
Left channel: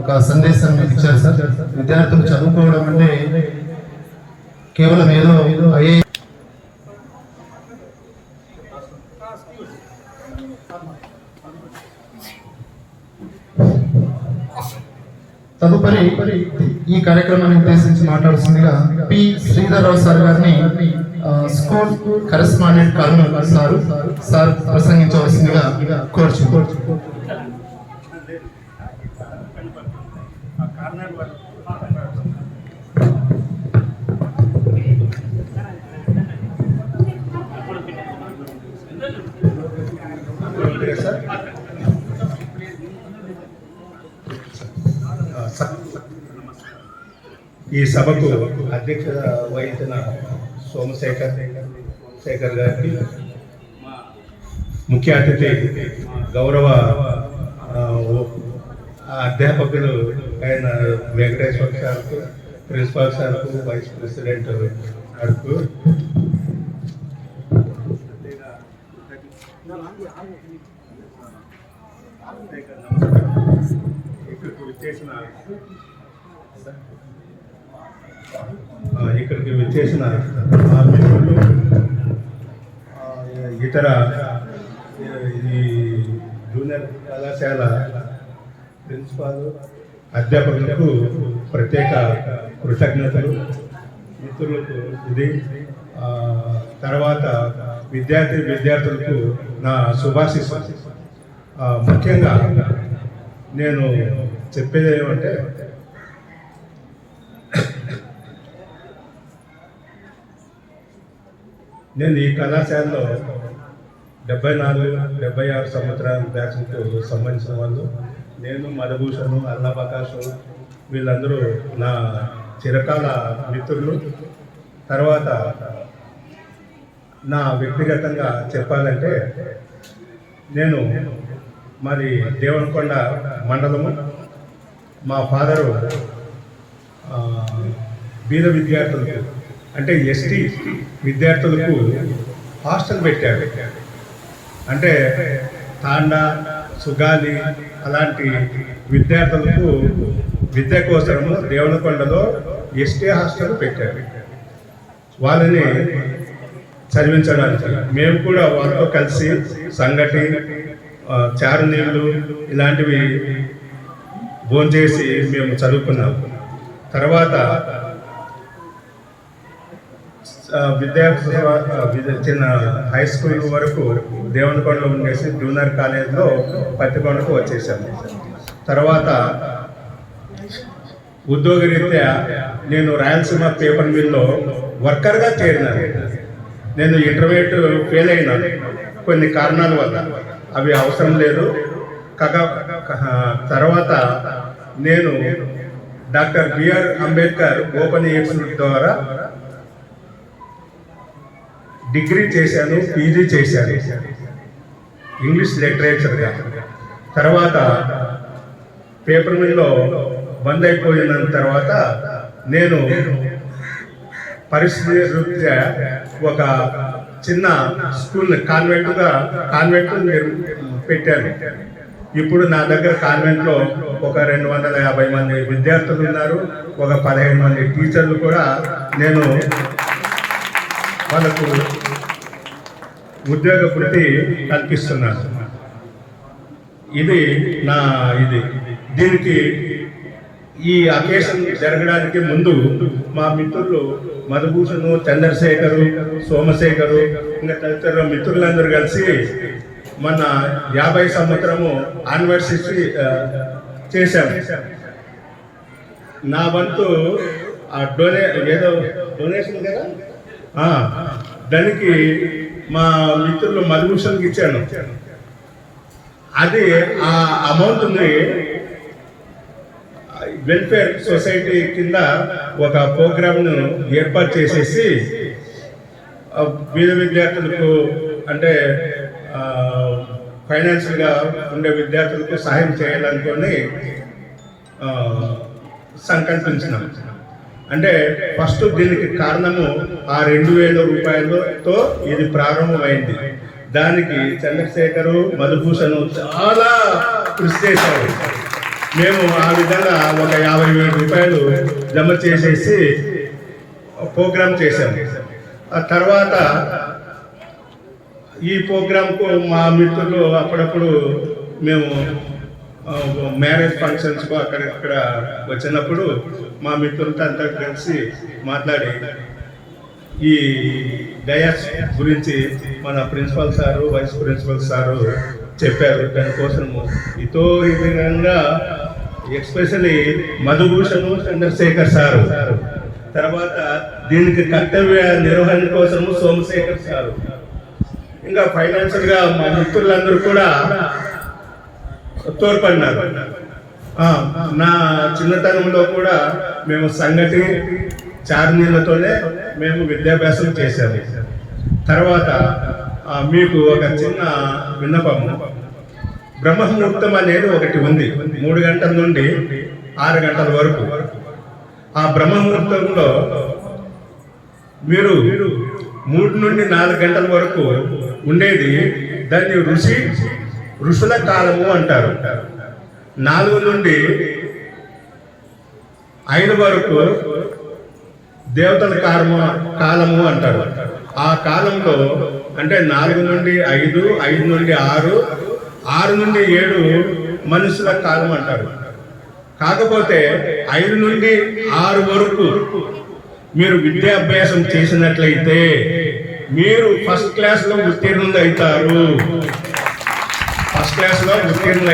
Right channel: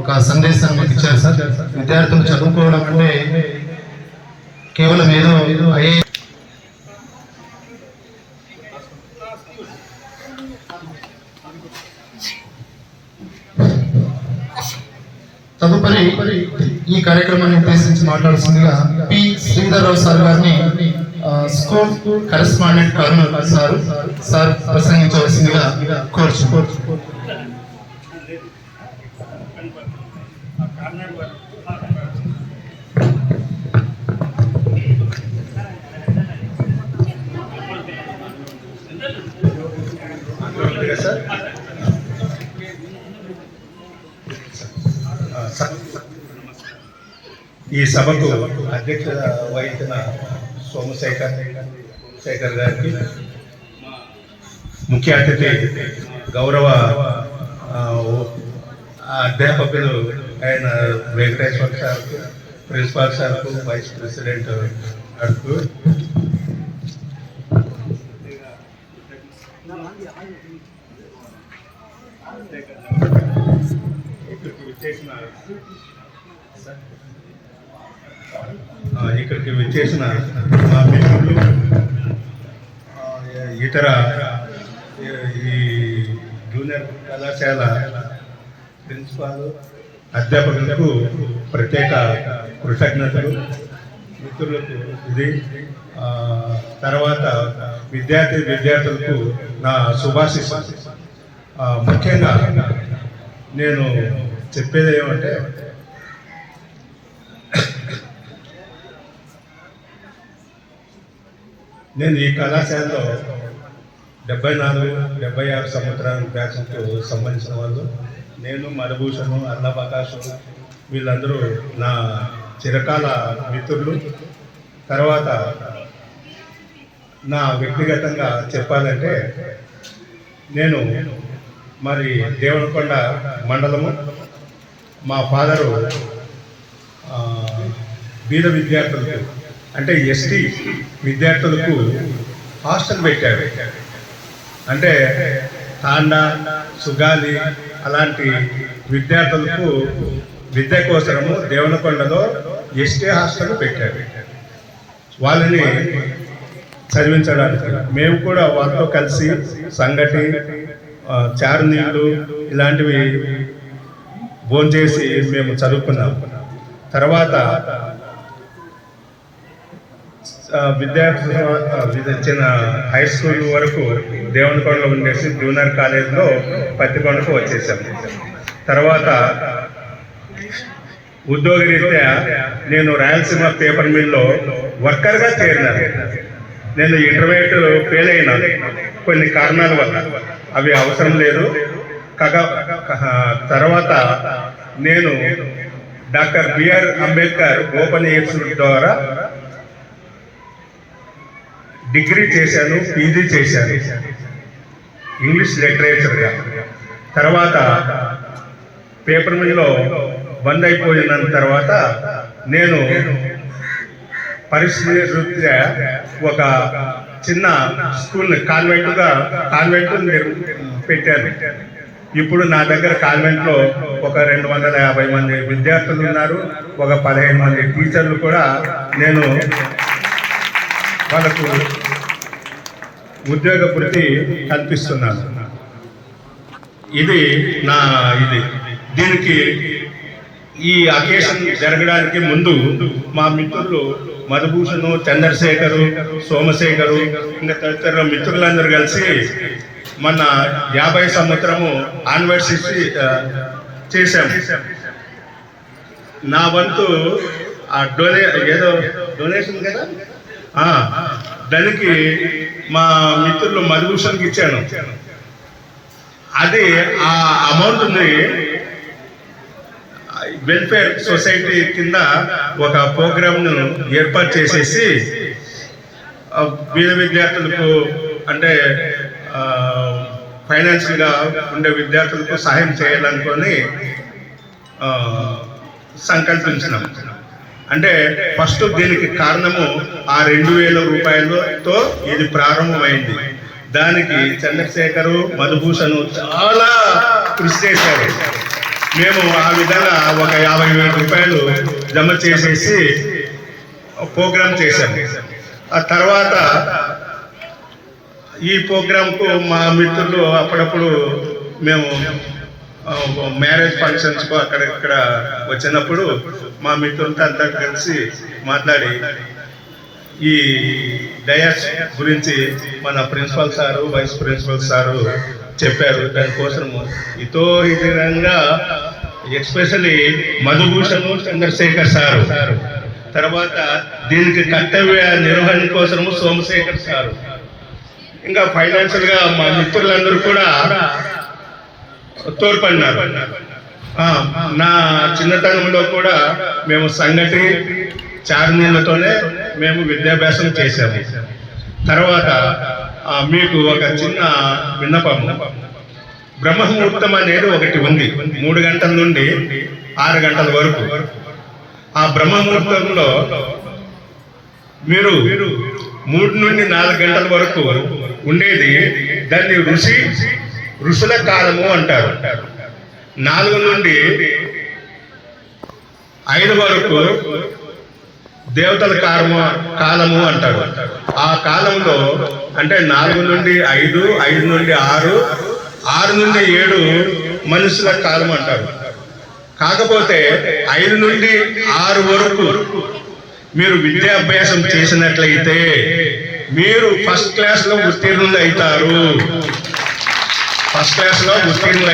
ఒక సందేశాన్ని మీకు ఇచ్చారు సార్. విద్యార్థులు చదువుకోవడం అంటే కేవలం ఏదో తదుపరి ఈ కార్యక్రమాన్ని ఉద్దేశించి మాట్లాడుతుందిగా పి శ్రీధర్రావు సార్ గారిని స్కూల్ కరెస్పాండెంట్ కర్నూలు సార్ ప్రసంగించవలసిందిగా కోరుచు. ఈ సభకు అధ్యక్షత వహించిన సోమశేఖర్ గారికి, ముఖ్య అతిథి గౌరవ అధ్యాపకులు అయిన వెంకటేశ్వర సార్కు, ప్రిన్సిపాల్ సార్కు, వైస్ ప్రెసిడెంట్ సార్కు, ఇక్కడికి విచ్చేసిన మా మిత్రులు, ఇతర ఈ జూనియర్ కళాశాల ప్రిన్సిపాల్, అధ్యాపకులకు ప్రత్యేక కృతజ్ఞతలు. మిత్రులకు ఇది తర్వాత విద్యార్థులకు నా శుభాశీస్సులు. ముఖ్యంగా నేను చెప్పేది ఏమంటే నేను ఈ కళాశాలలో 74-76 సంవత్సరాల బ్యాచ్కు సంబంధించిన వాళ్ళు. నేను మధుభూషణ్, అల్లప్రకాష్ వీళ్ళందరూ నా చిరకాల మిత్రులు. తర్వాత నా వ్యక్తిగతంగా చెప్పాలంటే నేను మరి దేవనకొండ మండలము, మా ఫాదరు బీద విద్యార్థులకు అంటే ఎస్టీ విద్యార్థులకు హాస్టల్ పెట్టారు. అంటే తాండా, సుగాలి అలాంటి విద్యార్థులకు విద్య కోసము దేవనకొండలో ఎస్టీ హాస్టల్ పెట్టారు. వాళ్ళని చదివించడానికి మేము కూడా వాళ్ళతో కలిసి సంగటి, చారునీళ్ళు ఇలాంటివి భోంచేసి మేము చదువుకున్నాం. తర్వాత చిన్న హై స్కూల్ వరకు దేవనకొండలో ఉండేసి జూనియర్ కాలేజ్లో పత్తికొండకు వచ్చేసాము. తర్వాత ఉద్యోగరీత్యా నేను రాయలసీమ పేపర్ మిల్లో వర్కర్గా చేరినాను. నేను ఇంటర్మీడియట్ ఫెయిల్ అయినాను కొన్ని కారణాల వల్ల, అవి అవసరం లేదు. తర్వాత నేను doctor BR Ambedkar open institute ద్వారా డిగ్రీ చేశాను, పీజీ చేశాను ఇంగ్లీష్ లిటరేచర్గా. తర్వాత పేపర్ మిల్లో బంద్ అయిపోయిన తర్వాత నేను పరిస్థితి రీత్యా ఒక చిన్న స్కూల్ కాన్వెంట్ పెట్టాను. ఇప్పుడు నా దగ్గర కాన్వెంట్లో ఒక 250 మంది విద్యార్థులు ఉన్నారు. ఒక 15 మంది టీచర్లు కూడా నేను వాళ్ళకు ఉద్యోగ వృత్తి కల్పిస్తున్నాను. ఇది దీనికి ఈ అకేషన్ జరగడానికి ముందు మా మిత్రులు మధుభూషణ్, చంద్రశేఖరు, సోమశేఖరు ఇంకా తదితర మిత్రులందరూ కలిసి మన 50 సంవత్సరము యానివర్సరీ చేశాము. నా వంతు డొనేషన్ కదా, దానికి మా మిత్రులు మధుభూషణ్కి ఇచ్చాను. అది ఆ అమౌంట్ని వెల్ఫేర్ సొసైటీ కింద ఒక ప్రోగ్రామ్ను ఏర్పాటు చేసేసి బీద విద్యార్థులకు అంటే ఫైనాన్షియల్గా ఉండే విద్యార్థులకు సహాయం చేయాలనుకొని సంకల్పించినాం. అంటే ఫస్ట్ దీనికి కారణము ఆ 2000 రూపాయలతో ఇది ప్రారంభమైంది. దానికి చంద్రశేఖరు, మధుభూషణ్ చాలా కృషి చేశారు. మేము ఆ విధంగా ఒక 50,000 రూపాయలు జమ చేసేసి ప్రోగ్రాం చేశాము. ఆ తర్వాత ఈ ప్రోగ్రాంకు మా మిత్రులు అప్పుడప్పుడు మేము మ్యారేజ్ ఫంక్షన్స్కు అక్కడక్కడ వచ్చినప్పుడు మా మిత్రులతో అంతా కలిసి మాట్లాడి ఈ డయాస్ గురించి మన principal sir, vice principal sir చెప్పారు. దానికోసము విధంగా ఎస్పెషల్లీ మధుభూషణ్, చంద్రశేఖర్ సారు, తర్వాత దీనికి కర్తవ్య నిర్వహణ కోసము సోమశేఖర్ సారు, ఇంకా ఫైనాన్షియల్గా మా మిత్రులందరూ కూడా తోడ్పడినారు. నా చిన్నతనంలో కూడా మేము సంగటి, చారునీళ్ళతోనే మేము విద్యాభ్యాసం చేసాము. తర్వాత మీకు ఒక చిన్న విన్నపము, బ్రహ్మముహూర్తం అనేది ఒకటి ఉంది 3 గంటల నుండి 6 గంటల వరకు. ఆ బ్రహ్మముహూర్తంలో మీరు 3 నుండి 4 గంటల వరకు ఉండేది దాన్ని ఋషుల కాలము అంటారు. 4 నుండి 5 వరకు దేవతల కాలము అంటారు. ఆ కాలంలో అంటే 4 నుండి 5, 5 నుండి 6, 6 నుండి 7 మనుషుల కాలం అంటారు. కాకపోతే 5 నుండి 6 వరకు మీరు విద్యాభ్యాసం చేసినట్లయితే మీరు ఫస్ట్ క్లాస్లో ఉత్తీర్ణులు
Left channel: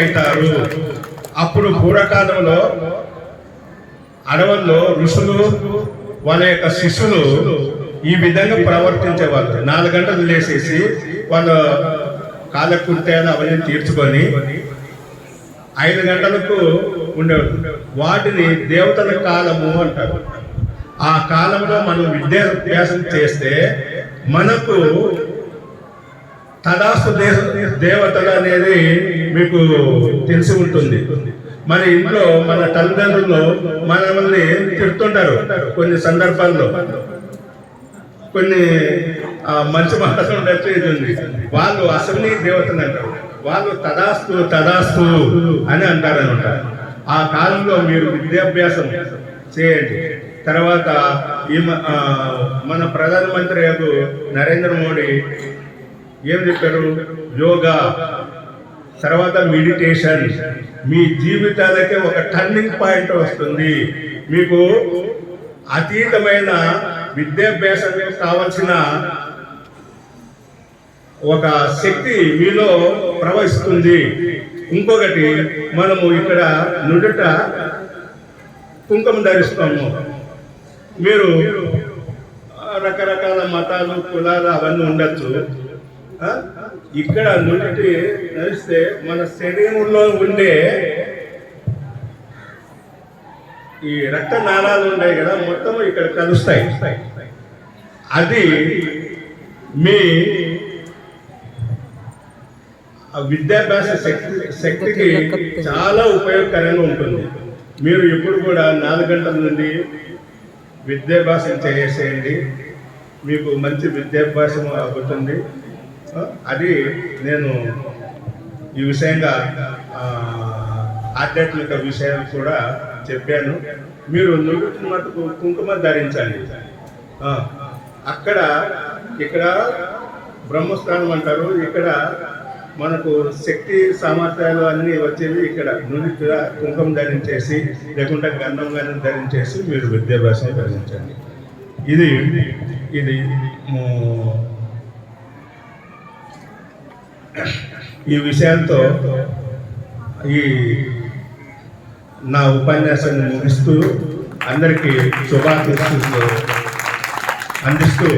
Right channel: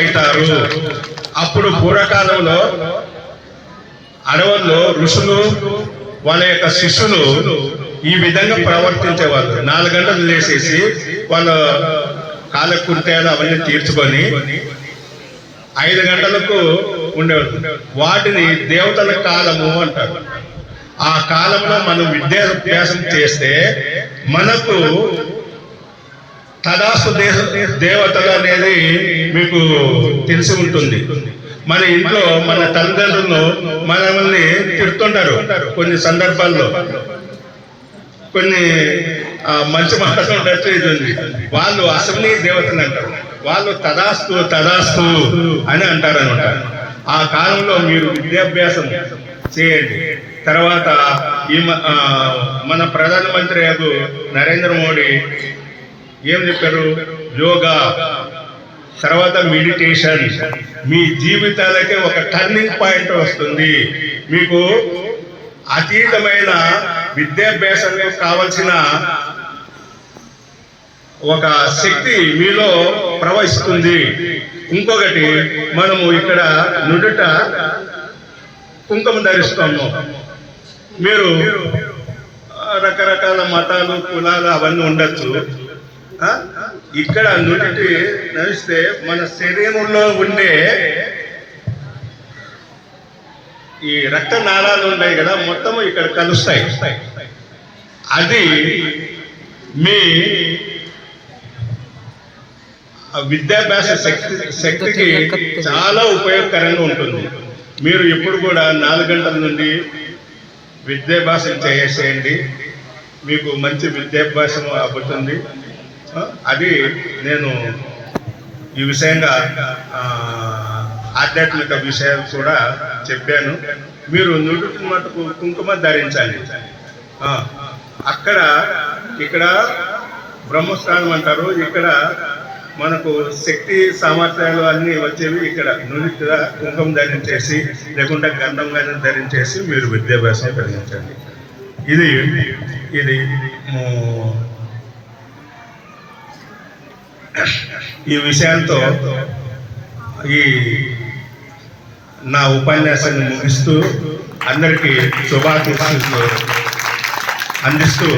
అవుతారు. అప్పుడు పూర్వకాలంలో అడవుల్లో ఋషులు వాళ్ళ యొక్క శిష్యులు ఈ విధంగా ప్రవర్తించేవాళ్ళు. 4 గంటలు లేచేసి వాళ్ళ కాలకృత్యాలు అవన్నీ తీర్చుకొని 5 గంటలకు ఉండేవారు. వాటిని దేవతల కాలము అంటారు. ఆ కాలంలో మనం విద్యాభ్యాసం చేస్తే మనకు తదాస్తు దేవతలు అనేది మీకు తెలిసి ఉంటుంది. మన ఇంట్లో మన తల్లిదండ్రులు మనల్ని తిడుతుంటారు కొన్ని సందర్భాల్లో, కొన్ని మంచి మాట్లాడుతూ ఇది ఉంది. వాళ్ళు అసలు దేవతలు అంటారు, వాళ్ళు తదాస్తు అని అంటారు అనమాట. ఆ కాలంలో మీరు విద్యాభ్యాసం చేయండి. తర్వాత ఈ మన ప్రధానమంత్రి నరేంద్ర మోడీ ఏం చెప్పారు? యోగా, తర్వాత మెడిటేషన్. మీ జీవితాలకి ఒక టర్నింగ్ పాయింట్ వస్తుంది. మీకు అతీతమైన విద్యాభ్యాసం కావాల్సిన ఒక శక్తి మీలో ప్రవహిస్తుంది. ఇంకొకటి, మనము ఇక్కడ నుదుట కుంకుమ ధరిస్తాము. మీరు రకరకాల మతాలు, కులాలు అవన్నీ ఉండొచ్చు. ఇక్కడ నుదుటి నడిస్తే మన శరీరంలో ఉండే ఈ రక్త నాళాలు ఉన్నాయి కదా, మొత్తం ఇక్కడ కలుస్తాయి. అది మీ విద్యాభ్యాస శక్తికి చాలా ఉపయోగకరంగా ఉంటుంది. మీరు ఎప్పుడు కూడా 4 గంటల నుండి విద్యాభ్యాసం చేసేయండి, మీకు మంచి విద్యాభ్యాసం అవుతుంది. అది నేను ఈ విషయంగా ఆధ్యాత్మిక విషయాలు కూడా చెప్పాను. మీరు నుదుటి మటుకు కుంకుమ ధరించండి. ఇక్కడ బ్రహ్మస్థానం అంటారు. ఇక్కడ మనకు శక్తి సామర్థ్యాలు అన్నీ వచ్చేవి ఇక్కడ. నుదుట కుంకుమ ధరించేసి, లేకుంటే గంధం కానీ ధరించేసి మీరు విద్యాభ్యాసం ధరించండి. ఇది ఈ విషయాలతో ఈ నా ఉపన్యాసాన్ని ముగిస్తూ అందరికీ శుభాకాంక్షలు అందిస్తూ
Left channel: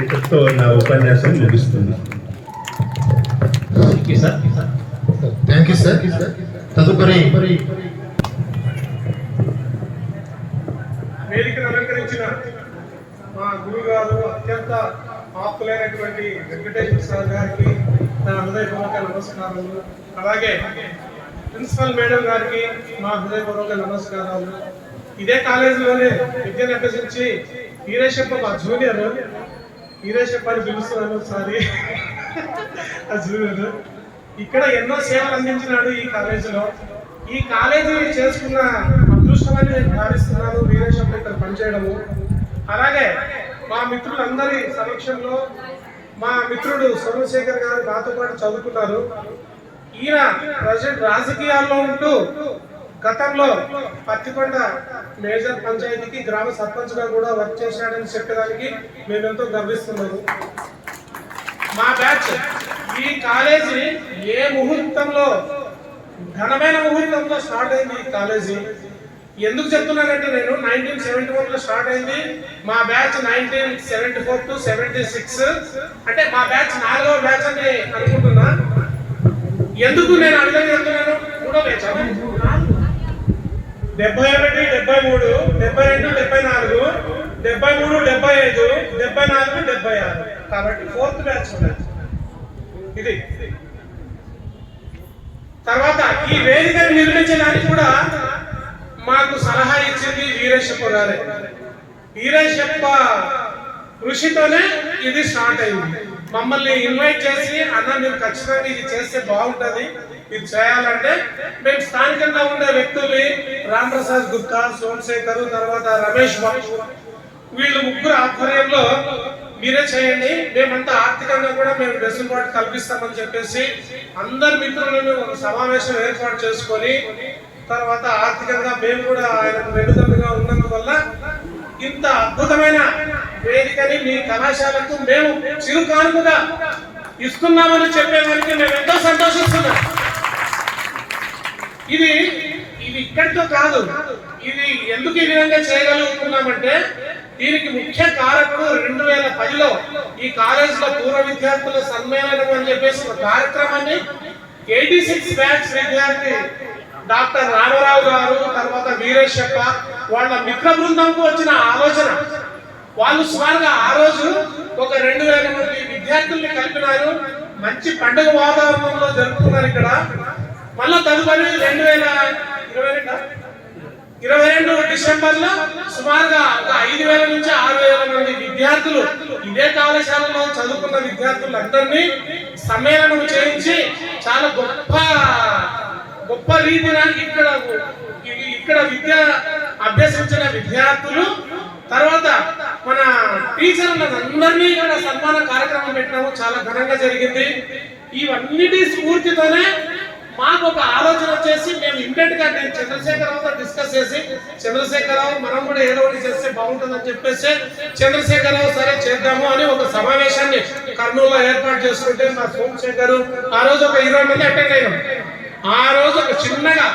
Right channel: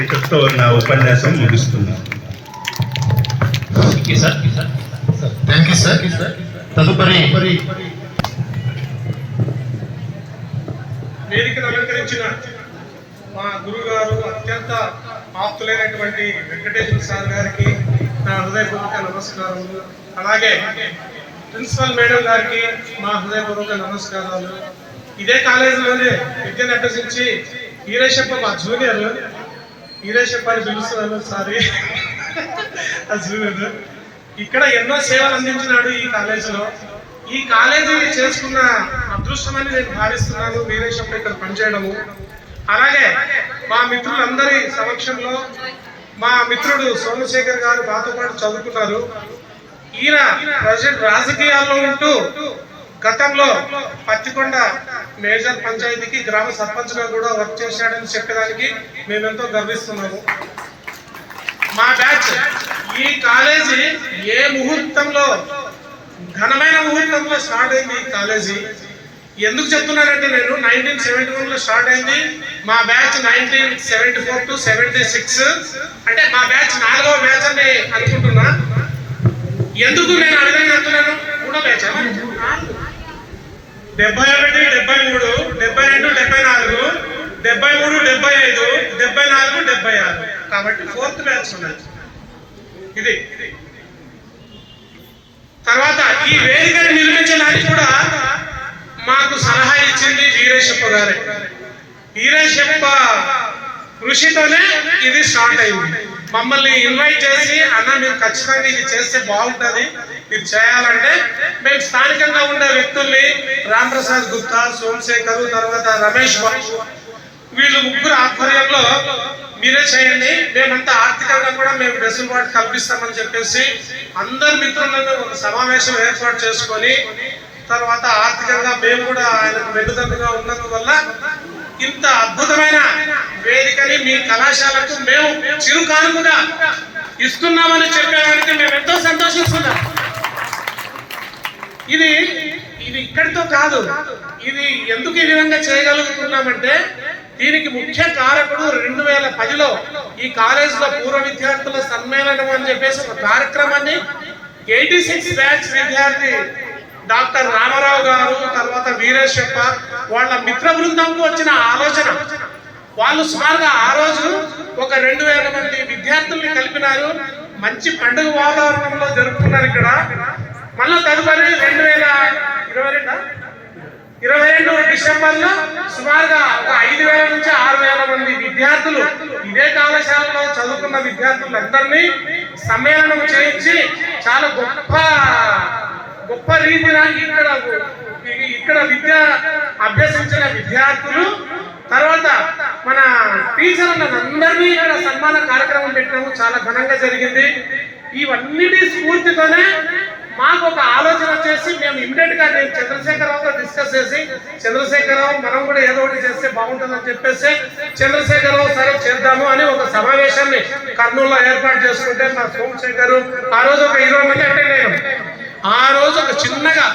ఇంతటితో నా ఉపన్యాసం ముగిస్తున్నాను. Thank you sir. తదుపరి వేదికను అలంకరించిన మా గురుగారు, అత్యంత ఆప్తులైనటువంటి వెంకటేశ్వర సార్ గారికి నా హృదయపూర్వక నమస్కారములు. అలాగే ప్రిన్సిపల్ మేడం గారికి మా హృదయపూర్వక నమస్కారాలు. ఇదే కాలేజీలోనే విద్యను అభ్యసించి వీరేశప్ప, మా జూనియర్ వీరేశప్ప అని పిలుస్తున్నాను, సారీ ఆ జూనియర్, ఇక్కడ ఎన్నో సేవలు అందించినాడు ఈ కాలేజీలో. ఈ కాలేజీ చేసుకున్న అదృష్టమని నేను భావిస్తున్నాను వీరేశప్ప ఇక్కడ పనిచేయడము. అలాగే మా మిత్రులందరి సమక్షంలో మా మిత్రుడు సోమశేఖర్ గారు మాతో పాటు చదువుకున్నారు. ఈయన ప్రజెంట్ రాజకీయాల్లో ఉంటూ గతంలో పత్తికొండ మేజర్ పంచాయతీకి గ్రామ సర్పంచ్ గా కూడా వర్క్ చేశాడని చెప్పడానికి మేమెంతో గర్విస్తున్నాము. మా బ్యాచ్ ఈ కాలేజీ ఏ ముహూర్తంలో, ఘనమైన ముహూర్తంలో స్టార్ట్ అయింది ఈ కాలేజీ. ఎందుకు చెప్తున్నానంటే, నేను 1971 లో స్టార్ట్ అయింది. మా బ్యాచ్ 1974 to 76, అంటే మా బ్యాచ్ 4వ బ్యాచ్ అని అనుకుంటున్నా. ఎందుకు నేను అడిగి చెప్తున్నాను? 3వ బ్యాచ్ 71, 73, 72, 74, 73, 75, 74, 76, కాబట్టి 4th బ్యాచ్ ఉన్నది ఇది. తర్వాత ఈ వేదికను నిర్మించడానికి కూడా మాకు సలహా ఇచ్చింది వీరేశప్ప గారే. వీరేశప్ప కృషితోనే ఇది స్టార్ట్ అయింది. మమ్మల్ని ఇన్వైట్ చేసి, అన్న మీరు ఖచ్చితంగా ఇది చేస్తే బాగుంటుంది, ఇది చేయాలంటే మేము స్థానికంగా ఉండే వ్యక్తుల్ని రామప్రసాద్ గుప్తా, సోమశేఖర్, తర్వాత రమేష్ బాబు, వీళ్ళు ముగ్గురు ఆధ్వర్యంలో మీరే చేయండి, మేమంతా ఆర్థికంగా కూడా మేము వెసులుబాటు కల్పిస్తామని చెప్పేసి అందరు మిత్రులను ఒక సమావేశం ఏర్పాటు చేసుకొని తర్వాత ఆర్థికంగా మేము కూడా ఆయనకు వెన్నుదన్నుగా ఉన్నందువల్ల ఇంత అద్భుతమైన వేదికని మీ కళాశాలకు మేము చిరుకానుకగా ఇస్తున్నామని చెప్పేవారికి మేము ఎంతో సంతోషిస్తున్నాం. ఇది ఇక్కడితో కాదు, ఇది ఎందుకు ఈ విధంగా చేయగలుగుతున్నామంటే దీనికి ముఖ్య కారకుడు 2010లో ఈ కాలేజీలో పూర్వ విద్యార్థుల సమ్మేళనం అని చెప్పేసి ఒక కార్యక్రమాన్ని 86 బ్యాచ్ విద్యార్థి డాక్టర్ రామారావు గారు, తర్వాత వీరేశప్ప వాళ్ళ మిత్ర బృందంకు వచ్చిన ఆలోచన. వాళ్ళు సుమారుగా ఆ రోజు ఒక 2000 మంది విద్యార్థుల్ని కలిపినారు. మంచి పండుగ వాతావరణంలో జరుపుకున్నారు ఇక్కడ. మళ్ళీ తదుపరి 2022 డిసెంబర్లో సుమారుగా ఒక 5000 నుంచి 6000 మంది విద్యార్థులు ఇదే కళాశాలలో చదువుకున్న విద్యార్థులందరినీ సమ్మేళనం చేయించి చాలా గొప్ప రీతిన ఇక్కడ విద్య అభ్యసించిన విద్యార్థులు, తర్వాత మన టీచర్లందరినీ ఇక్కడ సన్మాన కార్యక్రమం పెట్టినాము. చాలా ఘనంగా జరిగింది. ఇవన్నిటి స్ఫూర్తితోనే మాకు ఒక ఆలోచన వచ్చేసి మేము ఇమ్మీడియట్ గా నేను చంద్రశేఖరరావుతో డిస్కస్ చేసి, చంద్రశేఖరరావు మనం కూడా ఏదో ఒకటి చేస్తే బాగుంటుందని చెప్పేసి చంద్రశేఖరరావు సరే చేద్దాము అని ఒక సమావేశాన్ని కర్నూలులో ఏర్పాటు చేసుకుంటే మా సోమశేఖర్ ఆ రోజు ఒక 20 మంది అటెండ్ అయ్యాం. ఆ రోజు ఒక చిన్నగా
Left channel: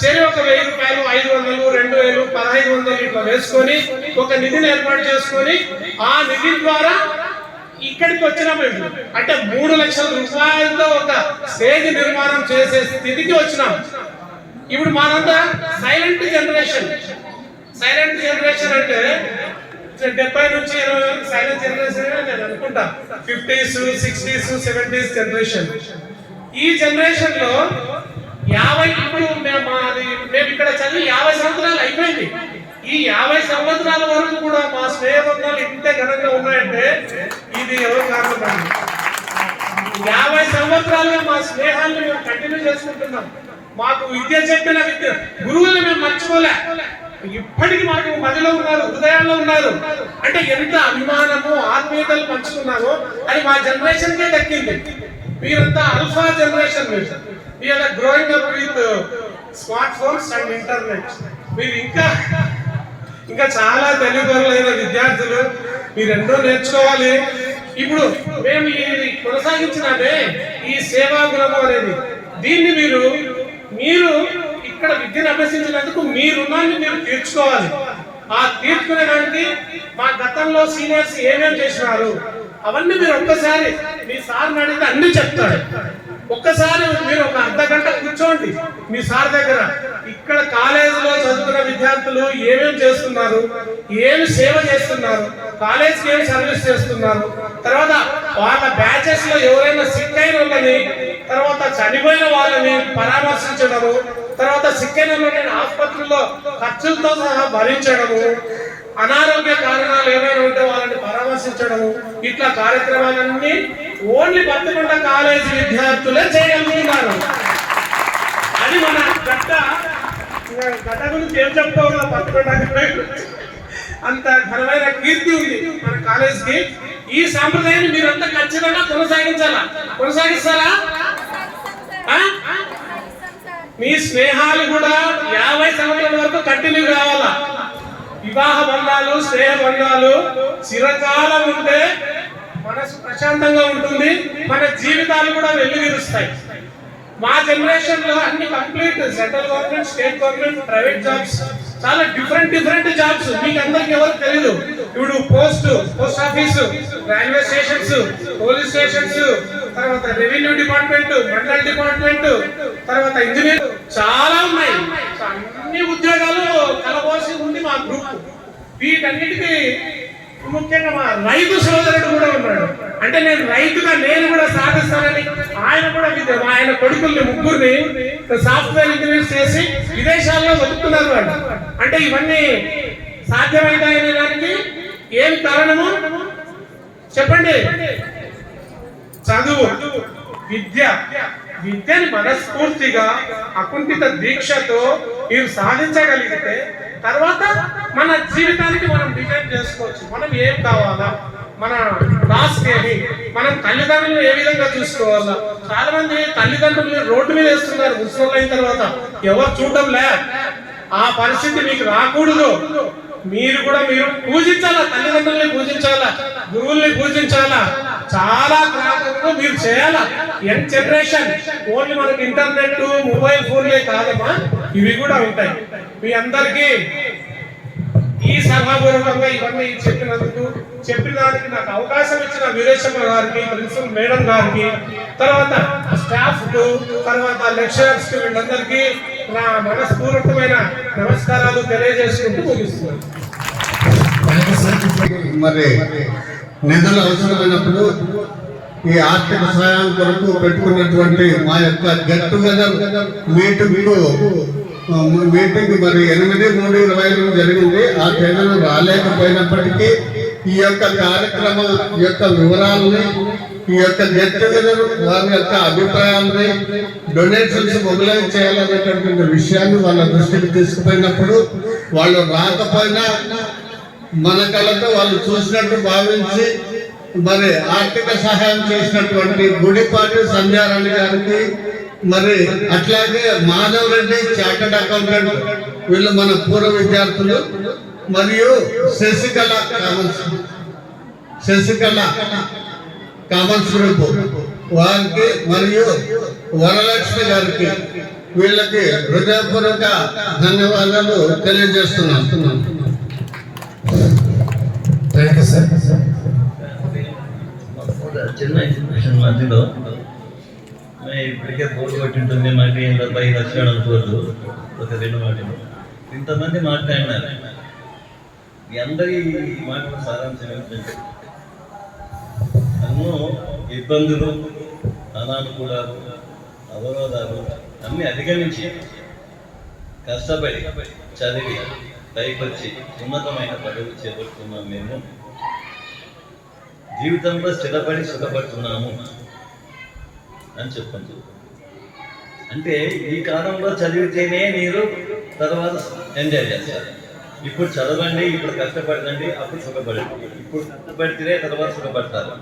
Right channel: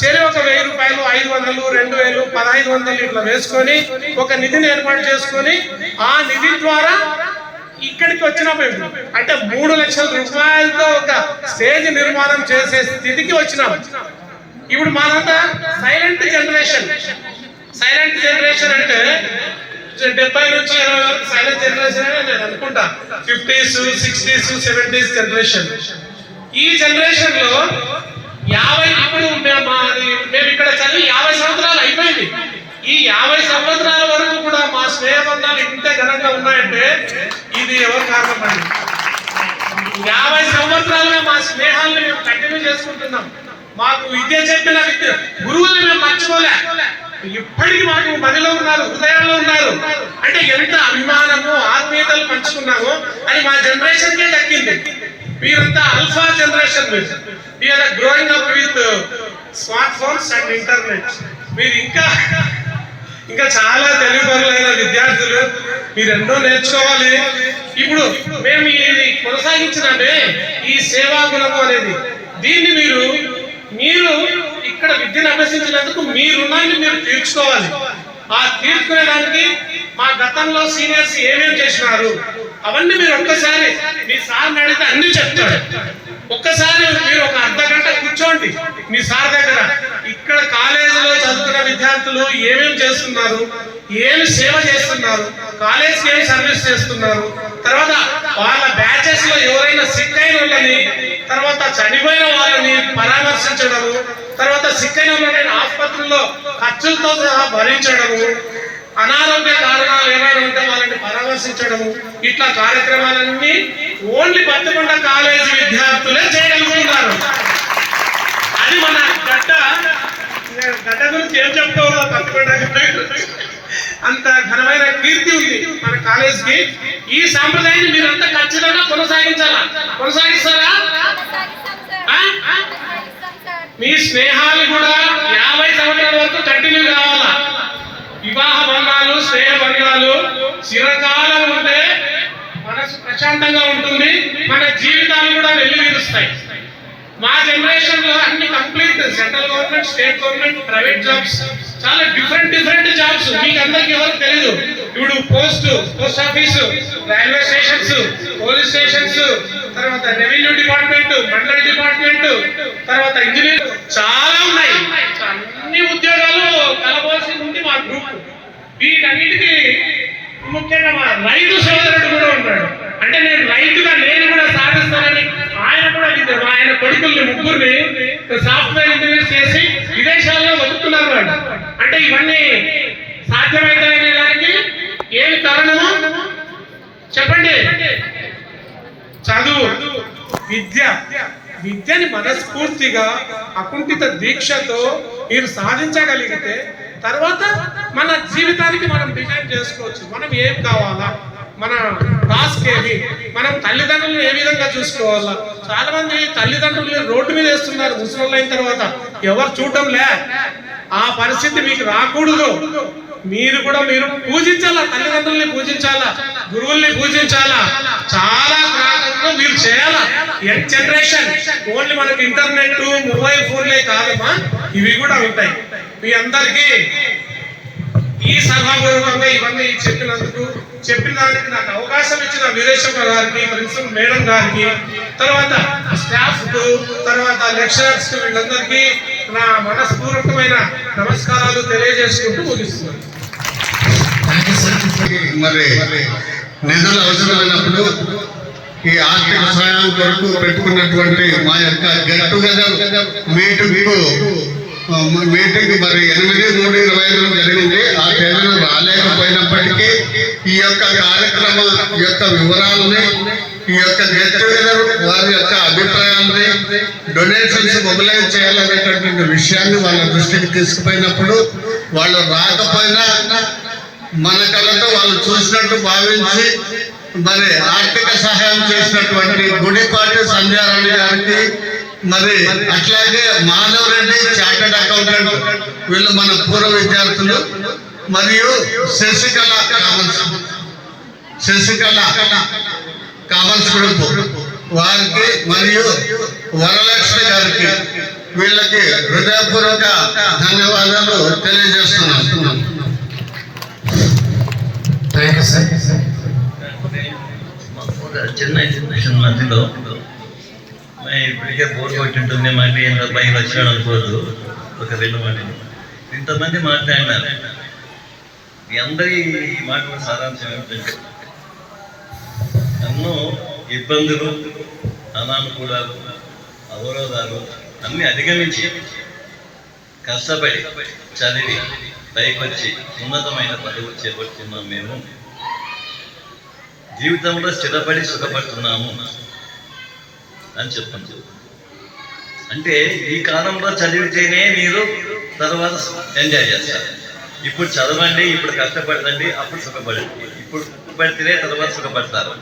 చెరి ఒక 1000 రూపాయలు, 500, 2000, 1500 ఇట్లా వేసుకొని ఒక నిధిని ఏర్పాటు చేసుకొని ఆ నిధి ద్వారా ఇక్కడికి వచ్చినాము. అంటే 3 లక్షల రూపాయలతో ఒక స్టేజ్ నిర్మాణం చేసే స్థితికి వచ్చినాం. ఇప్పుడు మనంతా సైలెంట్ జనరేషన్ అంటే 70 నుంచి 80 వరకు సైలెంట్ జనరేషన్ అని నేను అనుకుంటా. 50s, 60s, 70s generation. ఈ జనరేషన్ లో 50 ఇప్పుడు మేము ఇక్కడ చదివి 50 సంవత్సరాలు అయిపోయింది. ఈ 50 సంవత్సరాల వరకు కూడా మా స్నేహబంధాలు ఇంత ఘనంగా ఉన్నాయంటే ఇది ఎవరు కారణం అండి? 50 సంవత్సరాలుగా మా స్నేహాన్ని మేము కంటిన్యూ చేసుకుంటున్నాం. మాకు విద్య చెప్పిన గురువుల్ని మేము మర్చిపోలే. ఇప్పటికీ మాకు మదిలో ఉన్నారు, హృదయాల్లో ఉన్నారు. అంటే ఎంత అభిమానము, ఆత్మీయతలు పంచుకున్నామో అది మా జనరేషన్ కే దక్కింది. మీరంతా alpha generation. We are growing up with smart phones and internet. మీరు ఇంకా చాలా తెలివిపరులైన విద్యార్థులు, మీరు ఎన్నో నేర్చుకోవాలి. ఇప్పుడు మేము ఇది కొనసాగించినామే ఈ సేవా గుణము అనేది, దీన్ని మీరు ఇక్కడ విద్యను అభ్యసించినందుకు మీ రుణాన్ని మీరు తీర్చుకోవాలి. ఆ తీర్చుకునేదానికి మా గతంలో సీనియర్స్ ఏమేమి చేసినారు అవన్నీ మీరు ఒక్కసారి మీ సార్ని అడిగితే అన్ని చెప్తారు. ఒక్కసారి మీరు ఒక అర్ధ గంట కూర్చోండి మీ సార్ దగ్గర. ఇక్కడ కాలేజీలో చదువుకున్న విద్యార్థులు ఏమేమి చేస్తున్నారు, ఏమి సేవ చేస్తున్నారు, కాలేజ్కి ఏమి సర్వీస్ చేస్తున్నారు, తర్వాత వాళ్ళ బ్యాచెస్ లో ఎవరైనా సిక్ అయిన వాళ్ళని, తర్వాత చనిపోయిన వాళ్ళని పరామర్శించడము, తర్వాత సిక్ అయిన వాళ్ళని ఆసుపత్రుల్లో ఖర్చులతో సహా భరించడము, అనారోగ్య కారణాలు ఏమైనా ఉంటే వాళ్ళని పరామర్శించడము, ఇట్లా కార్యక్రమాలన్నీ ఓన్లీ పత్తికొండ కాలేజీ విద్యార్థులే చేయగలుగుతున్నారు. అది మన గడ్డ గురించి ఏం చెప్పుకోవాలో పత్తికొండ అంత ఘనమైన కీర్తి ఉంది మన కాలేజీకి. ఈ సాంప్రదాయాన్ని మీరంతా ఖచ్చితంగా కొనసాగిస్తారా? మీ స్నేహాలు కూడా 50 సంవత్సరాల వరకు కంటిన్యూ కావాలా. వివాహ బంధాలు, స్నేహ బంధాలు చిరకాలం ఉంటే మనసు ప్రశాంతంగా ఉంటుంది, మన జీవితాలు కూడా వెల్లువిరుస్తాయి. మా జనరేషన్ లో అన్ని complete central government, state government, private jobs, చాలా డిఫరెంట్ జాబ్స్. మీకు అందరికి ఎవరికి తెలియదు. ఇప్పుడు post office, railway stations, police stations, తర్వాత రెవెన్యూ డిపార్ట్మెంట్, మండల డిపార్ట్మెంట్, తర్వాత ఇంజనీర్, చాలా ఉన్నాయి. అన్ని ఉద్యోగాలు కలబోసి ఉంది మా గ్రూప్. వీటన్నిటికీ ముఖ్యంగా మా రైతు సోదరుడు కూడా ఉన్నాడు. అంటే నేను కూడా సాధిస్తానని ఆయన కూడా ఆయన కొడుకుల్ని 3 సాఫ్ట్వేర్ ఇంజనీర్స్ చేసి విదేశాల్లో బతుకుతున్నారు వాళ్ళు. అంటే ఇవన్నీ సాధ్యమైతాయనే దానికి ఏమి కారణము చెప్పండి? చదువు, విద్యని మనస్ఫూర్తిగా అకుంఠిత దీక్షతో మీరు సాధించగలిగితే తర్వాత మన జీవితానికి మనం డిజైన్ చేసుకోవచ్చు. మనం ఏం కావాలా, మన టాస్క్ ఏమి, మనం తల్లిదండ్రులను ఏ విధంగా చూసుకోవాలా. చాలా మంది తల్లిదండ్రులు రోడ్డు మీద వేస్తున్నారు ముసలి అయిన తర్వాత, ఎవరు చూడటంలే. ఆ పరిస్థితి మీకు రాకూడదు. మీరు పూజించాలా, తల్లిదండ్రుల్ని పూజించాలా, గురువుల్ని పూజించాలా. చాలా గ్రామంలో మీరు చేయాలా. యంగ్ జనరేషన్ ఓన్లీ మనకి ఇంటర్నెట్ మొబైల్ ఫోన్లే కాదమ్మా, ఇవి కూడా ఉంటాయి. మీ అందరికీ ఈ సభాపూర్వకంగా ఇవన్నీ చెప్పిన దానికి నాకు అవకాశం ఇచ్చిన వీరేశమ్మ గారికి, ప్రిన్సిపల్ మేడం గారికి, తర్వాత స్టాఫ్ కు, తర్వాత లెక్చరర్స్ కు, వీళ్ళందరికీ నా మనస్పూర్వకమైన నమస్కారాలు తెలియజేసుకుంటూ ముగిస్తున్నాను. మరి నిధులు అవసరమైనప్పుడు ఈ ఆర్థిక సహాయం కొరకు పెట్టుకున్నటువంటి మా యొక్క గెట్ టుగెదర్ మీటింగ్ మరి 8/3/25 జరిగింది. ఆ తేదీలు రాలేకపోయినప్పటికీ ఈ యొక్క కార్యక్రమం యొక్క వివరాలని, ఈ యొక్క గెట్ టుగెదర్ వారి యొక్క అభిప్రాయాలని, డొనేషన్స్ మొబిలైజ్ చేయాలనేటటువంటి విషయాన్ని వాళ్ళ దృష్టికి తీసుకుపోయినప్పుడు వాళ్ళు రాకపోయినా మన కళ్ళతో వాళ్ళు చూసినట్టు భావించి మరి ఆర్థిక సహాయం చేసినటువంటి గుడిపాటి సంధ్యారాణి గారికి, మరి అట్లాగే మాధవ్ రెడ్డి చార్టెడ్ అకౌంటెంట్, వీళ్ళు మన పూర్వ విద్యార్థులు, మరియు శశికళ కామన్స్ గ్రూప్ వారికి, మరియు వరలక్ష్మి గారికి, వీళ్ళకి హృదయపూర్వక ధన్యవాదాలు తెలియజేస్తున్నాం. Thank you sir. చిన్న ఇన్ఫర్మేషన్ మధ్యలో ఇప్పటికే బోర్ కొట్టింటుంది, మళ్ళీ ఇంకా 10 లక్షలు అనుకోదు. ఒక 2 మాటలు ఇంతమంది మాట్లాడినారు. మీ అందరి ఈ మాటల సారాంశం ఏమిటంటే, ఎన్నో ఇబ్బందులు, అనానుకూలాలు, అవరోధాలు అన్నీ అధిగమించి కష్టపడి చదివి పైకొచ్చి ఉన్నతమైన పదవులు చేపడుతున్నాం. మేము జీవితంలో స్థిరపడి సుఖపడుతున్నాము అని చెప్తాను. అంటే ఈ కాలంలో చదివితేనే మీరు తర్వాత ఎంజాయ్ చేస్తారు. ఇప్పుడు చదవండి, ఇప్పుడు కష్టపడండి, అప్పుడు సుఖపడండి. ఇప్పుడు కష్టపడితేనే తర్వాత సుఖపడతారు.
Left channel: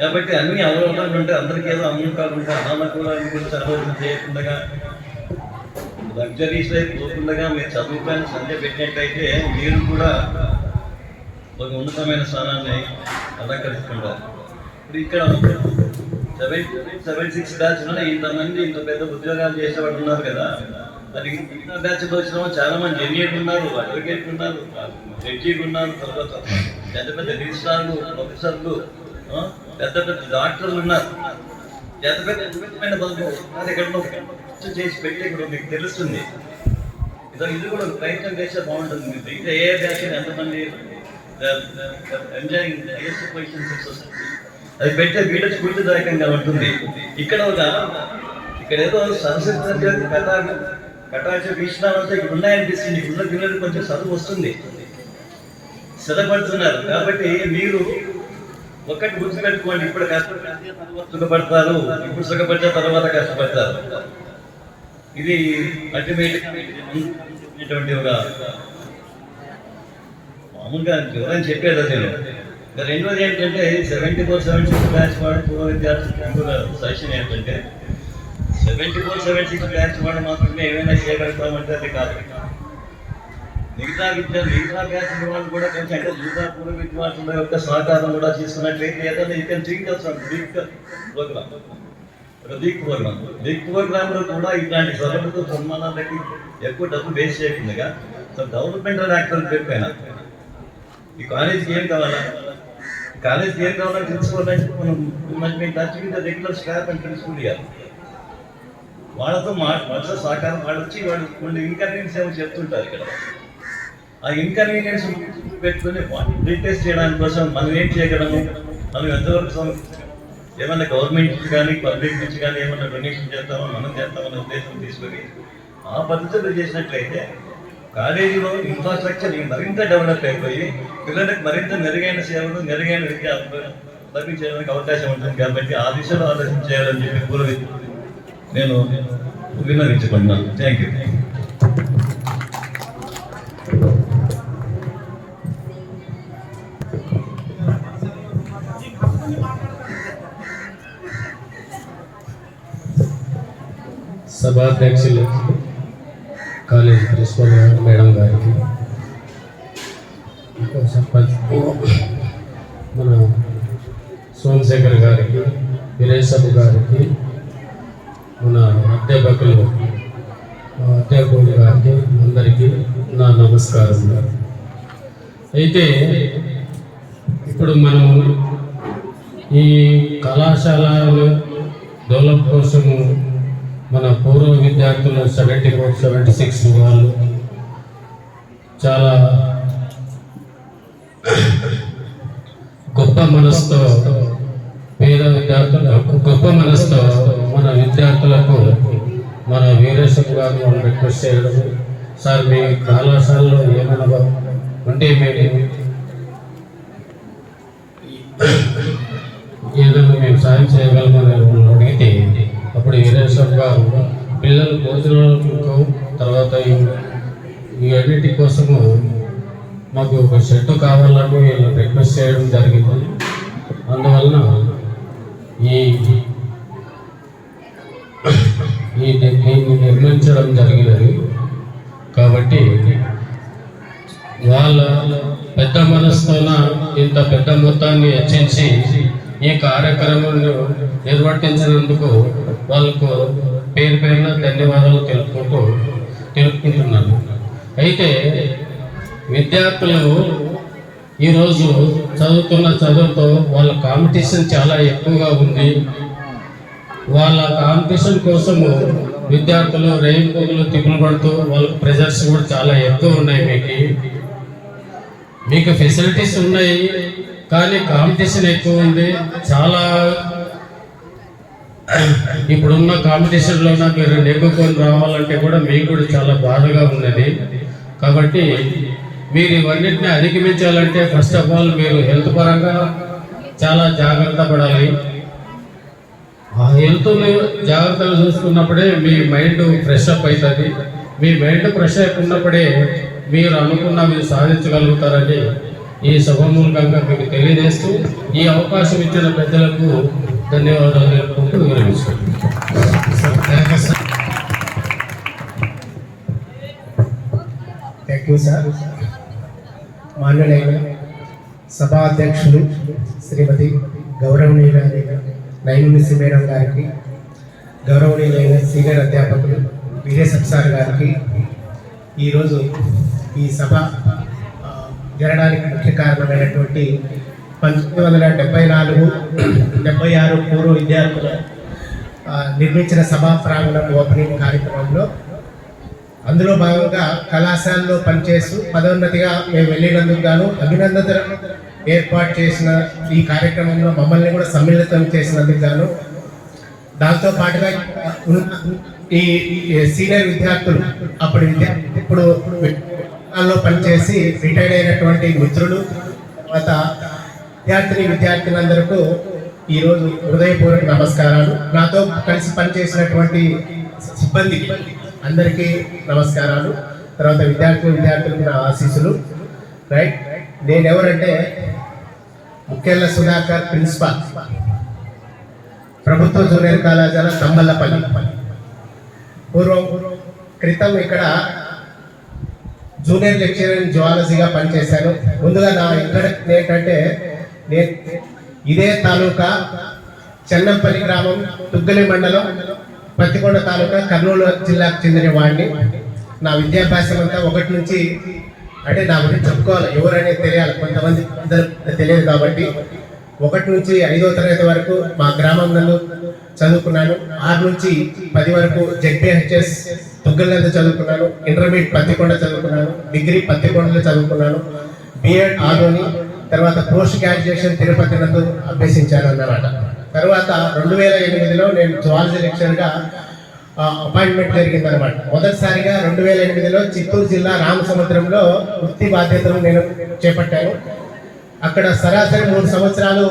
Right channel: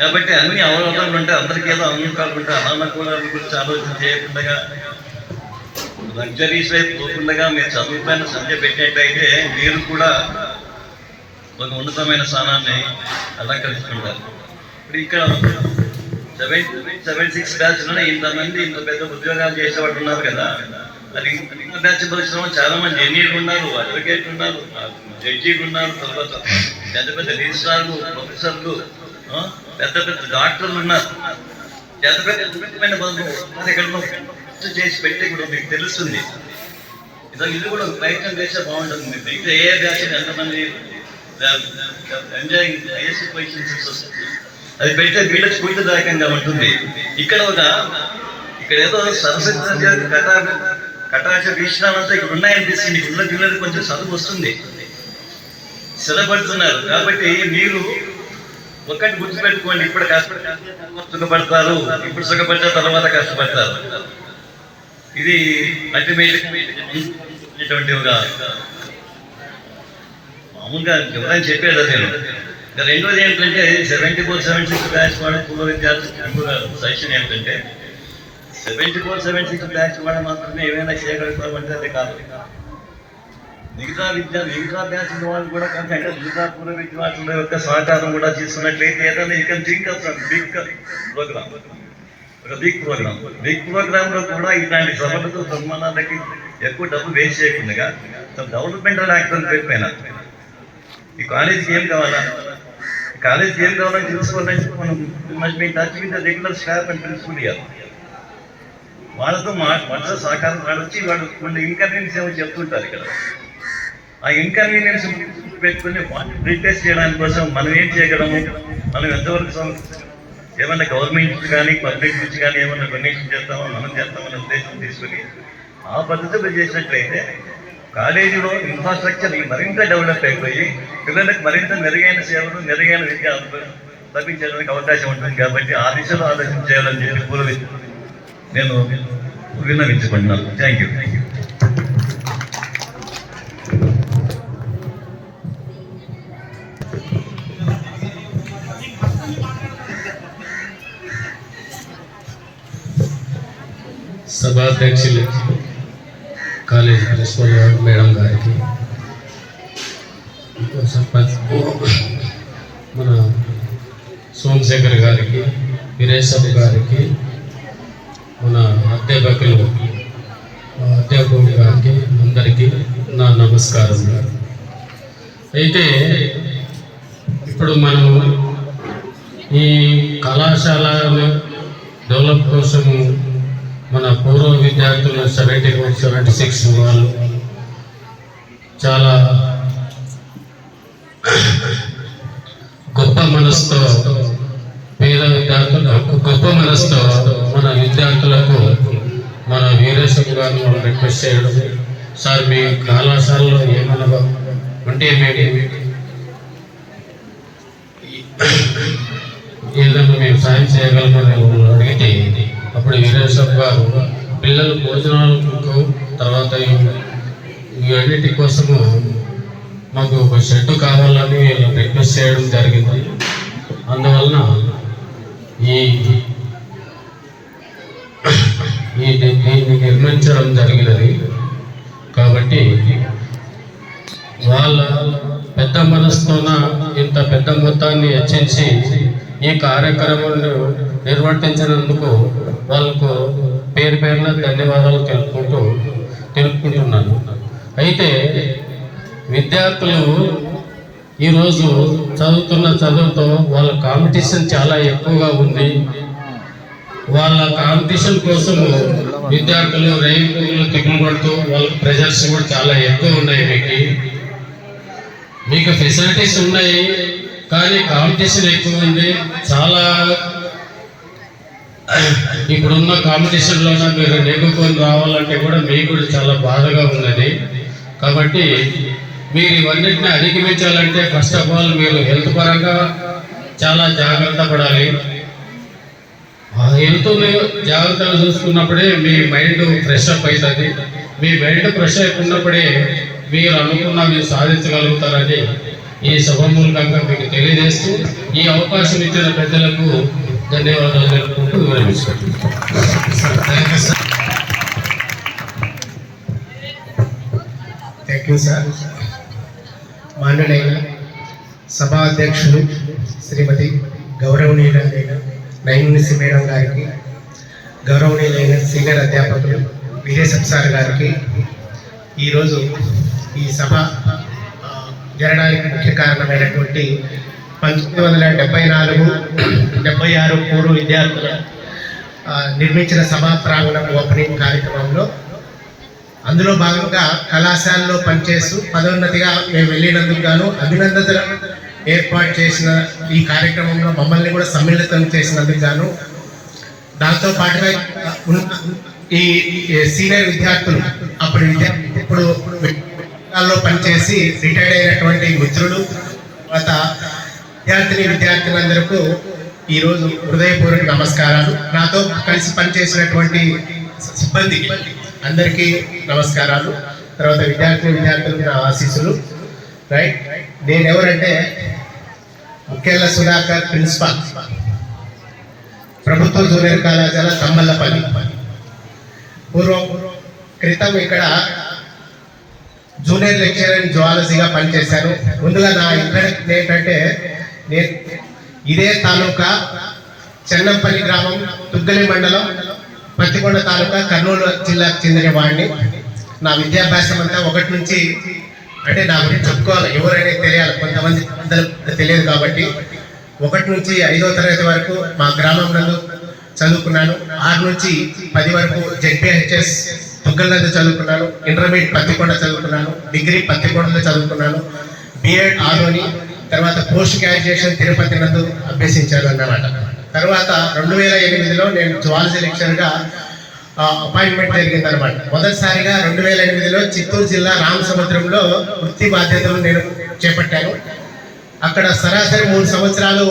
కాబట్టి అన్ని అవరోధాలు ఉంటే అందరికీ ఏదో అనుకూలాలు ఉంటే అనానుకూలాల గురించి ఆలోచన చేయకుండా, లగ్జరీస్ వైపు పోకుండా మీరు చదువుతాన్ని సంధ్య పెట్టినట్టయితే మీరు కూడా ఒక ఉన్నతమైన స్థానాన్ని అలంకరించుకుంటారు. ఇప్పుడు ఇక్కడ 76 బ్యాచ్లోనే ఇంతమంది ఇంత పెద్ద ఉద్యోగాలు చేసేవాళ్ళు ఉన్నారు కదా. అది బ్యాచ్ వచ్చిన చాలా మంది ఇంజనీర్లు ఉన్నారు, అడ్వకేట్లు ఉన్నారు, జడ్జీలు ఉన్నారు, తర్వాత పెద్ద పెద్ద రిజిస్ట్రార్లు, ప్రొఫెసర్లు, పెద్ద పెద్ద డాక్టర్లు ఉన్నారు. పెద్ద పెద్దమైన బంధువులు ఎక్కడో చేసి పెట్టి ఇప్పుడు మీకు తెలుస్తుంది. ఇది కూడా ప్రయత్నం చేస్తే బాగుంటుంది. ఇంకా ఏ బ్యాచ్ ఎంతమంది ఎంజాయింగ్ హైయెస్ట్ పొజిషన్స్ వస్తుంది, అది పెడితే వీళ్ళకి స్ఫూర్తిదాయకంగా ఉంటుంది. ఇక్కడ ఏదో సరస్వతి కటాక్ష వీక్షణాలంతా ఇక్కడ ఉన్నాయనిపిస్తుంది. ఇక్కడ పిల్లలకి కొంచెం చదువు వస్తుంది, స్థిరపడుతున్నారు. కాబట్టి మీరు ఒకటి గుర్తుపెట్టుకోండి, ఇప్పుడు కష్టపడి సుఖపడతారు, ఇప్పుడు సుఖపడిన తర్వాత కష్టపడతారు. ఇది అల్టిమేట్ మామూలుగా ఎవరైనా చెప్పాడు. నేను రెండోది ఏంటంటే 74-76 బ్యాచ్ వాడి పూర్వ విద్యార్థులు సజెషన్ ఏంటంటే 74-76 బ్యాచ్ వాడు మాత్రమే ఏమైనా చేయగలుగుతామంటే అది కాదు. మిగతా బ్యాచ్ వాళ్ళు కూడా కొంచెం అంటే మిగతా పూర్వ విద్యార్థుల యొక్క సహకారం కూడా తీసుకున్నట్లయితే ఏదైనా you can think of big program. ఒక బిగ్ ప్రోగ్రాంలో కూడా ఇట్లాంటి సభలకు సన్మానాలకి ఎక్కువ డబ్బు వేస్ట్ చేయకుండా డెవలప్మెంటల్ యాక్టర్ పేరుపైన ఈ కాలేజీకి ఏం కావాలా, కాలేజీకి ఏం కావాలని తెలుసుకోవాలంటే మనం must be touch with the regular staff and principal ఇవ్వాలి. వాళ్ళతో మనసు సహకారం వాడొచ్చి వాళ్ళు కొన్ని ఇన్కన్వీనియన్స్ ఏమో చెప్తుంటారు. ఇక్కడ ఆ ఇన్కన్వీనియన్స్ పెట్టుకుని రీటెస్ట్ చేయడానికి కోసం మనం ఏం చేయగలము, మనం ఎంతవరకు ఏమన్నా గవర్నమెంట్ కానీ పబ్లిక్ నుంచి కానీ ఏమన్నా డొనేషన్ చేస్తామో మనం చేస్తామనే ఉద్దేశం తీసుకుని ఆ పద్ధతిలో చేసినట్లయితే కాలేజీలో ఇన్ఫ్రాస్ట్రక్చర్ మరింత డెవలప్ అయిపోయి పిల్లలకు మరింత మెరుగైన సేవలు, మెరుగైన విద్య లభించడానికి అవకాశం ఉంటుంది. కాబట్టి ఆ దిశలో ఆలోచన చేయాలని చెప్పి నేను విన్నవించుకుంటున్నాను. Thank you. సభాధ్యక్షులు కాలేజీ ప్రిన్సిపల్ మేడం గారికి, సర్పంచ్ మన సోమశేఖర్ గారికి, వీరేశబ్బు గారికి, మన అధ్యాపకులు అధ్యాపకుడి గారికి అందరికీ నా నమస్కారం. అయితే ఇప్పుడు మనము ఈ కళాశాల డెవలప్ కోసము మన పూర్వ విద్యార్థులు 76 వాళ్ళు చాలా గొప్ప మనసుతో పేద విద్యార్థులు గొప్ప మనసుతో మన విద్యార్థులకు మన వీరేశం గారిని మనం రిక్వెస్ట్ చేయడం, సార్ మీ కళాశాలలో ఏమనగా ఉంటే ఏదైనా మేము సాయం చేయగలమని అడిగితే అప్పుడు వీరేశం గారు పిల్లల భోజనాలకు తర్వాత ఇవన్నిటి కోసము మాకు ఒక షెడ్ కావాలని రిక్వెస్ట్ చేయడం జరిగింది. అందువలన దీన్ని నిర్మించడం జరిగినది. కాబట్టి వాళ్ళ పెద్ద మనసుతోన ఇంత పెద్ద మొత్తాన్ని హెచ్చించి ఈ కార్యక్రమాన్ని నిర్వర్తించినందుకు వాళ్ళకు పేరు పేరున ధన్యవాదాలు తెలుపుకుంటున్నాను. అయితే విద్యార్థులు ఈరోజు చదువుతున్న చదువుతో వాళ్ళ కాంపిటీషన్ చాలా ఎక్కువగా ఉంది. వాళ్ళ కాంపిటీషన్ కోసము విద్యార్థులు రైలు తిప్పులు పడుతూ వాళ్ళ ప్రెజర్స్ కూడా చాలా ఎక్కువ ఉన్నాయి. మీకు ఫెసిలిటీస్ ఉన్నాయి కానీ కాంపిటీషన్ ఎక్కువ ఉంది. చాలా ఇప్పుడున్న కాంపిటీషన్లోన మీరు నెగ్గుకొని రావాలంటే కూడా మీకు కూడా చాలా బాధగా ఉన్నది. కాబట్టి మీరు ఇవన్నిటిని అధిగమించాలంటే ఫస్ట్ ఆఫ్ ఆల్ మీరు హెల్త్ పరంగా చాలా జాగ్రత్త పడాలి. ఆ హెల్త్ని జాగ్రత్తగా చూసుకున్నప్పుడే మీ మైండ్ ఫ్రెష్ అప్ అవుతుంది. మీ మైండ్ ఫ్రెష్ అయిపోయినప్పుడే మీరు మీరు సాధించగలుగుతారని ఈ సభామూలకంగా మీకు తెలియజేస్తూ ఈ అవకాశం ఇచ్చిన పెద్దలకు ధన్యవాదాలు తెలుపుకుంటూ విరమిస్తున్నాను. Thank you sir. మాన్యులైన సభా అధ్యక్షులు శ్రీమతి గౌరవనీయులైన నైమునిసి మేడం గారికి, గౌరవనీయులైన సీనియర్ అధ్యాపకులు వీరేశం సార్ గారికి, ఈరోజు ఈ సభ జరగడానికి ముఖ్య కారణమైనటువంటి 1974-76 పూర్వ విద్యార్థుల నిర్మించిన సభా ప్రాంగణం ఓపెనింగ్ కార్యక్రమంలో అందులో భాగంగా కళాశాలలో పనిచేస్తూ పదోన్నతిగా మేము వెళ్ళినందుకు గాను అభినందనలు ఏర్పాటు చేసిన ఈ కార్యక్రమంలో మమ్మల్ని కూడా సమ్మిళితం చేసినందుకు గాను, దాంతో పాటుగా ఈ సీనియర్ విద్యార్థులు అప్పుడు ఇప్పుడు పనిచేసి రిటైర్డ్ అయినటువంటి మిత్రులు, తర్వాత విద్యార్థులందరికీ ఈరోజు హృదయపూర్వక నమస్కారాలు. నాతో కలిసి పనిచేసినటువంటి సిబ్బందికి అందరికీ నమస్కారాలు. తర్వాత విద్యార్థులకు నా ఆశీస్సులు. రైట్, నేను ఎవరంటే ముఖ్యంగా సుధాకర్, ప్రిన్సిపాల్, ప్రభుత్వ జూనియర్ కళాశాల తమ్మల్లపల్లి. క్రితం ఇక్కడ జూనియర్ లెక్చరర్ ఇన్ జువాలజీగా పనిచేశాను. ముందుగా నా ఇక్కడ ఏంటంటే నేను ఇదే తాలూకా చెన్నంపల్లి గ్రామం, తుగ్గలి మండలం, పత్తికొండ తాలూకా, కర్నూలు జిల్లాకు చెందిన వాడిని. నా విద్యాభ్యాసం అంతా 1 నుంచి అంటే నా గురించి చెప్పుకోవాలి, ఎవరైనా తెలియాలి, కొంతమంది తెలియదు కాబట్టి 1 నుంచి 5వ తరగతి వరకు మా గ్రామంలో చదువుకున్నాను. 6 నుంచి 10 వరకు జెడ్పీహెచ్ఎస్ తుగ్గలంలో చదువుకున్నాను. ఇంటర్మీడియట్ పత్తికొండ చదువుకున్నాను. డిగ్రీ పత్తికొండలో చదువుకున్నాను. బిఎడ్ ఆదోని, తర్వాత పోస్ట్ గ్రాడ్యుయేషన్ తిరుపతి నందు అభ్యసించాను అన్నమాట. తర్వాత 2008లో నేను జువాలజీ లెక్చర్గా అపాయింట్మెంట్ జరిగిందనమాట. మొదటిసారిగా 2008లో చిత్తూరు జిల్లా రామసముద్రంలో వృత్తి బాధ్యతలు నేను చేపట్టాను. అక్కడ సరాసరి 3 సంవత్సరాలు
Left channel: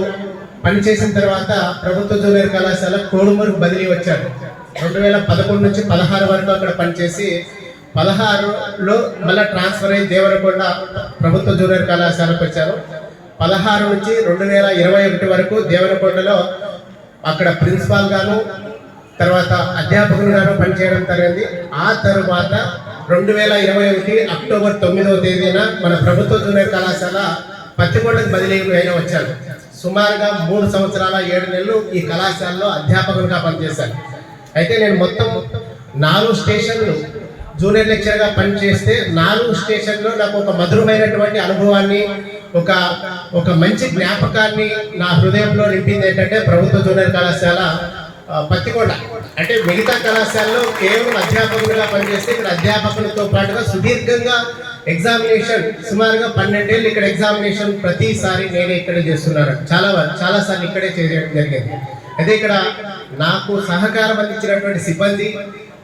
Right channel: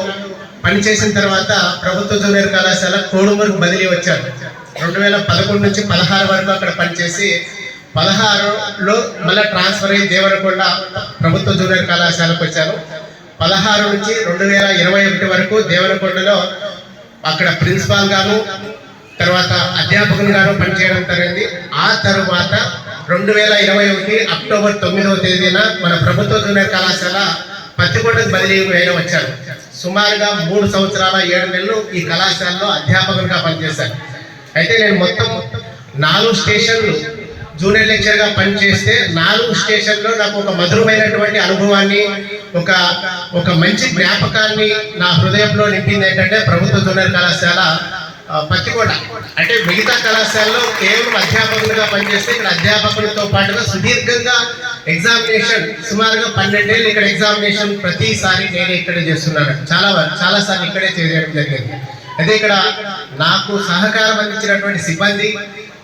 పనిచేసిన తర్వాత ప్రభుత్వ జూనియర్ కళాశాల కోడుమూరుకు బదిలీ వచ్చాను. 2011 నుంచి 16 వరకు అక్కడ పనిచేసి 16లో మళ్ళీ ట్రాన్స్ఫర్ అయ్యి దేవరకొండ ప్రభుత్వ జూనియర్ కళాశాలకు వచ్చాను. 16 నుంచి 2021 వరకు దేవరకొండలో అక్కడ ప్రిన్సిపాల్ గాను, తర్వాత అధ్యాపకులుగాను పనిచేయడం జరిగింది. ఆ తర్వాత 2021 అక్టోబర్ 9వ తేదీన మన ప్రభుత్వ జూనియర్ కళాశాల పత్తికొండకు బదిలీ అయిన వచ్చాను. సుమారుగా 3 సంవత్సరాల 7 నెలలు ఈ కళాశాలలో అధ్యాపకులుగా పనిచేశాను. అయితే నేను మొత్తం 4 స్టేషన్లు జూనియర్ లెక్చర్గా పనిచేస్తే 4 స్టేషన్లో నాకు ఒక మధురమైనటువంటి అనుభవాన్ని, ఒక మంచి జ్ఞాపకాన్ని నా హృదయంలో నింపింది ఏంటంటే ప్రభుత్వ జూనియర్ కళాశాల పత్తికొండ. అంటే మిగతా కళాశాలలో కేవలం అధ్యాపకులుగా పనిచేస్తే ఇక్కడ అధ్యాపకులతో పాటుగా సుదీర్ఘంగా ఎగ్జామినేషన్ సుమారుగా 12 ఏళ్ళు ఇక్కడ ఎగ్జామినేషన్ ప్రతిసారి నేనే ఇక్కడే చేస్తున్నాను. చాలా సార్లు ఇక్కడే చేయడం జరిగింది. అదే ఇక్కడ నాకు సహకారం అందించినటువంటి సిబ్బంది,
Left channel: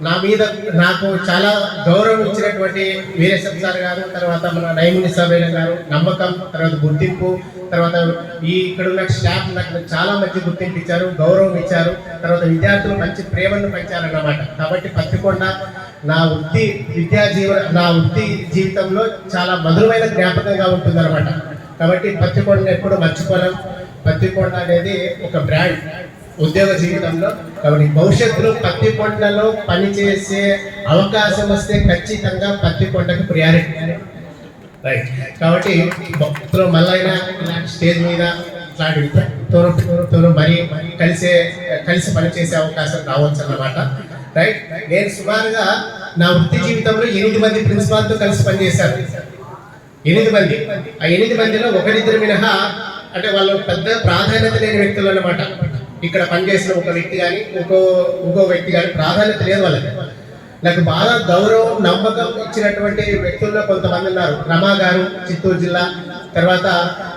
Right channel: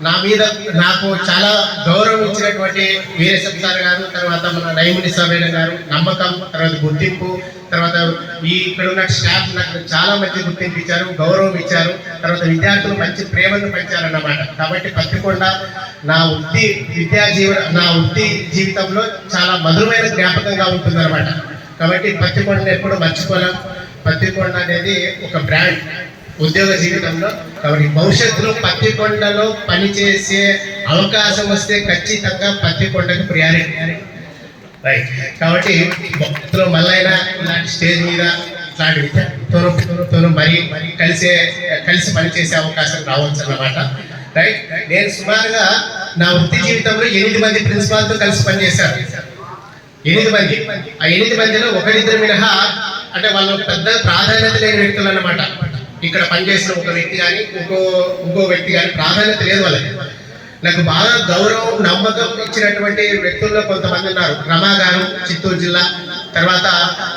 నా మీద నాకు చాలా గౌరవం ఇచ్చినటువంటి వీరేశం సార్ గారు, తర్వాత మన నైముని సమేళ గారు, నమ్మకం, తర్వాత గుర్తింపు, తర్వాత ఇక్కడ ఉన్న స్టాఫ్ నాకు చాలా మంచి గుర్తింపు ఇచ్చారు, గౌరవం ఇచ్చారు. తర్వాత విద్యార్థులు మంచి ప్రేమను పెంచారన్నమాట. కాబట్టి పత్తికొండ నా వృత్తి జీవితంలో చాలా మధురమైన జ్ఞాపకంగా ఉంటుందన్నమాట. కాబట్టి పత్తికొండను ఎప్పుడు మర్చిపోలేం. పత్తికొండ అనేది ఒక బ్రాండ్ ఉద్యోగ జీవితంలో. కాబట్టి భవిష్యత్తులో పత్తికొండలో పనిచేసే అవకాశం వస్తే ఖచ్చితంగా పత్తికొండకు ప్రియారిటీ. రైట్. కాబట్టి భక్తులు మళ్ళైనా ఇలాంటి స్టేజ్ మీద ఇట్లాంటి విద్యార్థులతో మరి కలిసి పనిచేసే అవకాశం రావచ్చు అన్నమాట. రైట్. నేను సుమారుగా నా వృత్తి జీవితంలో 8 మంది ప్రిన్సిపాల్తో కలిసి పనిచేశాను. 8 మంది. ఆ 8 మందిలో ఒకరిద్దరు మినహా అంటే వాళ్ళు పెద్ద ప్రాధాన్యత లేని వ్యక్తులు అన్నమాట. ఇక్కడ పనిచేసిన ఒక వ్యక్తి కానీ ఇంకో వ్యక్తి కానీ ప్రాధాన్యత లేదు వాళ్ళకి. నాకు బాగా గౌరవం, నమ్మకం ఇచ్చినటువంటి వ్యక్తుల్లో కొంతమంది ఉన్నారు. రమా గారు చిత్తూరు జిల్లా, తర్వాత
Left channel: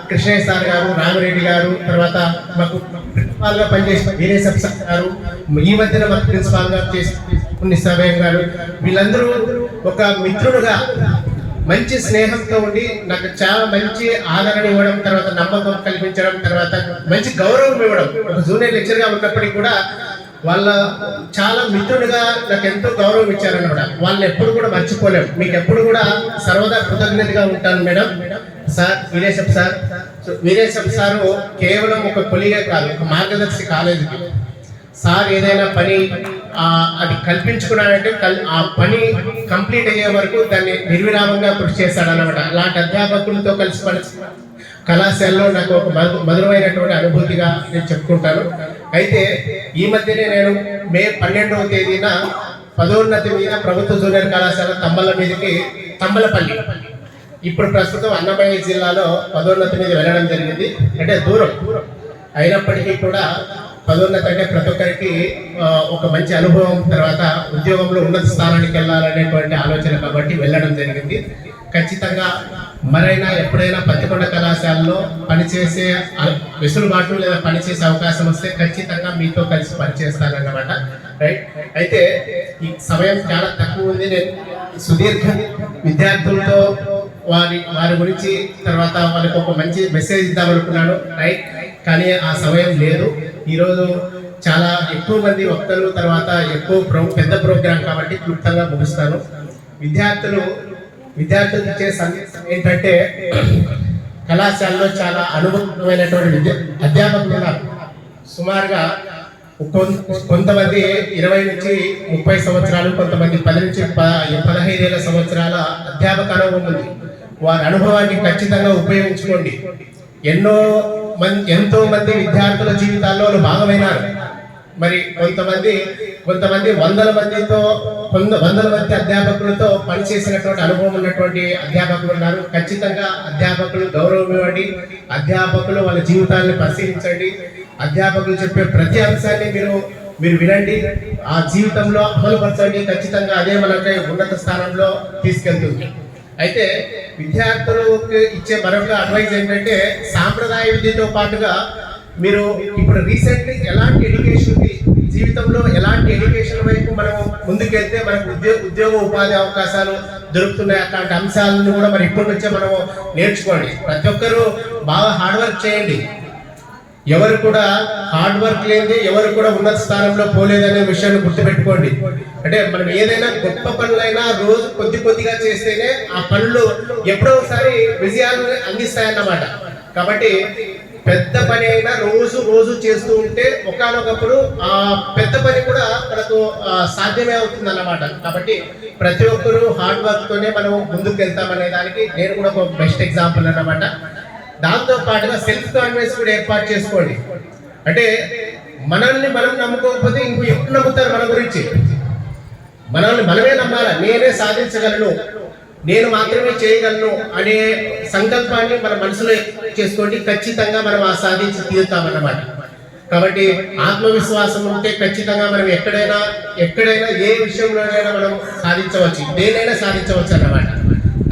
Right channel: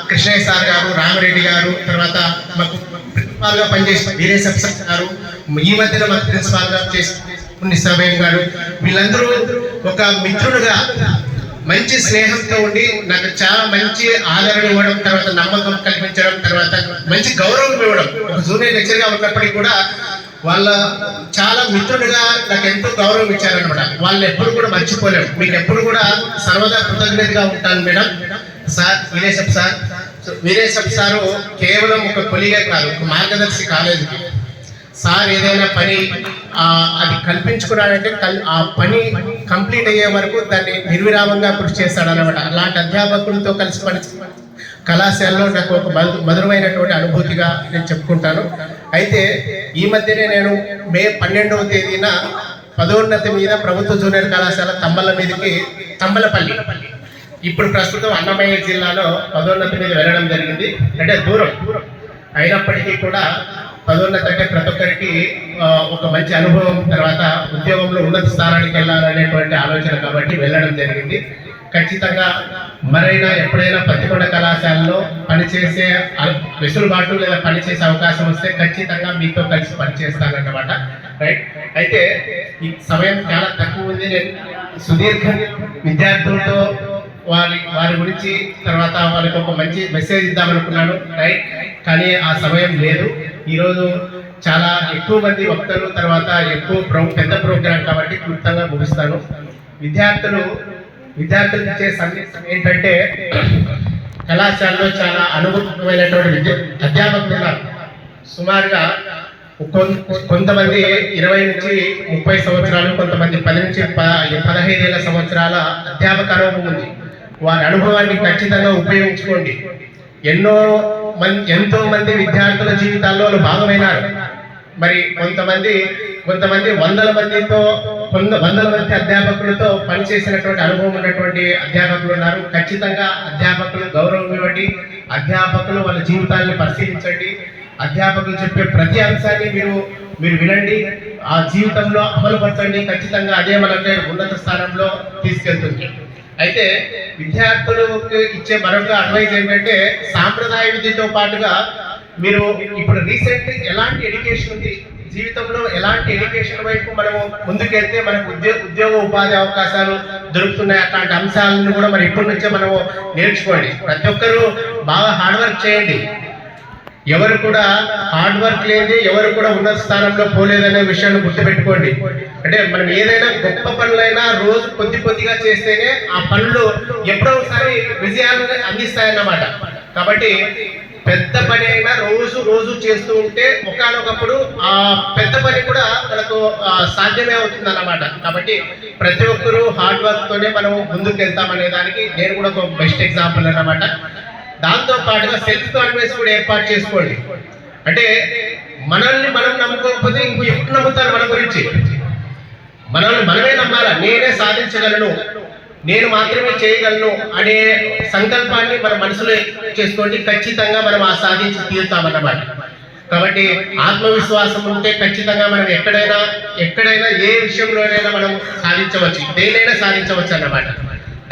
కృష్ణయ్య సార్ గారు, రామరెడ్డి గారు, తర్వాత మాకు ప్రిన్సిపాల్గా పనిచేసిన వీరేశం సార్ గారు, ఈ మధ్యన మాకు ప్రిన్సిపాల్గా చేసిన సమయం గారు, వీళ్ళందరూ ఒక మిత్రుడుగా మంచి స్నేహంతో ఉండి నాకు చాలా మంచి ఆదరణ ఇవ్వడం, తర్వాత నమ్మకం కల్పించడం, తర్వాత మంచి గౌరవం ఇవ్వడం. ఒక జూనియర్ లెక్చర్గా ఉన్నప్పటికీ కూడా వాళ్ళ చాలా మిత్రుడిగా నాకు ఎంతో గౌరవం ఇచ్చారనమాట. వాళ్ళని ఎప్పుడు కూడా మర్చిపోలేము. మీకు ఎప్పుడు కూడా సర్వదా కృతజ్ఞతగా ఉంటాను మేడం. సార్ వీరేశం సారు కేవలం ఒక కొలిగే కాదు, ఒక మార్గదర్శి కాలేజీకి. సార్ ఏదైనా పని అది కల్పించుకున్నాడంటే ఆ పని కంప్లీట్ అయ్యే వరకు దాన్ని నిర్విరామంగా కృషి చేస్తాడనమాట. అలాంటి అధ్యాపకులతో కలిసి కళాశాలలో నాకు ఒక మధురమైనటువంటి అనుభూతిగా నేను చెప్పుకుంటాను. అయితే ఈ మధ్యనే నేను మే 12వ తేదీన పదోన్నతి మీద ప్రభుత్వ జూనియర్ కళాశాల తంబలపల్లి, ఇప్పుడు ప్రస్తుతం అన్నమయ్య జిల్లాలో పదోన్నతి మీద వెళ్ళడం జరిగింది. అంటే దూరం అయినప్పటికీ కూడా పదోన్నతి అంటే ప్రతి ఒక్కరికి ఒక మంచి అనుభవం, తర్వాత ఉద్యోగంలో ఉన్నత స్థానానికి వెళ్ళాలనేటువంటి ఆలోచన కాబట్టి వెళ్ళడం జరిగింది. ఖచ్చితంగా మరైనా ఎప్పుడైనా పత్తికొండ కళాశాలలో పనిచేసే వెసులుబాటు లేదా పనిచేసే అవకాశం వస్తే ఖచ్చితంగా మీతో కలిసి పనిచేస్తానన్నమాట. రైట్. అయితే ఈ సమయం చాలా తక్కువ ఉంది. నేను సుదీర్ఘ విద్యార్థులతో వారి గురించి, తర్వాత వాళ్ళకి ఒక మంచి మెసేజ్ ఇద్దామనుకున్నాను. రైట్. కానీ ఆ సమయం లేదు. ఈరోజు చాలా ఎక్కువ మంది వక్తలు, తర్వాత పెద్ద ప్రోగ్రాం కాబట్టి క్లుప్తంగా ముగిస్తాను. విద్యార్థులు ఇచ్చే సందేశం ఏంటంటే, కళాశాలలో చాలా అనుభవమైనటువంటి అధ్యాపకులు ఉన్నారు. సుమారుగా కొంతమంది 20 నుంచి 30 సంవత్సరాలు, కొంతమంది 10 నుంచి 15 సంవత్సరాల అధ్యాపక అనుభవం ఉంది. వారి అనుభవాన్ని ఖచ్చితంగా ఉపయోగించుకోండి. ఎంతో మంది విద్యార్థుల జీవితాల్లో భాగమైనారు. మరి కొంతమంది 100 మంది అధ్యాపకులతో పనిచేసినటువంటి అనుభవం ఉన్నటువంటి అధ్యాపకులు ఉన్నారు. ఖచ్చితంగా అధ్యాపకులు గౌరవం ఇవ్వండి. అధ్యాపకులు వాళ్ళ జీవితాన్ని పరిశీలించండి. అధ్యాపకులు చెప్పే ప్రతి అంశాన్ని మీరు వినండి, ఆ జీవితంలో అమలుపరచండి. ఖచ్చితంగా అదే మనకి ఉన్నత స్థానంలో తీసుకెళ్తుంది. అయితే విద్యార్థులకు ఇచ్చే మరొక అడ్వైజ్ ఏంటంటే, సాంప్రదాయ విద్యతో పాటుగా మీరు ఇప్పుడు రీసెంట్ ఎలాంటి ఎడ్యుకేషన్ ఉంది, జీవితంలో ఎలాంటి ఎడ్యుకేషన్ వైపు మనము ముందుకెళ్తే మనకు ఉద్యోగ ఉపాధి అవకాశాలు దొరుకుతున్నాయి, అట్లాంటి అంశాలను కూడా మరి ఇప్పటి నుంచే మనము నేర్చుకోండి. ప్రతి ఒక్కరూ బాగా హార్డ్ వర్క్ చేయండి. ఎవరు కూడా హార్డ్ వర్క్ లేని ఎవరు కూడా ఉన్నత స్థానంలో పోలేదనే విషయాన్ని గుర్తుపెట్టుకోండి. అంటే మనం ఏదైనా గొప్ప పనులైనా రోజు కొద్దిగా చేస్తేనే ఆ పనులు ఎప్పుడో ఒకసారి విజయాలను అందిస్తాయన్నమాట. కాబట్టి పెద్ద పని అయినా రోజు చేస్తూ ఉంటే ఒకానొకప్పుడు ఆ పెద్ద పని కూడా మనకు సాధ్యమే అవుతుంది అన్నమాట. కాబట్టి ప్రతి ఒక్కరూ హార్డ్ వర్క్ తోనే మనం ముందుకు వెళ్తామనే దానికి నేను కూడా ఒక బెస్ట్ ఎగ్జాంపుల్ అన్నమాట. దాంతో పాటుగా సెల్ఫ్ కాన్ఫిడెన్స్ కూడా ఏర్పాటు చేసుకోండి. అంటే మనల్ని మనం నమ్ముకోకపోతే ఇంకో ఎప్పుడు నమ్ముతారు మన గురించి? మనల్ని మనమే నమ్మాలా. నేనే సాధించగలను, నేను మాత్రమే చేయగలను అనే సంకల్పాన్ని మన మనసులో చేసుకోండి. ఖచ్చితంగా మనం ఆ సాధించి తీరుతామన్నమాట. కాబట్టి ఆత్మవిశ్వాసం ఉంటే ఖచ్చితంగా మనం ఎక్కడైనా ఏ విషయంలోనైనా మనం సాధించవచ్చు, దేనైనా సాధించవచ్చు అన్నమాట.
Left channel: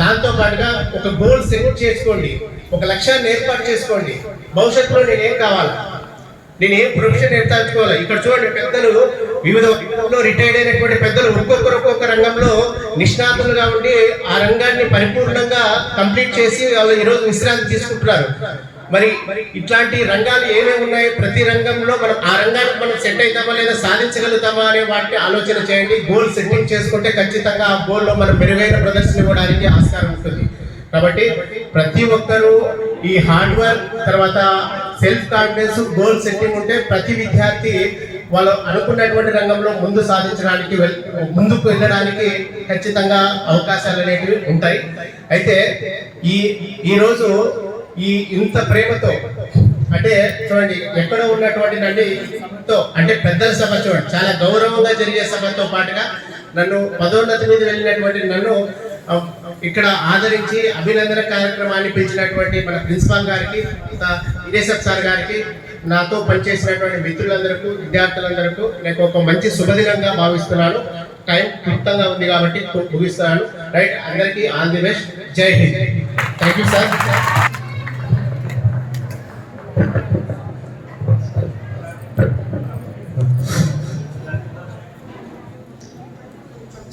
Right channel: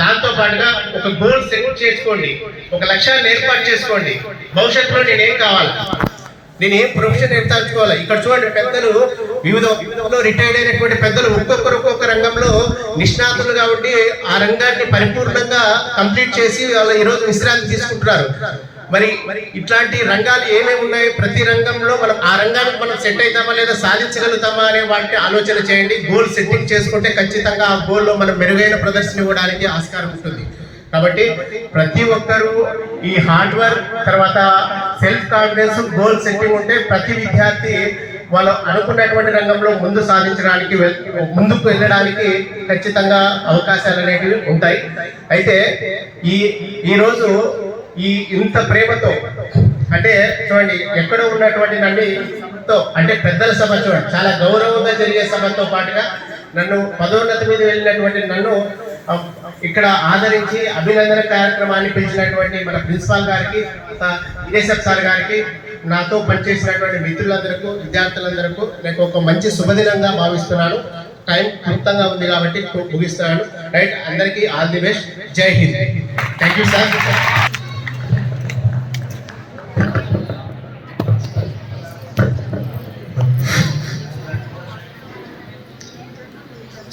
దాంతో పాటుగా ఒక గోల్ సెట్ చేసుకోండి, ఒక లక్ష్యాన్ని ఏర్పాటు చేసుకోండి. భవిష్యత్తులో నేనేం కావాలి, నేను ఏ ప్రొఫెషన్ ఏర్పరచుకోవాలి. ఇక్కడ చూడండి, పెద్దలు వివిధ రంగంలో రిటైర్డ్ అయినటువంటి పెద్దలు ఒక్కొక్క రంగంలో నిష్ణాతులుగా ఉండి ఆ రంగాన్ని పరిపూర్ణంగా కంప్లీట్ చేసి వాళ్ళు ఈరోజు విశ్రాంతి తీసుకుంటున్నారు. మరి ఇట్లాంటి రంగాలు ఏమేమి ఉన్నాయి, ప్రతి రంగంలో మనం ఆ రంగానికి మనం సెట్ అవుతామా లేదా సాధించగలుగుతామా అనే వాటిని ఆలోచన చేయండి. గోల్ సెట్టింగ్ చేసుకుంటే ఖచ్చితంగా ఆ గోల్లో మనం మెరుగైన ప్రదర్శన ఇవ్వడానికి ఆస్కారం ఉంటుంది. కాబట్టి ప్రతి ఒక్కరూ ఈ హార్డ్ వర్క్ తర్వాత సెల్ఫ్ కాన్ఫిడెన్స్ గోల్ సెట్టింగ్ ఉంటే ప్రతి విద్యార్థి వాళ్ళు అనుకున్నటువంటి రంగంలో ముందుకు వెళ్ళడానికి ఖచ్చితంగా అవకాశాలు అనేవి ఉంటాయి. అయితే ఈరోజు ఇంత ప్రేమతో అంటే చూడండి, ఎక్కడో ఉన్నటువంటి నన్ను అంటే పెద్దల సభ చూడండి, చాలా గౌరవంగా జరిగే సభతో పాటుగా నన్ను పదోన్నతి మీద వెళ్ళినటువంటి నన్ను ఇక్కడ ఆదరించి అభినందన కార్యక్రమాన్ని పిలిచినటువంటి మన ప్రిన్సిపాల్ గారికి, ఇనేసప్ సార్ గారికి, నాతో పనిచేసినటువంటి మిత్రులందరికీ, విద్యార్థులందరికీ నేను ఒక మంచి శుభదినంగా భావిస్తున్నాను. టైం క్లుప్తంగా ఉంది కాబట్టి ముగిస్తున్నాను. రైట్, అందరికీ all the best. Jai Hind. Thank you sir.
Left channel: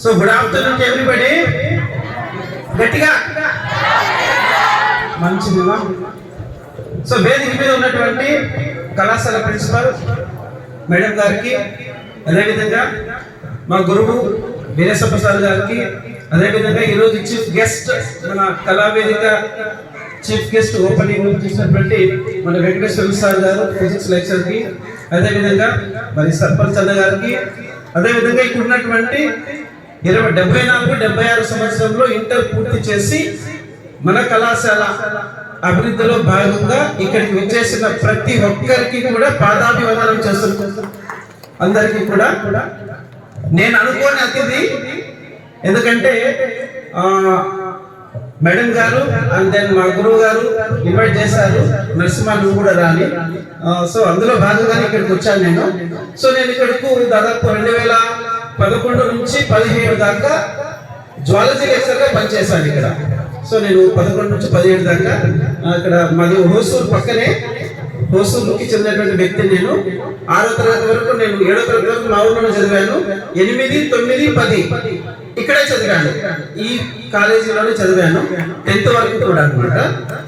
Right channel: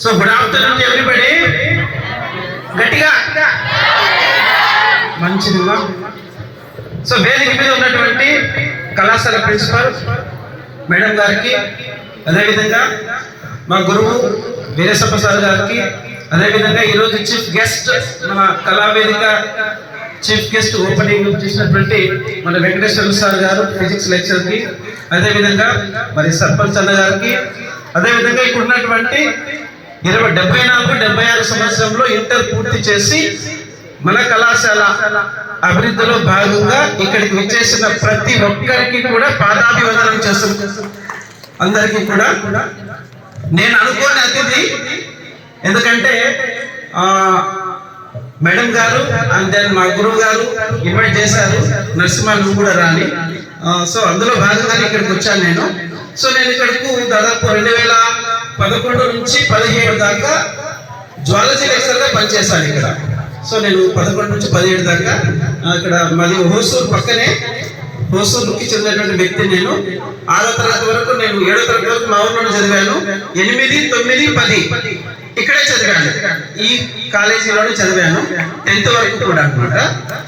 So good afternoon everybody. గట్టిగా మంచిదిగా. సో వేదిక మీద ఉన్నటువంటి కళాశాల ప్రిన్సిపల్ మేడం గారికి, అదేవిధంగా మా గురువు వీరేశప్ప సార్ గారికి, అదేవిధంగా ఈరోజు చీఫ్ గెస్ట్ మన కళావేదిక చీఫ్ గెస్ట్ ఓపెనింగ్ చేసినటువంటి మన వెంకటేశ్వర సార్ గారు ఫిజిక్స్ లెక్చర్కి, అదేవిధంగా మరి సర్పంచ్ అన్న గారికి, అదేవిధంగా ఇక్కడ ఉన్నటువంటి 74-76 సంవత్సరంలో ఇంటర్ పూర్తి చేసి మన కళాశాల అభివృద్ధిలో భాగంగా ఇక్కడికి విచ్చేసిన ప్రతి ఒక్కరికి కూడా పాదాభివందనం చేస్తున్నాం. అందరికీ కూడా నేను అనుకోని అతిథి, ఎందుకంటే మేడం గారు అండ్ దెన్ మా గురువు గారు ఇన్వైట్ చేశారు, నరసింహ నువ్వు కూడా రాని. సో అందులో భాగంగానే ఇక్కడికి వచ్చాను నేను. సో నేను ఇక్కడకు దాదాపు 2011 నుంచి 17 దాకా జువాలజీ లెక్చర్గా పనిచేశాను ఇక్కడ. సో నేను 11 నుంచి 17 దాకా ఇక్కడ మాది హోసూరు పక్కనే, హోసూరుకి చెందినటువంటి వ్యక్తి నేను. 6వ తరగతి వరకు నేను 7వ తరగతి వరకు మా ఊర్లోనే చదివాను. 8, 9, 10 ఇక్కడే చదివాను, ఈ కాలేజీలోనే చదివాను. 10th వరకు కూడా అనమాట.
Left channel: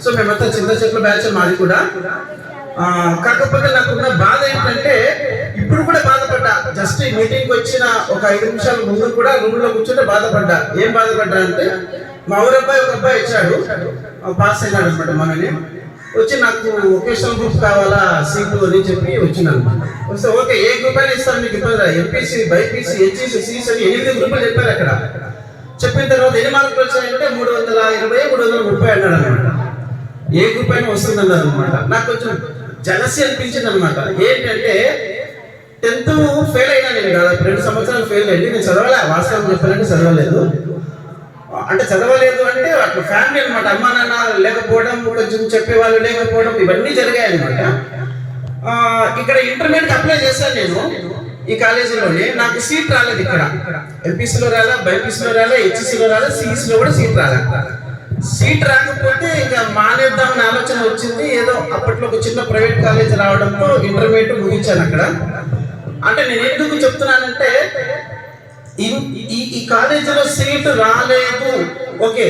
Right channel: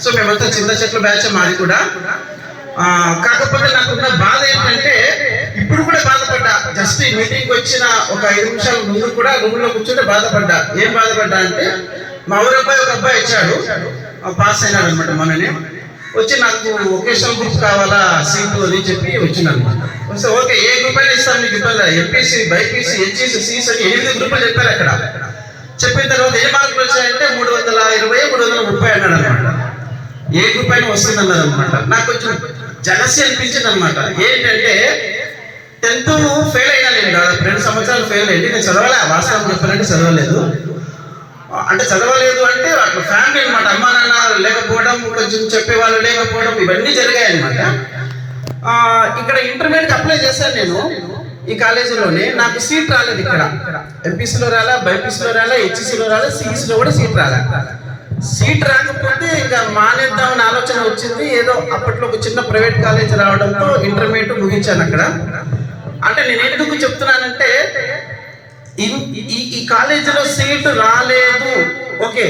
సో మేమంతా చిన్న చెట్ల బ్యాచ్ మాది కూడా. కాకపోతే నాకున్న బాధ ఏంటంటే ఇప్పుడు కూడా బాధపడ్డా. జస్ట్ ఈ మీటింగ్కి వచ్చిన ఒక 5 నిమిషాల ముందు కూడా రూమ్లో కూర్చుంటే బాధపడ్డా. ఏం బాధపడ్డా అంటే మా ఊరు అబ్బాయి ఒక అబ్బాయి వచ్చాడు, పాస్ అయినాడు అనమాట. మనని వచ్చి నాకు వొకేషనల్ గ్రూప్ కావాలా సీటు అని చెప్పి వచ్చినాను. సో ఓకే, ఏ గ్రూప్ అయినా ఇస్తాను మీకు ఇబ్బంది, ఎంపీసీ, బైపీసీ, హెచ్ఈసీ, సీసీ అని 8 గ్రూపులు చెప్పారు అక్కడ. చెప్పిన తర్వాత ఏ మార్కులు వచ్చాయంటే 320, 330 అన్నాడు అనమాట. ఏ గ్రూప్ అయినా వస్తుందన్నారు అనమాట. నాకు కొంచెం జలసి అనిపించింది అనమాట. ఏంటంటే 10th ఫెయిల్ అయినా నేను దాదాపు 2 సంవత్సరాలు ఫెయిల్ అయ్యింది. నేను చదవలే, వాస్తవం చెప్పాలంటే చదవలేదు. అంటే చదవలేదు అంటే అట్లా ఫ్యామిలీ అనమాట, అమ్మా నాన్న లేకపోవడం, కొంచెం చెప్పేవాళ్ళు లేకపోవడం, ఇవన్నీ జరిగాయి అనమాట. ఇక్కడ ఇంటర్మీడియట్ అప్లై చేశాను నేను ఈ కాలేజీలోనే. నాకు సీట్ రాలేదు ఇక్కడ. ఎంపీసీలో రాలా, బైపీసీలో రాలా, హెచ్ఈసీలో రాలా, సిఈసీలో కూడా సీట్ రాలా. సీట్ రాకపోతే ఇంకా మానేద్దామని ఆలోచన వచ్చింది. ఏదో అప్పట్లో ఒక చిన్న ప్రైవేట్ కాలేజ్ రావడంతో ఇంటర్మీడియట్ ముగించాను అక్కడ. అంటే నేను ఎందుకు చెప్తున్నానంటే ఈ కాలేజీలో సీటు రాలేదు, ఓకే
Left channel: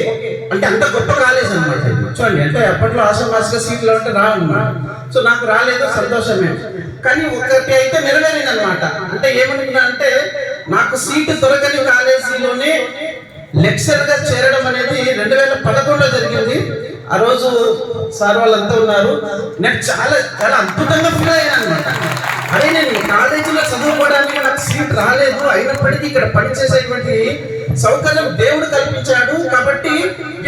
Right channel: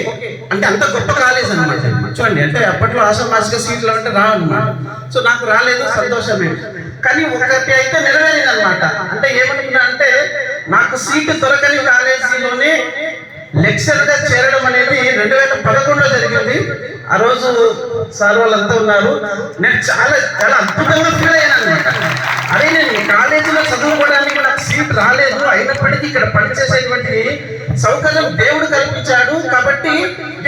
అంటే అంత గొప్ప కాలేజ్ అనమాట. చూడండి, అంటే అప్పట్లో ఆషామాషిగా సీట్లు అంటే రావన్నమాట. సో నాకు రాలేదు, సంతోషమే. కానీ ఒకటి అయితే నెరవేరింది అనమాట. అంటే ఏమనుకున్నా అంటే నాకు సీటు దొరకని కాలేజీలోనే లెక్చర్గా చేరడం అనేది 2011లో జరిగింది. ఆ రోజు సార్ వాళ్ళంతా ఉన్నారు. నేను చాలా చాలా అద్భుతంగా ఫీల్ అయ్యాను అనమాట. అదే నేను కాలేజీలో చదువుకోవడానికి నాకు సీట్ రాలేదు, అయినప్పటికీ ఇక్కడ పనిచేసేటువంటి సౌకర్యం దేవుడు కల్పించాడు. కాబట్టి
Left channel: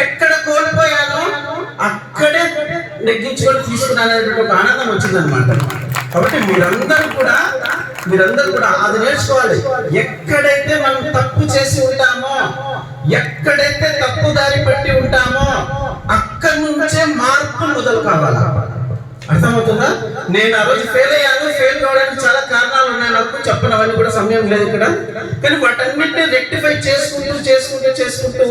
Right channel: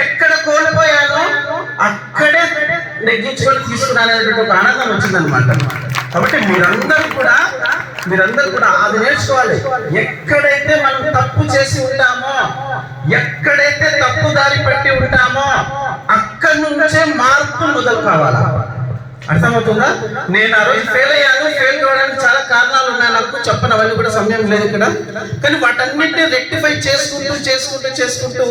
ఎక్కడ కోల్పోయానో అక్కడే నెగ్గించుకొని తీసుకున్నానేటువంటి ఒక ఆనందం వచ్చిందనమాట. కాబట్టి మీరందరూ కూడా అది నేర్చుకోవాలి. ఎక్కడైతే మనం తప్పు చేసి ఉంటామో, ఎక్కడైతే తప్పు దారి పట్టి ఉంటామో అక్కడి నుంచే మార్పు మొదలు కావాలా. అర్థమవుతుందా? నేను ఆ రోజు ఫెయిల్ అయ్యాను. ఫెయిల్ కావడానికి చాలా కారణాలు ఉన్నాయి, నాకు చెప్పనవన్నీ కూడా సమయం లేదు ఇక్కడ. కానీ వాటన్నిటిని రెక్టిఫై చేసుకుంటూ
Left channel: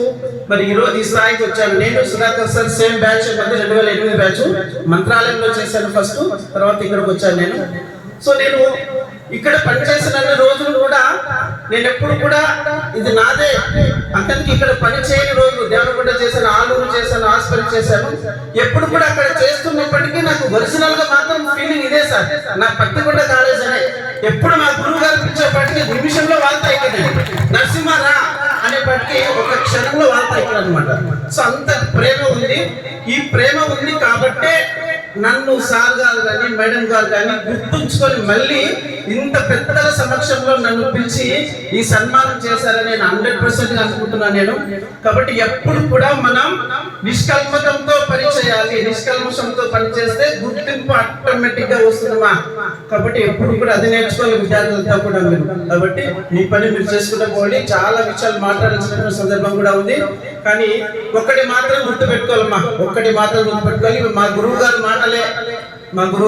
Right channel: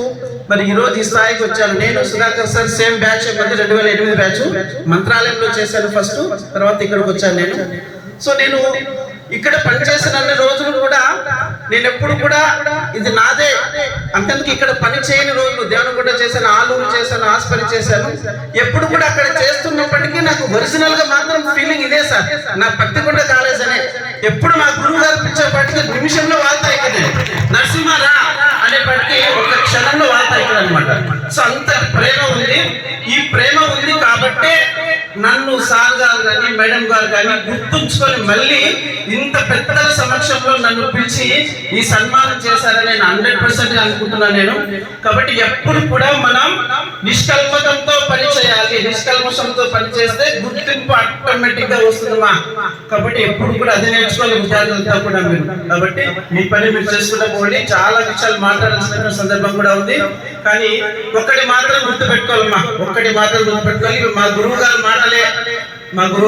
మరి ఈ రోజు ఈ స్థాయికి వచ్చాను. నేను Sudhakar sir same batch, 2008 batch. మంత్రాలయంలో చేశాను ఫస్ట్, తర్వాత ఇక్కడికి వచ్చాను నేను. సో నేను ఇక్కడ పనిచేసిన రోజులు కూడా నేను ఎప్పుడు కూడా ఇది నాదే అంతకు ఇక్కడ పని చేయని రోజులు దేవనగుంట చేశాను, ఆలూరు చేశాను, హాస్పిటల్ చేశాను. ఎప్పుడు కూడా అక్కడ చేస్తున్నప్పటికీ నాకు ఒరిజినల్ గా మాత్రం ఫీలింగ్ ఇదే సార్, నా పత్తికొండ కాలేజ్ అనే. ఎప్పుడు మా గురువు గారు పిలిచేపటికి నిమిషంలో వార్త ఇక్కడ నరసింహారా అనేప్పటికీ ఒక క్షణంలో వార్త ఇక్కడ అనమాట. సో అంత ప్రేమ ఉంది. ఈ ప్రేమ ఉంది కాబట్టే నన్ను సార్ గారు కానీ మేడం గారు కానీ గుర్తుంచుకొని మళ్ళీ ఇంత పెద్దల సమక్షంలో నన్ను పిలిచి ఈ సన్మానం చేశారని నేను 100% అనుకుంటున్నాను నేను. కాబట్టి ఎప్పుడు కూడా మనం నిష్కల్మతంతో పని చేయాలి. నిష్కల్మషంతో పని చేస్తే గుర్తింపు ఆటోమేటిక్ గా వస్తుందమ్మా. కాబట్టి ఎప్పుడు కూడా అదే నేర్చుకోవాలి విద్యార్థులతో కూడా మీరు. కాబట్టి మీ పని మీరు చేసుకుంటూ పోండి. చాలా విషయాలు మాట్లాడాల్సిన సందర్భం కూడా ఉంది. కానీ ఒక్కటి మాత్రం గుర్తుపెట్టుకోవాలమ్మా, ఒక్కటి మాత్రం గుర్తుపెట్టుకోవాలి. మా గురువు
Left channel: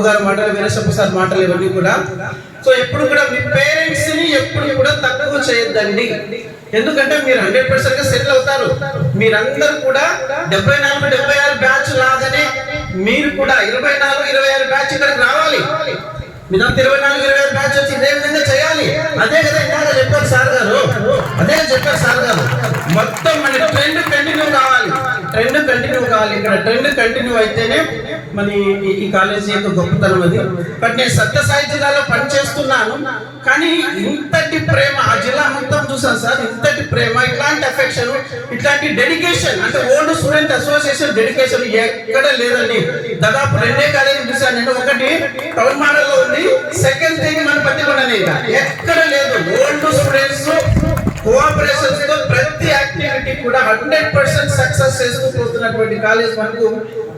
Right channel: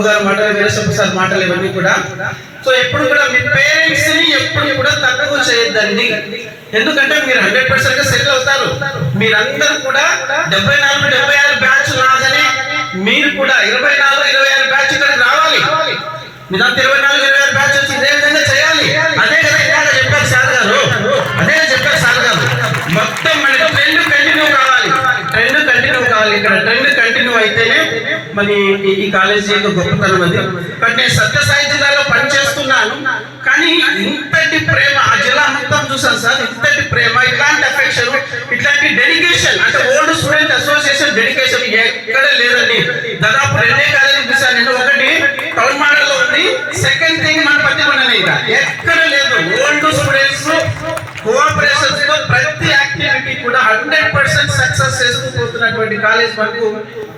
గారి మాటలు వీరశంభు సార్ మాటలు ఇవన్నీ కూడా. సో ఎప్పుడు కూడా మీ పేరెంట్స్ ని ఎప్పుడు కూడా తక్కువ చేయొద్దండి. ఎందుకంటే మీరు 100% గా సెటిల్ అవుతారు. మీరందరూ కూడా 74-76 బ్యాచ్ లాగానే మీరు కూడా 24-26 బ్యాచ్ ఇక్కడికి రావాలి. మీరు 24-26 బ్యాచ్ వచ్చి ఇదే విధంగా చేయాలి. అదే కదా ఇందాక చెప్పారు సార్ గారు, మొత్తం మనకి ట్రెండ్ కంటిన్యూ కావాలి. ఇక్కడ ట్రెండ్ కంటిన్యూ అయితేనే మరి ఈ కాలేజీ యొక్క గొప్పతనం అది. బట్ నేను సత్యసాయి జిల్లాలో పనిచేస్తున్నాను, కానీ ఇంతటి ప్రేమ ఆ జిల్లా మొత్తం చూసాను సార్. ఇంతటి ప్రేమ, ఇలాంటి అఫెక్షన్, ఇట్లాంటి డెడికేషన్, అంటే ఓల్డ్ స్టూడెంట్ అసోసియేషన్ డెడికేషన్ ఎక్కడ లేదండి. దాదాపు 2 కాలేజీలు చూసాను నేను. ఒకటి టౌన్ మోడల్ లో ఉంది, సెకండ్ థింగ్ మన పత్తికొండనే. ఎక్కడ లేదు. ఓల్డ్ స్టూడెంట్స్ కోఆపరేషన్స్ తో ప్రతి యాక్టివిటీ కూడా 100% సక్సెస్ చేసుకుంటూ పోతున్నటువంటి కాలేజ్ మనకు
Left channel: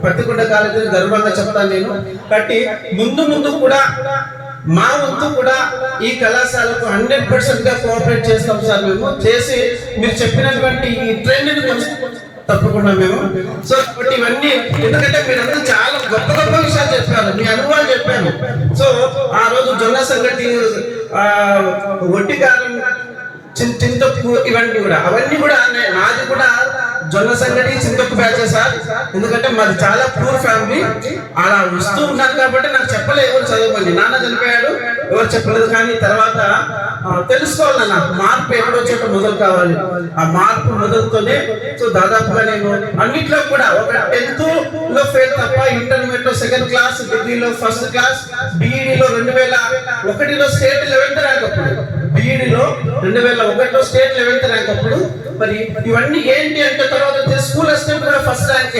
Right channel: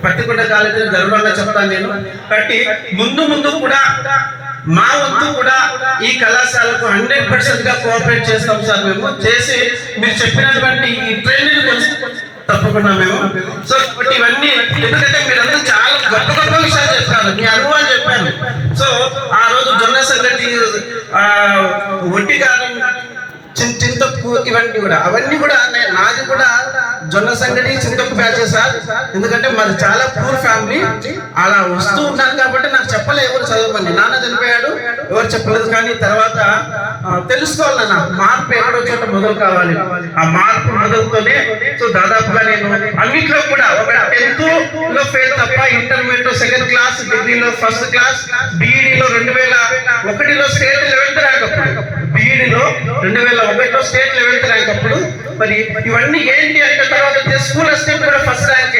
పత్తికొండ కాలేజ్ అని గర్వంగా చెప్తాను నేను. కాబట్టి ముందు కూడా మా వంతు కూడా ఈ కళాశాలకు 100% గా కోఆపరేట్ చేస్తాం సార్. మేము చేసి మీరు చెప్పినటువంటి ఈ ట్రైనింగ్ తప్పకుండా మేము. సో ఇవన్నీ ఎందుకంటే మీరందరూ చాలా గొప్ప విషయాలు చెప్పారు, మీ అనుభవాలు చెప్పాను. సో ఆ రోజు జొన్న సంగతి, ఒట్టి కాలం, చింతకు, ఇవన్నీ కూడా అవన్నీ కూడా నాది కూడా జొన్న సంగటి, చింతకు బ్యాచ్ సార్. ఎందుకంటే మాది చాలా పూర్ ఫ్యామిలీ. అలా వస్తూ ఉన్నాను కాబట్టి నాకు చెప్పలేదు ఎవరు చదవమని. నాన్న చనిపోయాడు, ఎవరు చెప్పలేదు. కానీ తర్వాత తెలుసుకోవాలన్నా మార్పు ఎక్కడో చోట మొదలు కావాలి. ఆ మార్పు మొదలుతోనే సో దాదాపుగా నేను అన్నిట్లో కూడా ఒక 10th లో ఫెయిల్ తప్ప ఇంటర్మీడియట్ లో 2nd క్లాస్, డిగ్రీలో 1st క్లాస్, బీఈడీలో 2001లో స్టేట్ 11th ర్యాంక్ అప్పుడు, బీఈడీలో 2001లో స్టేట్ 11th ర్యాంక్ అప్పుడు. మరి ఇవన్నీ ఏంటి అంటే తర్వాత స్కూల్ అసిస్టెంట్ కూడా 1st ర్యాంక్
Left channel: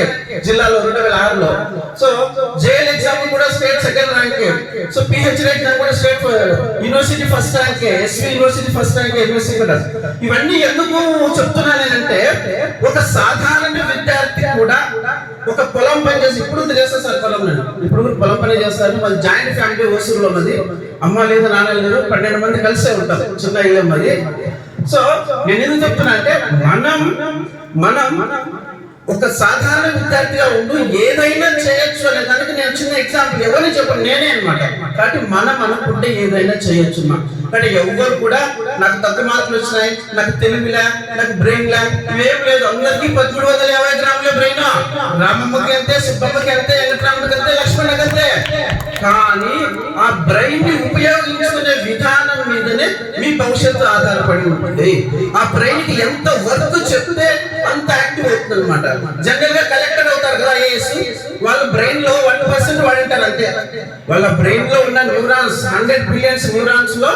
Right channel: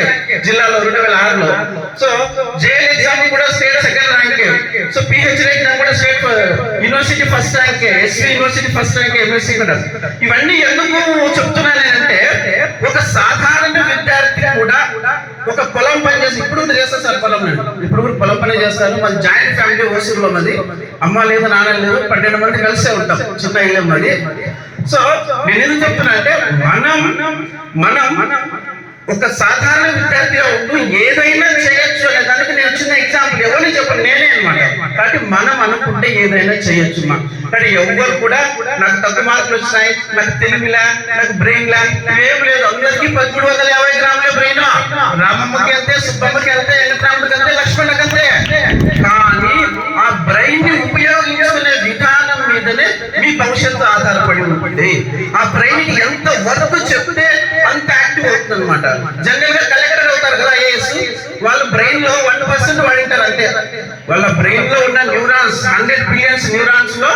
జిల్లాలో 2006లో. సో జేఎల్ ఎగ్జామ్ కూడా state 2nd rank. So PhD exam కూడా state university 1st rank, SV university 1st rank, MSc కూడా. ఇవన్నీ ఎందుకు చెప్తున్నానంటే ఒక సాధారణ విద్యార్థి కూడా ఒక పొలం పని చేసి, ఇప్పుడు చేస్తారు సార్ పొలం, ఇప్పుడు పొలం పని చేస్తారు. మన జాయింట్ ఫ్యామిలీ ఓసూరులో ఉన్నది. అమ్మ లేదు, నాన్న లేదు, 12 మంది కలిసే ఉంటాం, చిన్న ఇల్లు ఉన్నది. సో నేను ఎందుకు చెప్తున్నా అంటే మనం ఒక సాధారణ విద్యార్థిగా ఉంటూ ఏదైనా చేయొచ్చు అనే దానికి నేను చిన్న ఎగ్జాంపుల్, ఎవరిని చెప్పండి, నేనే అనమాట. కాబట్టి మనం అనుకుంటే ఏదైనా చేయొచ్చు. కానీ ఎవ్వరు కూడా నాకు తక్కువ మార్కులు వచ్చినాయి, నాకు తెలుగులా, నాకు బ్రెయిన్ లా, ఇవేం లేదు. అందరికీ 1350 గ్రాముల బ్రెయిన్. రామమ్మకి అంతే, సుబ్బమ్మకి అంతే, వెంకటరాముడికి అంతే, లక్ష్మణ్కి అంతే. కానీ ఆ బ్రెయిన్ ని ఉపయోగించుకునే విధానం మీదనే మీ భవిష్యత్తు ఆధారపడి ఉంటుంది. ఆ బ్రెయిన్ కి ఎంత వర్క్ చెప్తే అంత యాక్టివ్ అవుతుంది అనమాట. జనరల్ గా కలెక్టర్ అవుతారు కదా ఐఏఎస్, వాళ్ళు బ్రెయిన్ లో 1% వాడింటారు అంతే. వాళ్ళ బ్రెయిన్ లో ఉన్న న్యూరాన్స్ 100 బిలియన్స్ న్యూరాన్స్ లో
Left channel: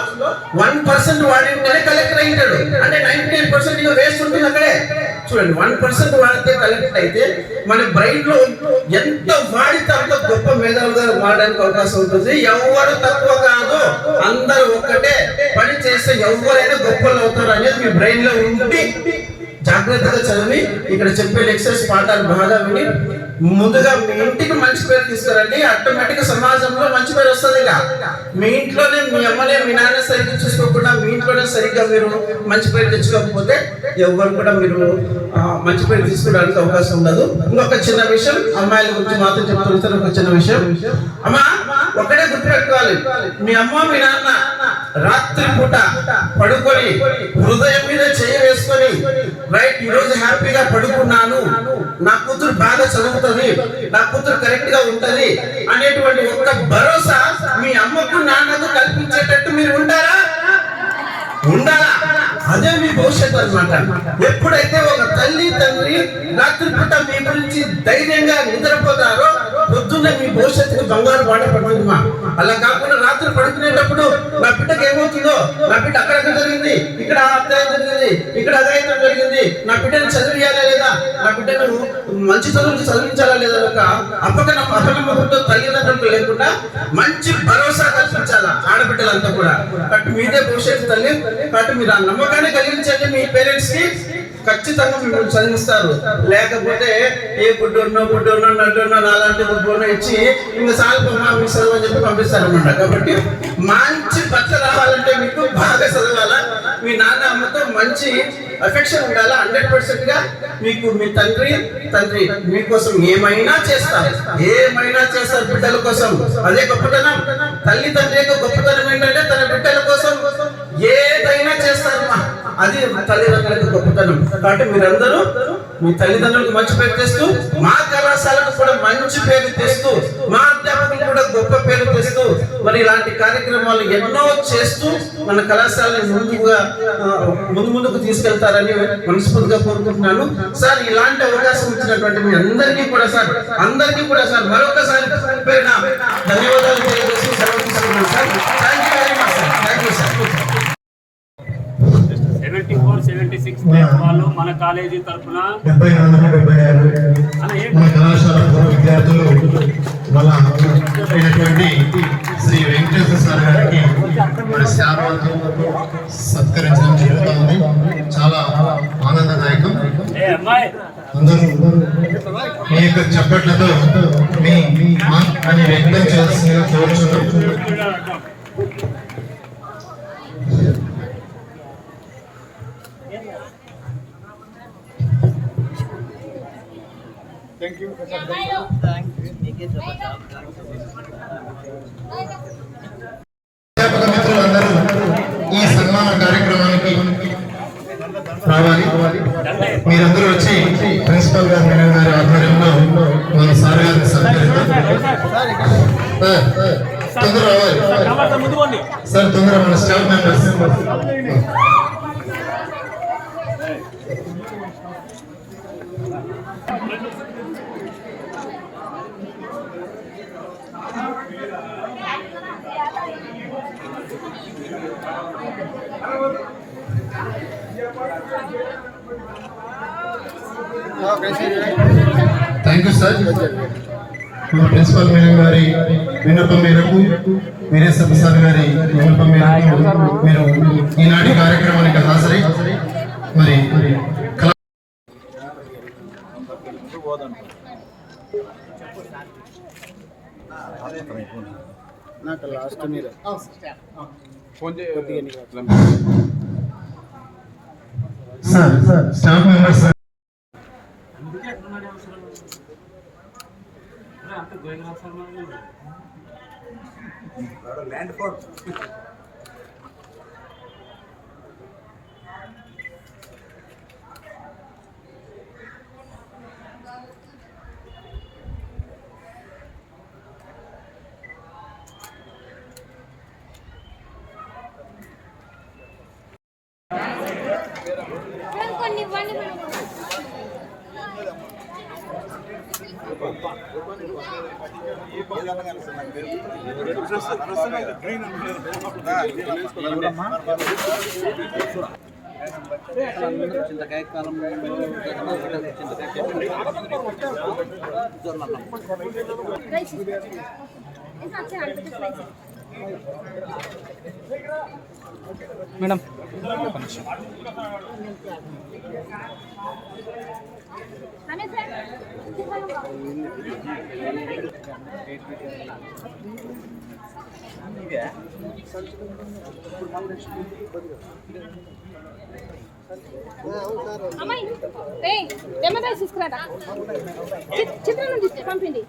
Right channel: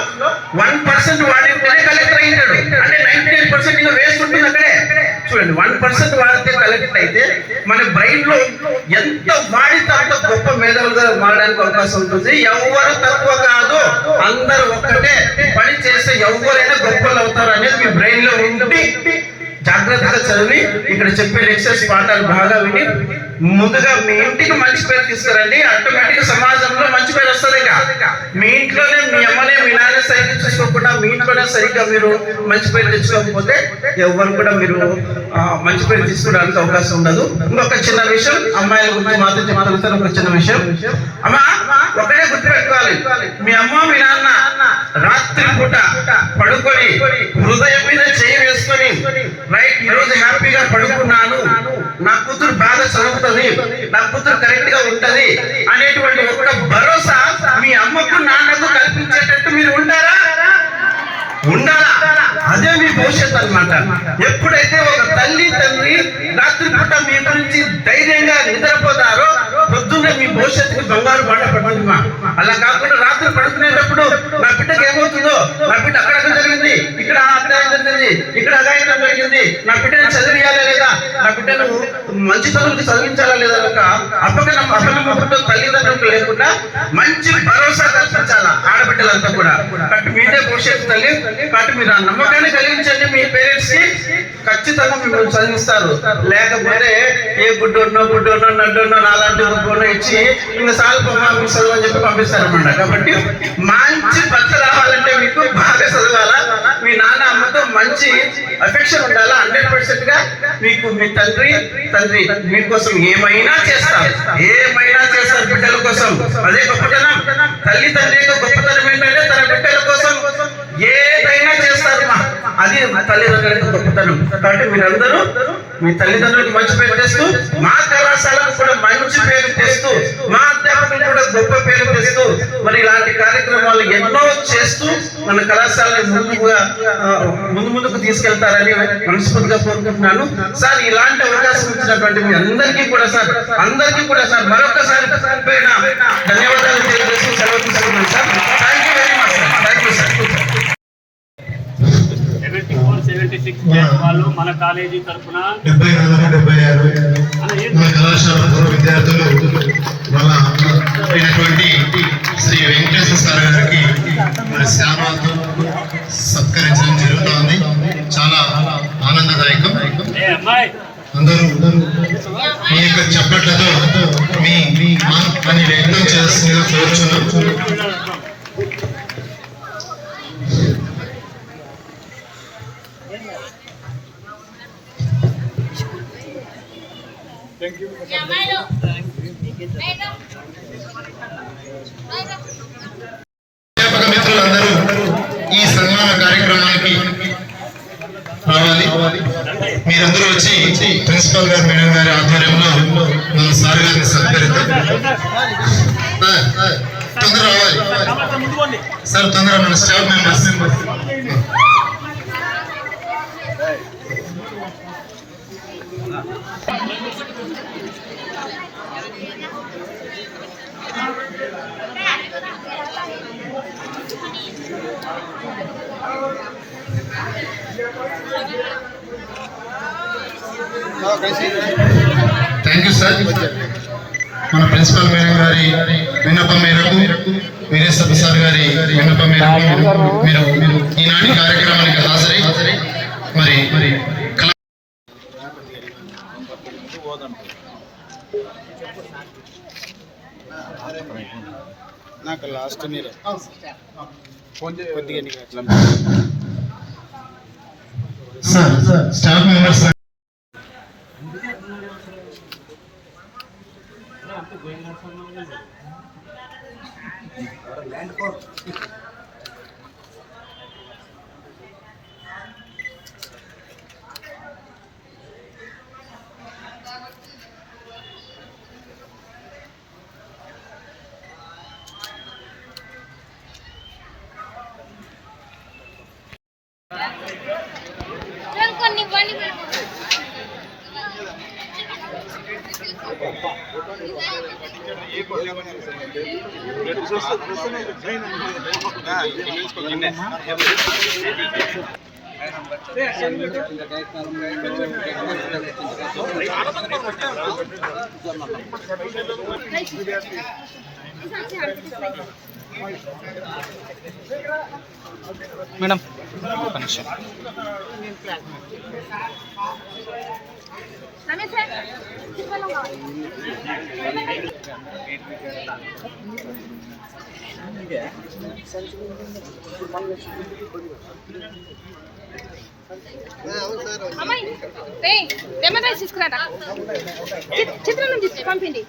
1% వాడింటేనే కలెక్టర్ అయ్యాడు. అంటే 99% వేస్ట్ ఉంటుంది అక్కడే. చూడండి 1% వాడితే కలెక్ట్ అయితే మన బ్రెయిన్ లో ఎంత వాడితే అంత గొప్ప మేధావులుగా మారడానికి అవకాశం ఉంటుంది. ఎవరు తక్కువ కాదు, అందరూ ఒక్కటే పని చేస్తే ఎవరైనా గొప్పలు అవుతారు అనేది మీ బ్రెయిన్ లో ఉండి జాగ్రత్తగా చదివి ఇక్కడ చెప్పే లెక్చర్స్ పాఠాలు బాగా విని ముందుగా మీ ఇంటికి మంచి పేరు తీసుకురండి. ఆటోమేటిక్ సమాజంలో మంచి పేరు వస్తుంది. మీ ఇంట్లోనే మీ అమ్మనే మీ నాన్న సరిగ్గా చూసుకోకుండా మీ ఇంట్లోనే సరిగ్గా మీరు మంచి పేరు తెచ్చుకోకపోతే ఎవరు కూడా మీరు మంచి పేరు తీసుకోవడానికి అవకాశం ఉండదు. ఇంకొక చిన్న విషయం, అమ్మాయిల గురించి మాత్రం చెప్తాను. ఒక చిన్న విషయం, అమ్మా ఒకటే గుర్తుపెట్టుకోవాలి, మీ అమ్మ మీ నాన్న రాత్రి పూట పడుకొని హృదయం మీద చేయి వేసుకొని రైట్ ఈ రోజు హ్యాపీగా పడుకున్నాను, నా కూతురు బాగా చదువుతుంది, నా కూతురు కరెక్ట్ గా ఉంటది అనేటువంటి ఒక భరోసా మీ అమ్మకు నాన్నకు కల్పించేటట్టు మీరు ఉంటారా? ఉండాలా? అదే మీ భవిష్యత్తు అన్నమాట. ఎప్పుడైతే ఒక తల్లి తండ్రి రాత్రి పూట మీ గురించి ధైర్యంగా నిద్రపోతారో పొద్దున్నే మీ భవిష్యత్తుకి బంగారు బాట పడుతుందమ్మా. అలా కాకుండా రాత్రి పడుకునేటప్పుడు నా బిడ్డకి ఏమవుతుందో, నా బిడ్డ అక్కడ జరిగింది, ఇక్కడ అన్యాయం జరిగింది, ఇక్కడ అగాయితం జరిగింది, నా బిడ్డను చదివియాలా లేదా, నా బిడ్డను మంచి చదువులు చదివించాలా లేదా ఒక అపనమ్మకంతో తల్లిదండ్రులకు లేకుండా మంచి భరోసా కల్పించాలా ఆడబిడ్డలంతా కూడా. కాబట్టి మీదే భవిష్యత్తు తల్లి. కాబట్టి మీరు ఆ నమ్మకాన్ని కలిగించండి మీ పేరెంట్స్ కి, ఖచ్చితంగా మిమ్మల్ని చదివిస్తారు. లేకపోతే ఏ గుడ్డోనో నడ్డోనో నాలాంటి గుడ్డోనో ఇచ్చి ఇంకా సాల్పమ్మా మీకు చదువు అని చెప్పి పంపిస్తారన్నమాట. కాబట్టి మంచి భర్త రావాలంటే మీకు బాగా చదవాలా, మీ నాన్న అమ్మతో మంచి అఫెక్షన్ ఉండాలా. 100% గా మీకు మీ తండ్రి మీకోసం ఏమైనా చేస్తారు బిడ్డల కోసం. అదే గొప్పతనం. తల్లి తండ్రి యొక్క గొప్పతనం ఏంటంటే తన బిడ్డల కోసం ఏదైనా చేస్తారమ్మా, అది తల్లిదండ్రులకు గొప్పతనం. కాబట్టి మీరందరూ మీ తల్లిదండ్రులకు మంచి పేరు తెస్తూ, మా కళాశాలకు కూడా మంచి పేరు తెస్తూ, మా అధ్యాపకులకు కూడా గొప్ప పేరు తెస్తూ మరి ఇలాంటి కార్యక్రమాలు ఎన్నో చేస్తూ మన కళాశాలని ముందుకు తీసుకెళ్తారని మనస్ఫూర్తిగా కోరుకుంటున్నాను. సార్ ఇలాంటి అవకాశం ఇచ్చినటువంటి మీ అందరికీ కూడా సార్ మరొకసారి ధన్యవాదాలు తెలియజేస్తూ సెలవు తీసుకుంటున్నాను sir. Thank you very much sir. Thank you sir. 74-76 వాళ్ళు మన కాలేజీ తరఫున 74-76 మన కళాశాల పూర్వ విద్యార్థులు వాళ్ళ అయినటువంటి శ్రీ వెంకటేశ్వర సార్ గారికి మన శామాతో సత్కరించడం జరుగుతుంది. చాలా ఆనందదాయకం. అందరూ మీ యొక్క చప్పట్లతో మీ అని వ్యక్తం చేస్తుందిగా కోరుచున్నాం. అధ్యాపక మిత్రులందరూ ఈ సన్మాన కార్యక్రమానికి రావాలి. మీరందరూ వచ్చి ప్రిన్సిపల్ గారు మేడం గారి ఆధ్వర్యంలో మన సార్ గారిని సత్కరిద్దాం. తొందర రావాలి సార్, తొందర మన staff members. Thank you sir. మన ప్రిన్సిపల్ మేడం గారి విన్నపం మేరకు, వీరేశ సార్ గారి విన్నపం మేరకు మీరు ఈనాటి కార్యక్రమానికి హాజరై మరి నాకు లాస్ట్ మీరు సార్ స్టాఫ్ మెంబర్స్ మేడం ఒక నిమిషం. అమ్మాయి లెమన్ రైస్ తీసుకురాడా, చిత్రాన్నం తీసుకు పంపిండి.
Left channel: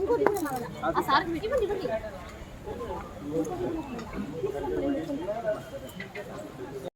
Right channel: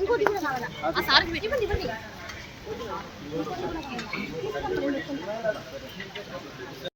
ఇంకోటి ఆ సార్కి పెట్టి ఇవ్వండి.